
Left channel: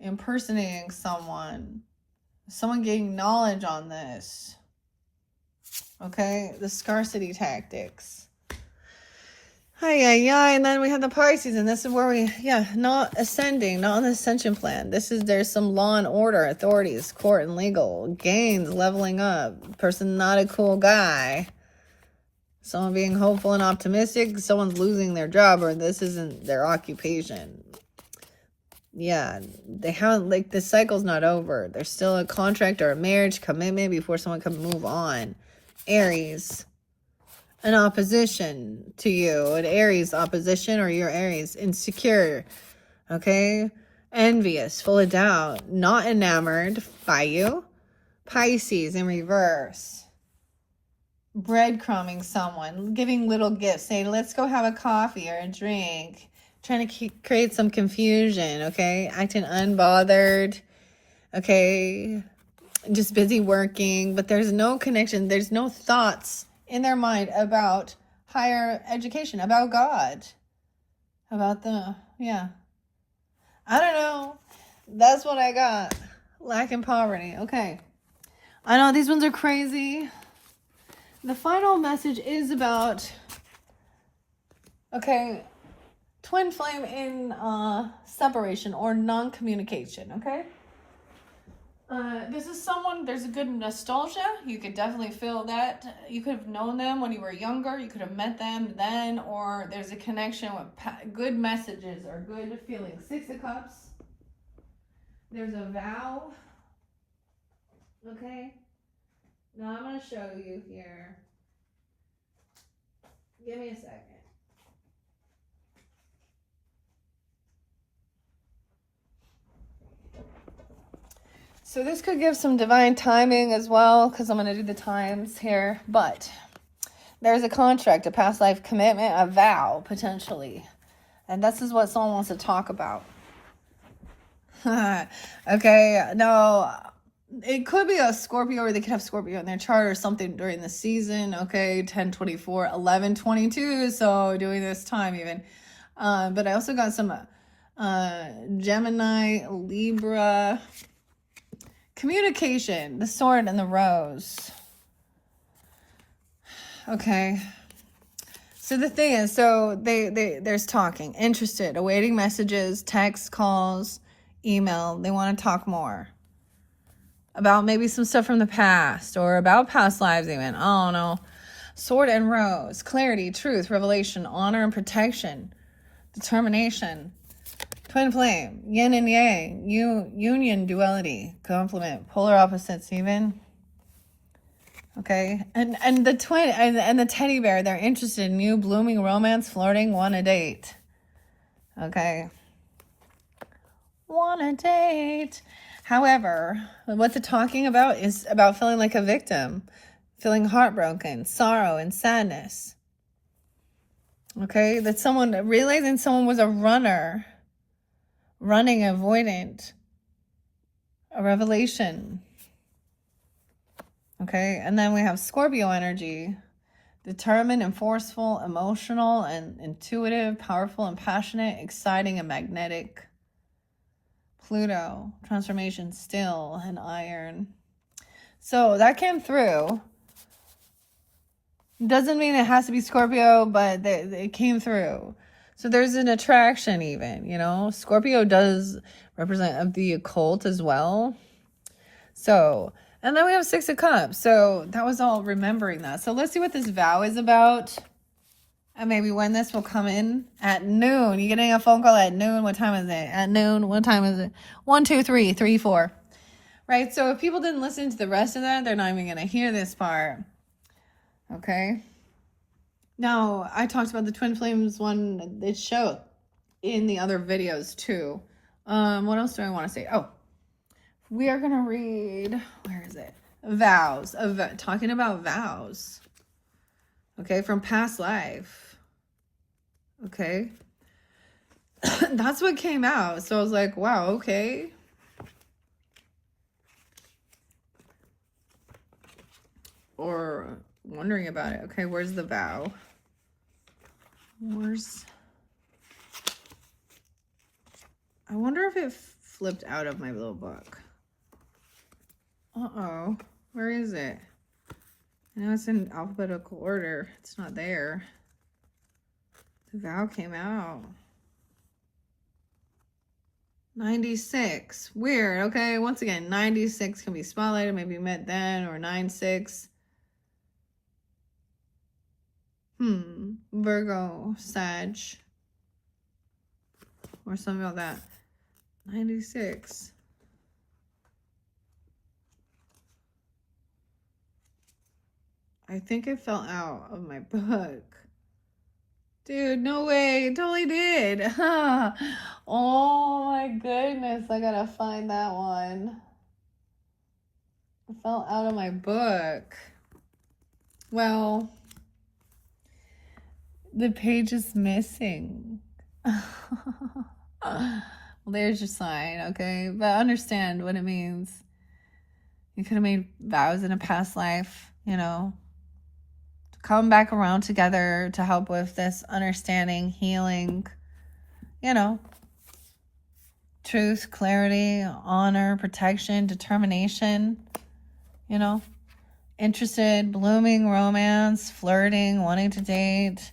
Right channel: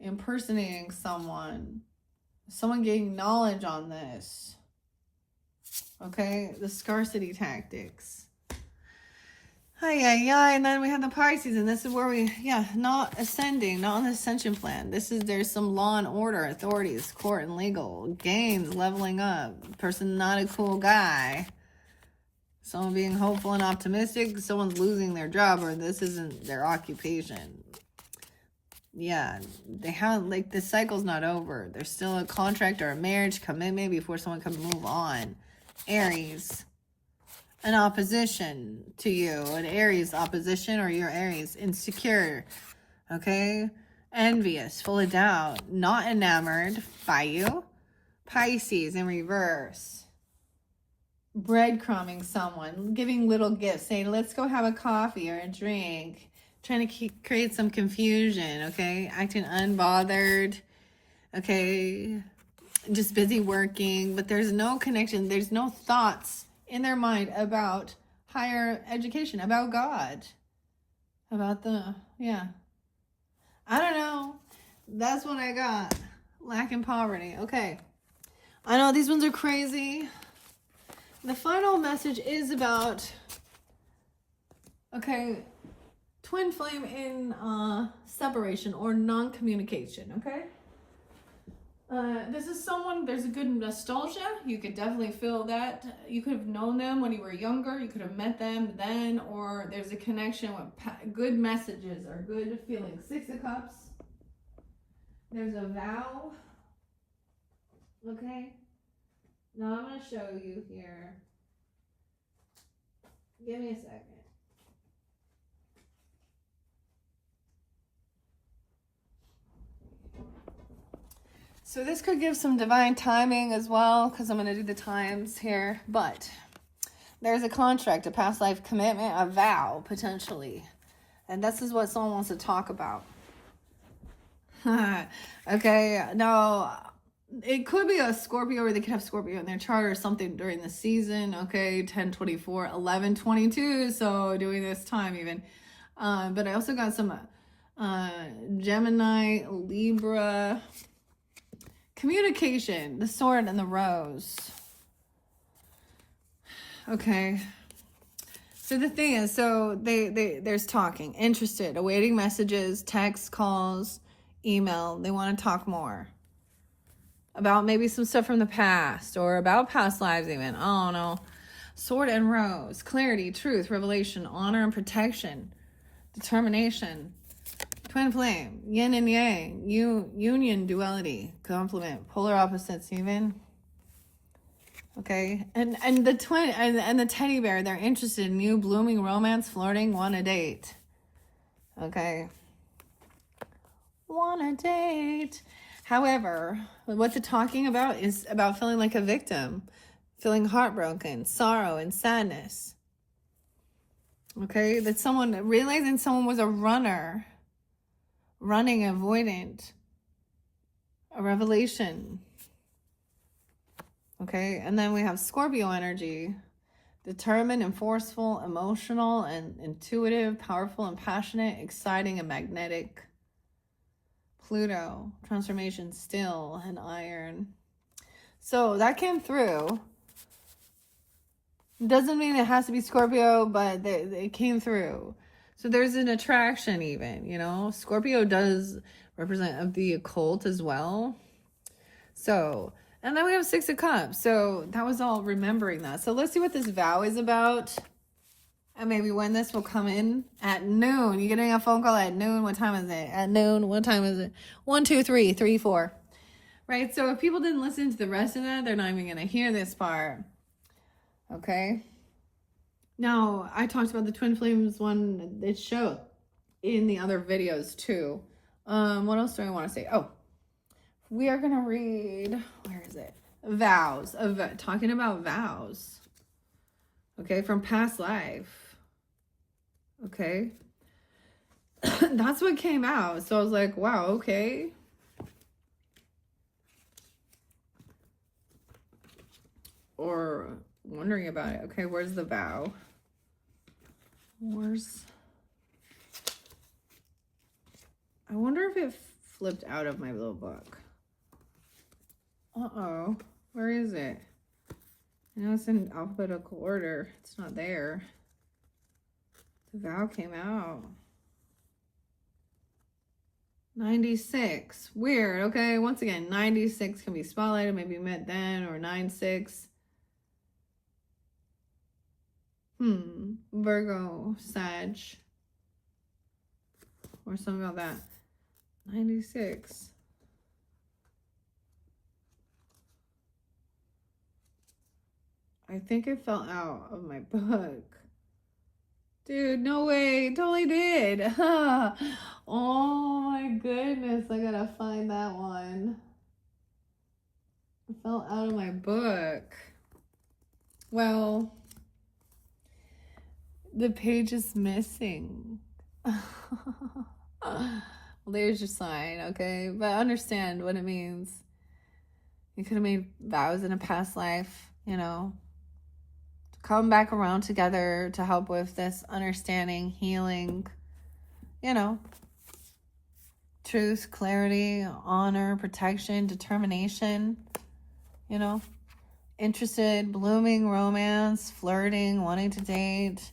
Impersonating someone getting knowledge on this. Okay, the scarcity tactics. And then we have the Pisces, and this is where we, not ascending, not on the ascension plan. There's some law and order, authorities, court and legal, gains, leveling up, person not a cool guy, someone being hopeful and optimistic, someone's losing their job, or this isn't their occupation. Yeah, they haven't, like, the cycle's not over. There's still a contract or a marriage commitment before someone can move on. Aries, an opposition to you, an Aries opposition, or your Aries, insecure, okay, envious, full of doubt, not enamored by you. Pisces in reverse, breadcrumbing someone, giving little gifts, saying, let's go have a coffee or a drink, trying to create some confusion, okay, acting unbothered, okay, just busy working, but there's no connection, there's no thoughts in their mind about higher education, about God, about the, I don't know. That's what I got. Lack and poverty. Okay. I know these ones are crazy. The final message is about, okay, twin flame in separation or non-communication, okay? This is someone, there's a good nostalgia. You could definitely feel that. You could have known them when you were younger. You could have met them then, or there's a connection with good messages or good feelings. 6 of Cups. There's a vow. Okay. Now I'm going to show you here. Give me a second. So this could give some divine timing as well, because I'm going to do the times here. But there's a contract, a past life commitment, a vow, potentially. And this is what someone wants to talk about. Okay, now, it could be a Scorpio, or they could have Scorpio in their chart or something during the season. Okay, 10/24, 11/22, so doing this time even. But I also got some Gemini, Libra. Communication, the sword and the rose. Okay. So the thing is, so there's talking, interested, awaiting messages, text, calls, email. They want to talk more about maybe some stuff from the past or about past lives even. I don't know. Sword and rose, clarity, truth, revelation, honor and protection, determination. Twin flame, yin and yang, union, duality, complement, polar opposites even. Okay, and the twin and the teddy bear, they're interested in you, blooming romance, flirting, want a date. Okay, want a date. However, what they're talking about is about feeling like a victim, feeling heartbroken, sorrow and sadness. Okay, that someone, realizing someone was a runner, running, avoidant, a revelation. Okay, and then we have Scorpio energy, determined and forceful, emotional and intuitive, powerful and passionate, exciting and magnetic. Pluto, transformation, still, and iron. So that came through. Doesn't mean it has to be Scorpio, but it came through. So there's an attraction even, you know. Scorpio does represent the occult as well. So, and then we have 6 of Cups. So that was all remembering that. So let's see what this vow is about. And maybe when this will come in at noon. You're getting a phone call at noon. What time is it? At noon. What time is it? 1, 2, 3, 3, 4. Right? So if people didn't listen to the rest of that, they're not even going to hear this part. Okay? Now, I talked about the Twin Flames one, it showed in the other videos too. What else do I want to say? Oh, we are going to read, where is it? Vows, talking about vows. Okay, from past life. Okay. That's what came out. So I was like, wow, okay. Or wondering about it. Okay, where's the vow? I wonder if it flipped out of my little book. Uh-oh. Where is it? I know it's in alphabetical order. It's not there. The vow came out. 96. Weird. Okay, once again, 96 can be spotlighted. Maybe you met then, or 96. Virgo, Sag. Or something like that. 96. I think it fell out of my book. Dude, no way. It totally did. Oh my goodness. I gotta find that one. It fell out of my book. Well, the page is missing. There's your sign, okay? But understand what it means. You could have made vows in a past life, you know, to come back around together to help with this understanding, healing, you know, truth, clarity, honor, protection, determination, you know, interested, blooming, romance, flirting, wanting to date.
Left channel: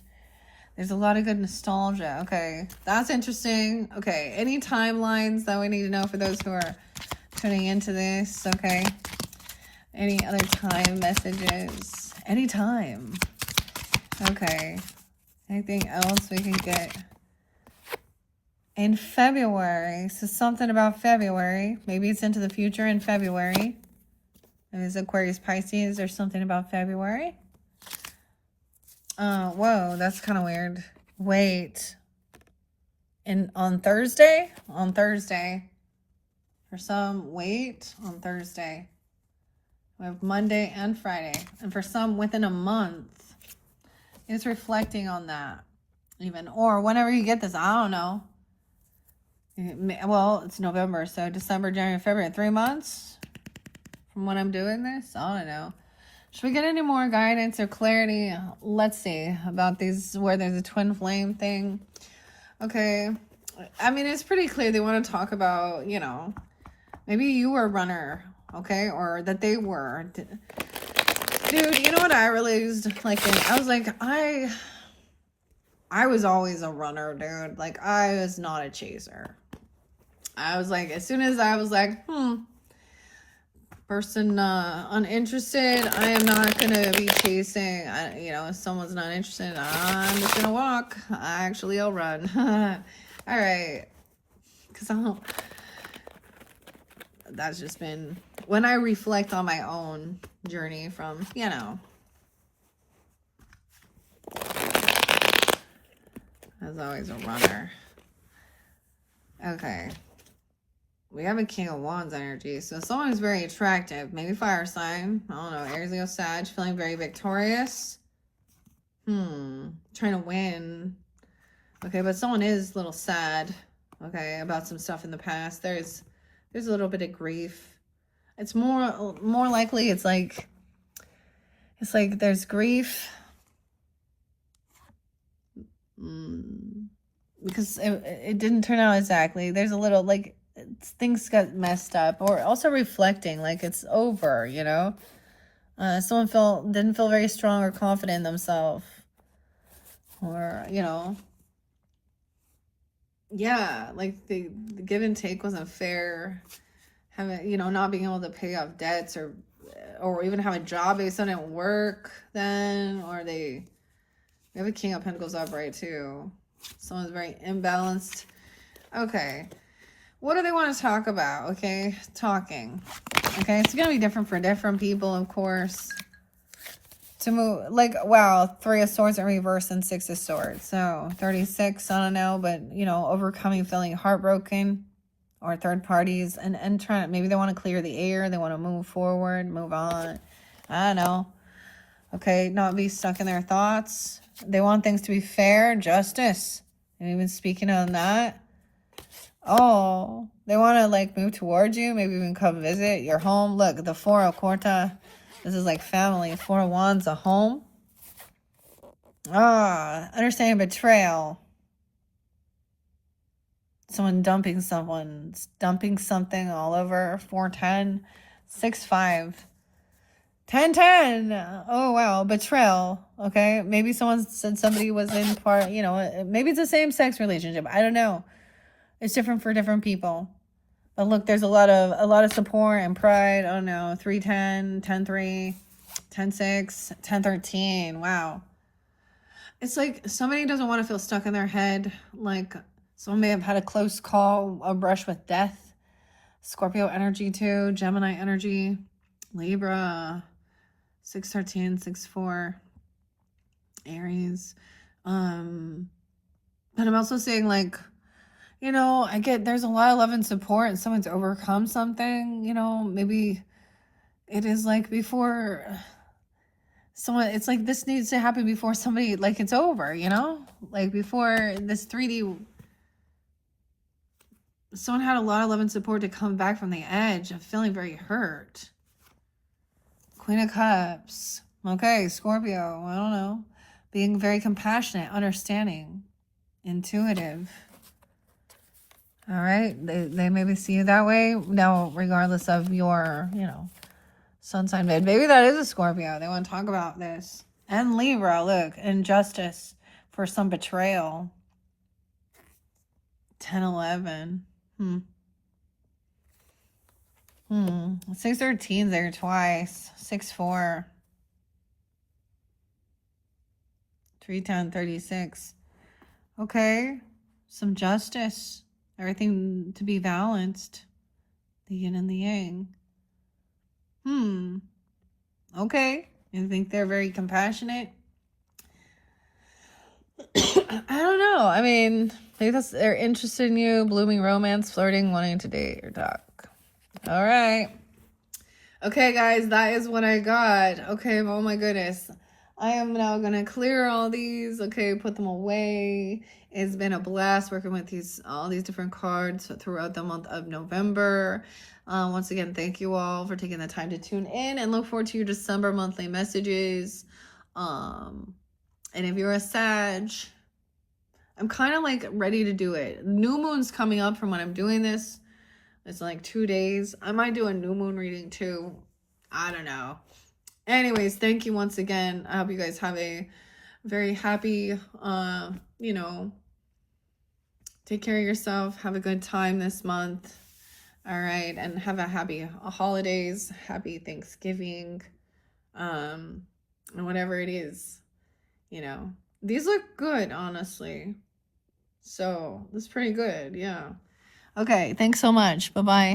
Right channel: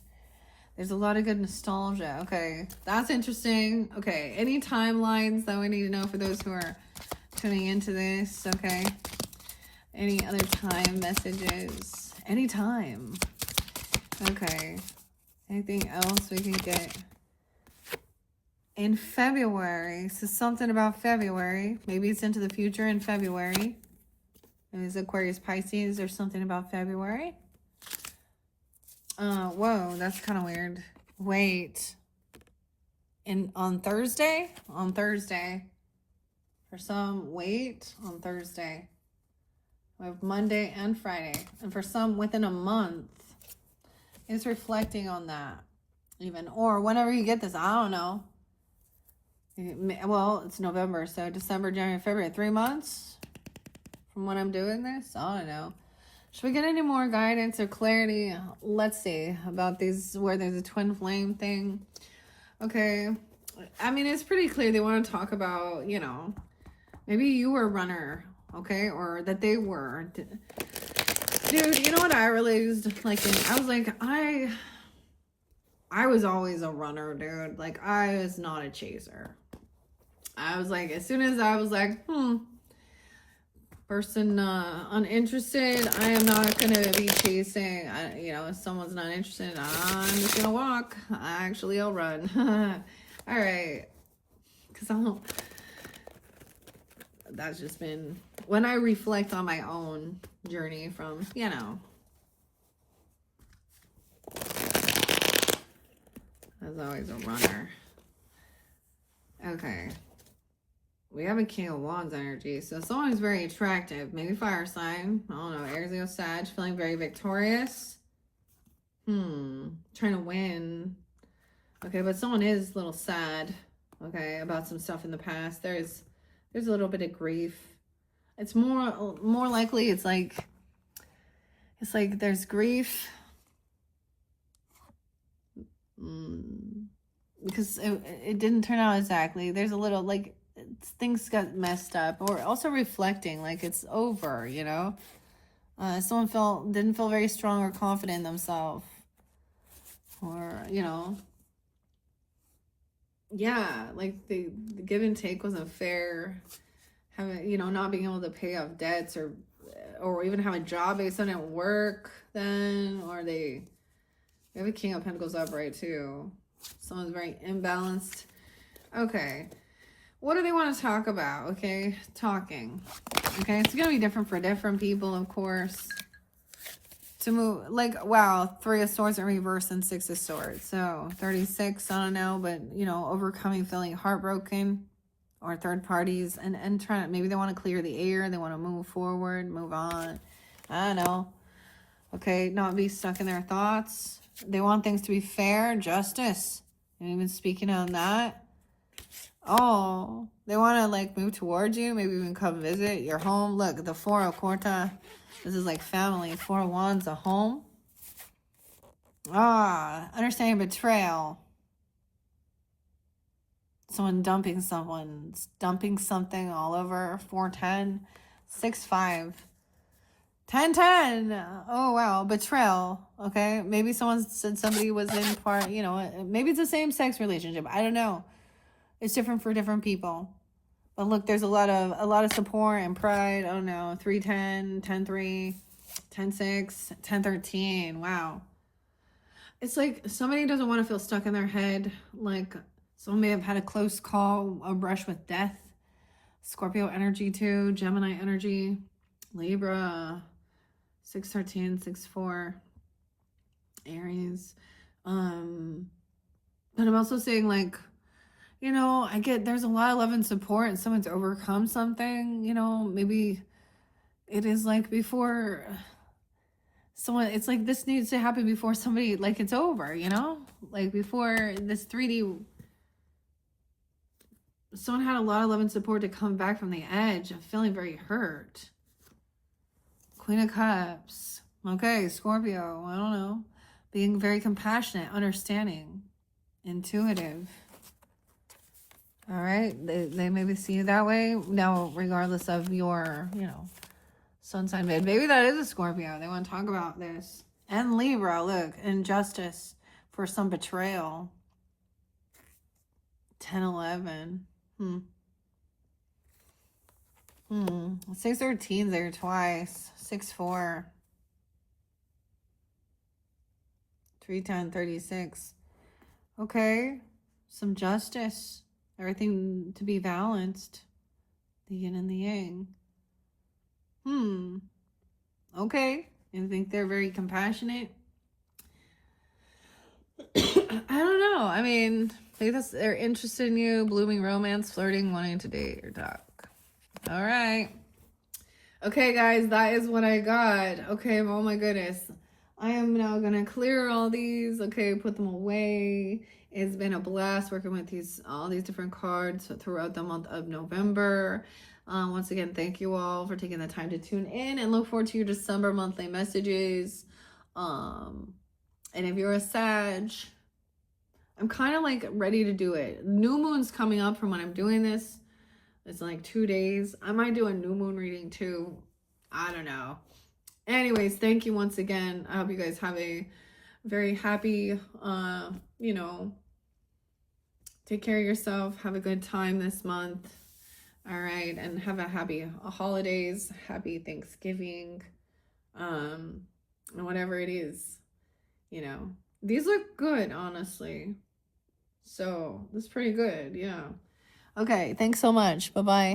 There's a lot of good nostalgia. Okay, that's interesting. Okay, any timelines that we need to know for those who are tuning into this? Okay, any other time messages? Anytime. Okay, anything else we can get in February? So something about February. Maybe it's into the future in February. Is Aquarius, Pisces, or something about February? Whoa, that's kind of weird. Wait. On Thursday? On Thursday. For some, wait, on Thursday. We have Monday and Friday. And for some, within a month. It's reflecting on that. Even. Or whenever you get this, I don't know. Well, it's November, so December, January, February, 3 months from when I'm doing this. I don't know. Should we get any more guidance or clarity? Let's see about these, where there's a twin flame thing. Okay. I mean, it's pretty clear they want to talk about, you know, maybe you were a runner, okay? Or that they were. Dude, you know what I realized? Like, I was like, I was always a runner, dude. Like, I was not a chaser. I was like, as soon as I was like, person uninterested, I am not gonna be chasing. You know, if someone's not interested, I'm just gonna walk. I'll run. All right, because that's just been when I reflect on my own journey from, you know, as always a runner. Okay. We have a King of Wands energy. So someone who's very attractive. Maybe fire sign. I don't know. Aries, Leo, Sag. Feeling very victorious. Trying to win. Okay, but someone is a little sad. Okay, about some stuff in the past. There's a little bit of grief. It's more likely it's like there's grief. Because it didn't turn out exactly. There's a little like things got messed up, or also reflecting like it's over, you know. Someone didn't feel very strong or confident in themselves, or, you know, yeah, like the give and take wasn't fair. Having, you know, not being able to pay off debts, or even have a job, maybe something didn't work then, or we have a King of Pentacles upright too. Someone's very imbalanced. Okay. What do they want to talk about? Okay, talking. Okay, it's going to be different for different people, of course. To move, like, wow, 3 of Swords in reverse and 6 of Swords. So, 36, I don't know, but, you know, overcoming feeling heartbroken, or third parties, and trying to, maybe they want to clear the air, they want to move forward, move on. I don't know. Okay, not be stuck in their thoughts. They want things to be fair, justice. And even speaking on that. Oh, they want to like move towards you, maybe even come visit your home. Look, the 4 of Quarta, this is like family. 4 of Wands, a home. Understanding betrayal. Someone dumping something all over. 410, 6-5. 1010. Oh, wow. Betrayal. Okay. Maybe someone said somebody was in part, you know, maybe it's a same-sex relationship. I don't know. It's different for different people. But look, there's a lot of support and pride. Oh no. 310, 103, 106, 1013. Wow. It's like somebody doesn't want to feel stuck in their head. Like someone may have had a close call, a brush with death. Scorpio energy too. Gemini energy. Libra. 613, 64. Aries. But I'm also saying, like, you know, I get there's a lot of love and support and someone's overcome something, you know, maybe it is like before someone, it's like this needs to happen before somebody, like it's over, you know, like before this 3D, someone had a lot of love and support to come back from the edge of feeling very hurt. Queen of Cups. Okay, Scorpio, I don't know. Being very compassionate, understanding, intuitive. All right, they maybe see you that way. No, regardless of your, you know, sun sign. Maybe that is a Scorpio. They want to talk about this. And Libra, look, injustice for some betrayal. 1011. 613 there twice. 64. 310, 36. Okay, some justice. Everything to be balanced. The yin and the yang. Okay. You think they're very compassionate? I don't know. I mean, maybe they're interested in you, blooming romance, flirting, wanting to date or talk. All right. Okay, guys, that is what I got. Okay, oh my goodness. I am now going to clear all these. Okay, put them away. It's been a blast working with all these different cards throughout the month of November. Once again, thank you all for taking the time to tune in and look forward to your December monthly messages. And if you're a Sag, I'm kind of like ready to do it. New moon's coming up from when I'm doing this. It's like 2 days. I might do a new moon reading too. I don't know. Anyways, thank you once again. I hope you guys have a very happy, you know, take care of yourself. Have a good time this month. All right. And have a happy holidays, happy Thanksgiving, and whatever it is, you know. These look good, honestly. So, that's pretty good. Yeah. Okay. Thanks so much. Bye-bye.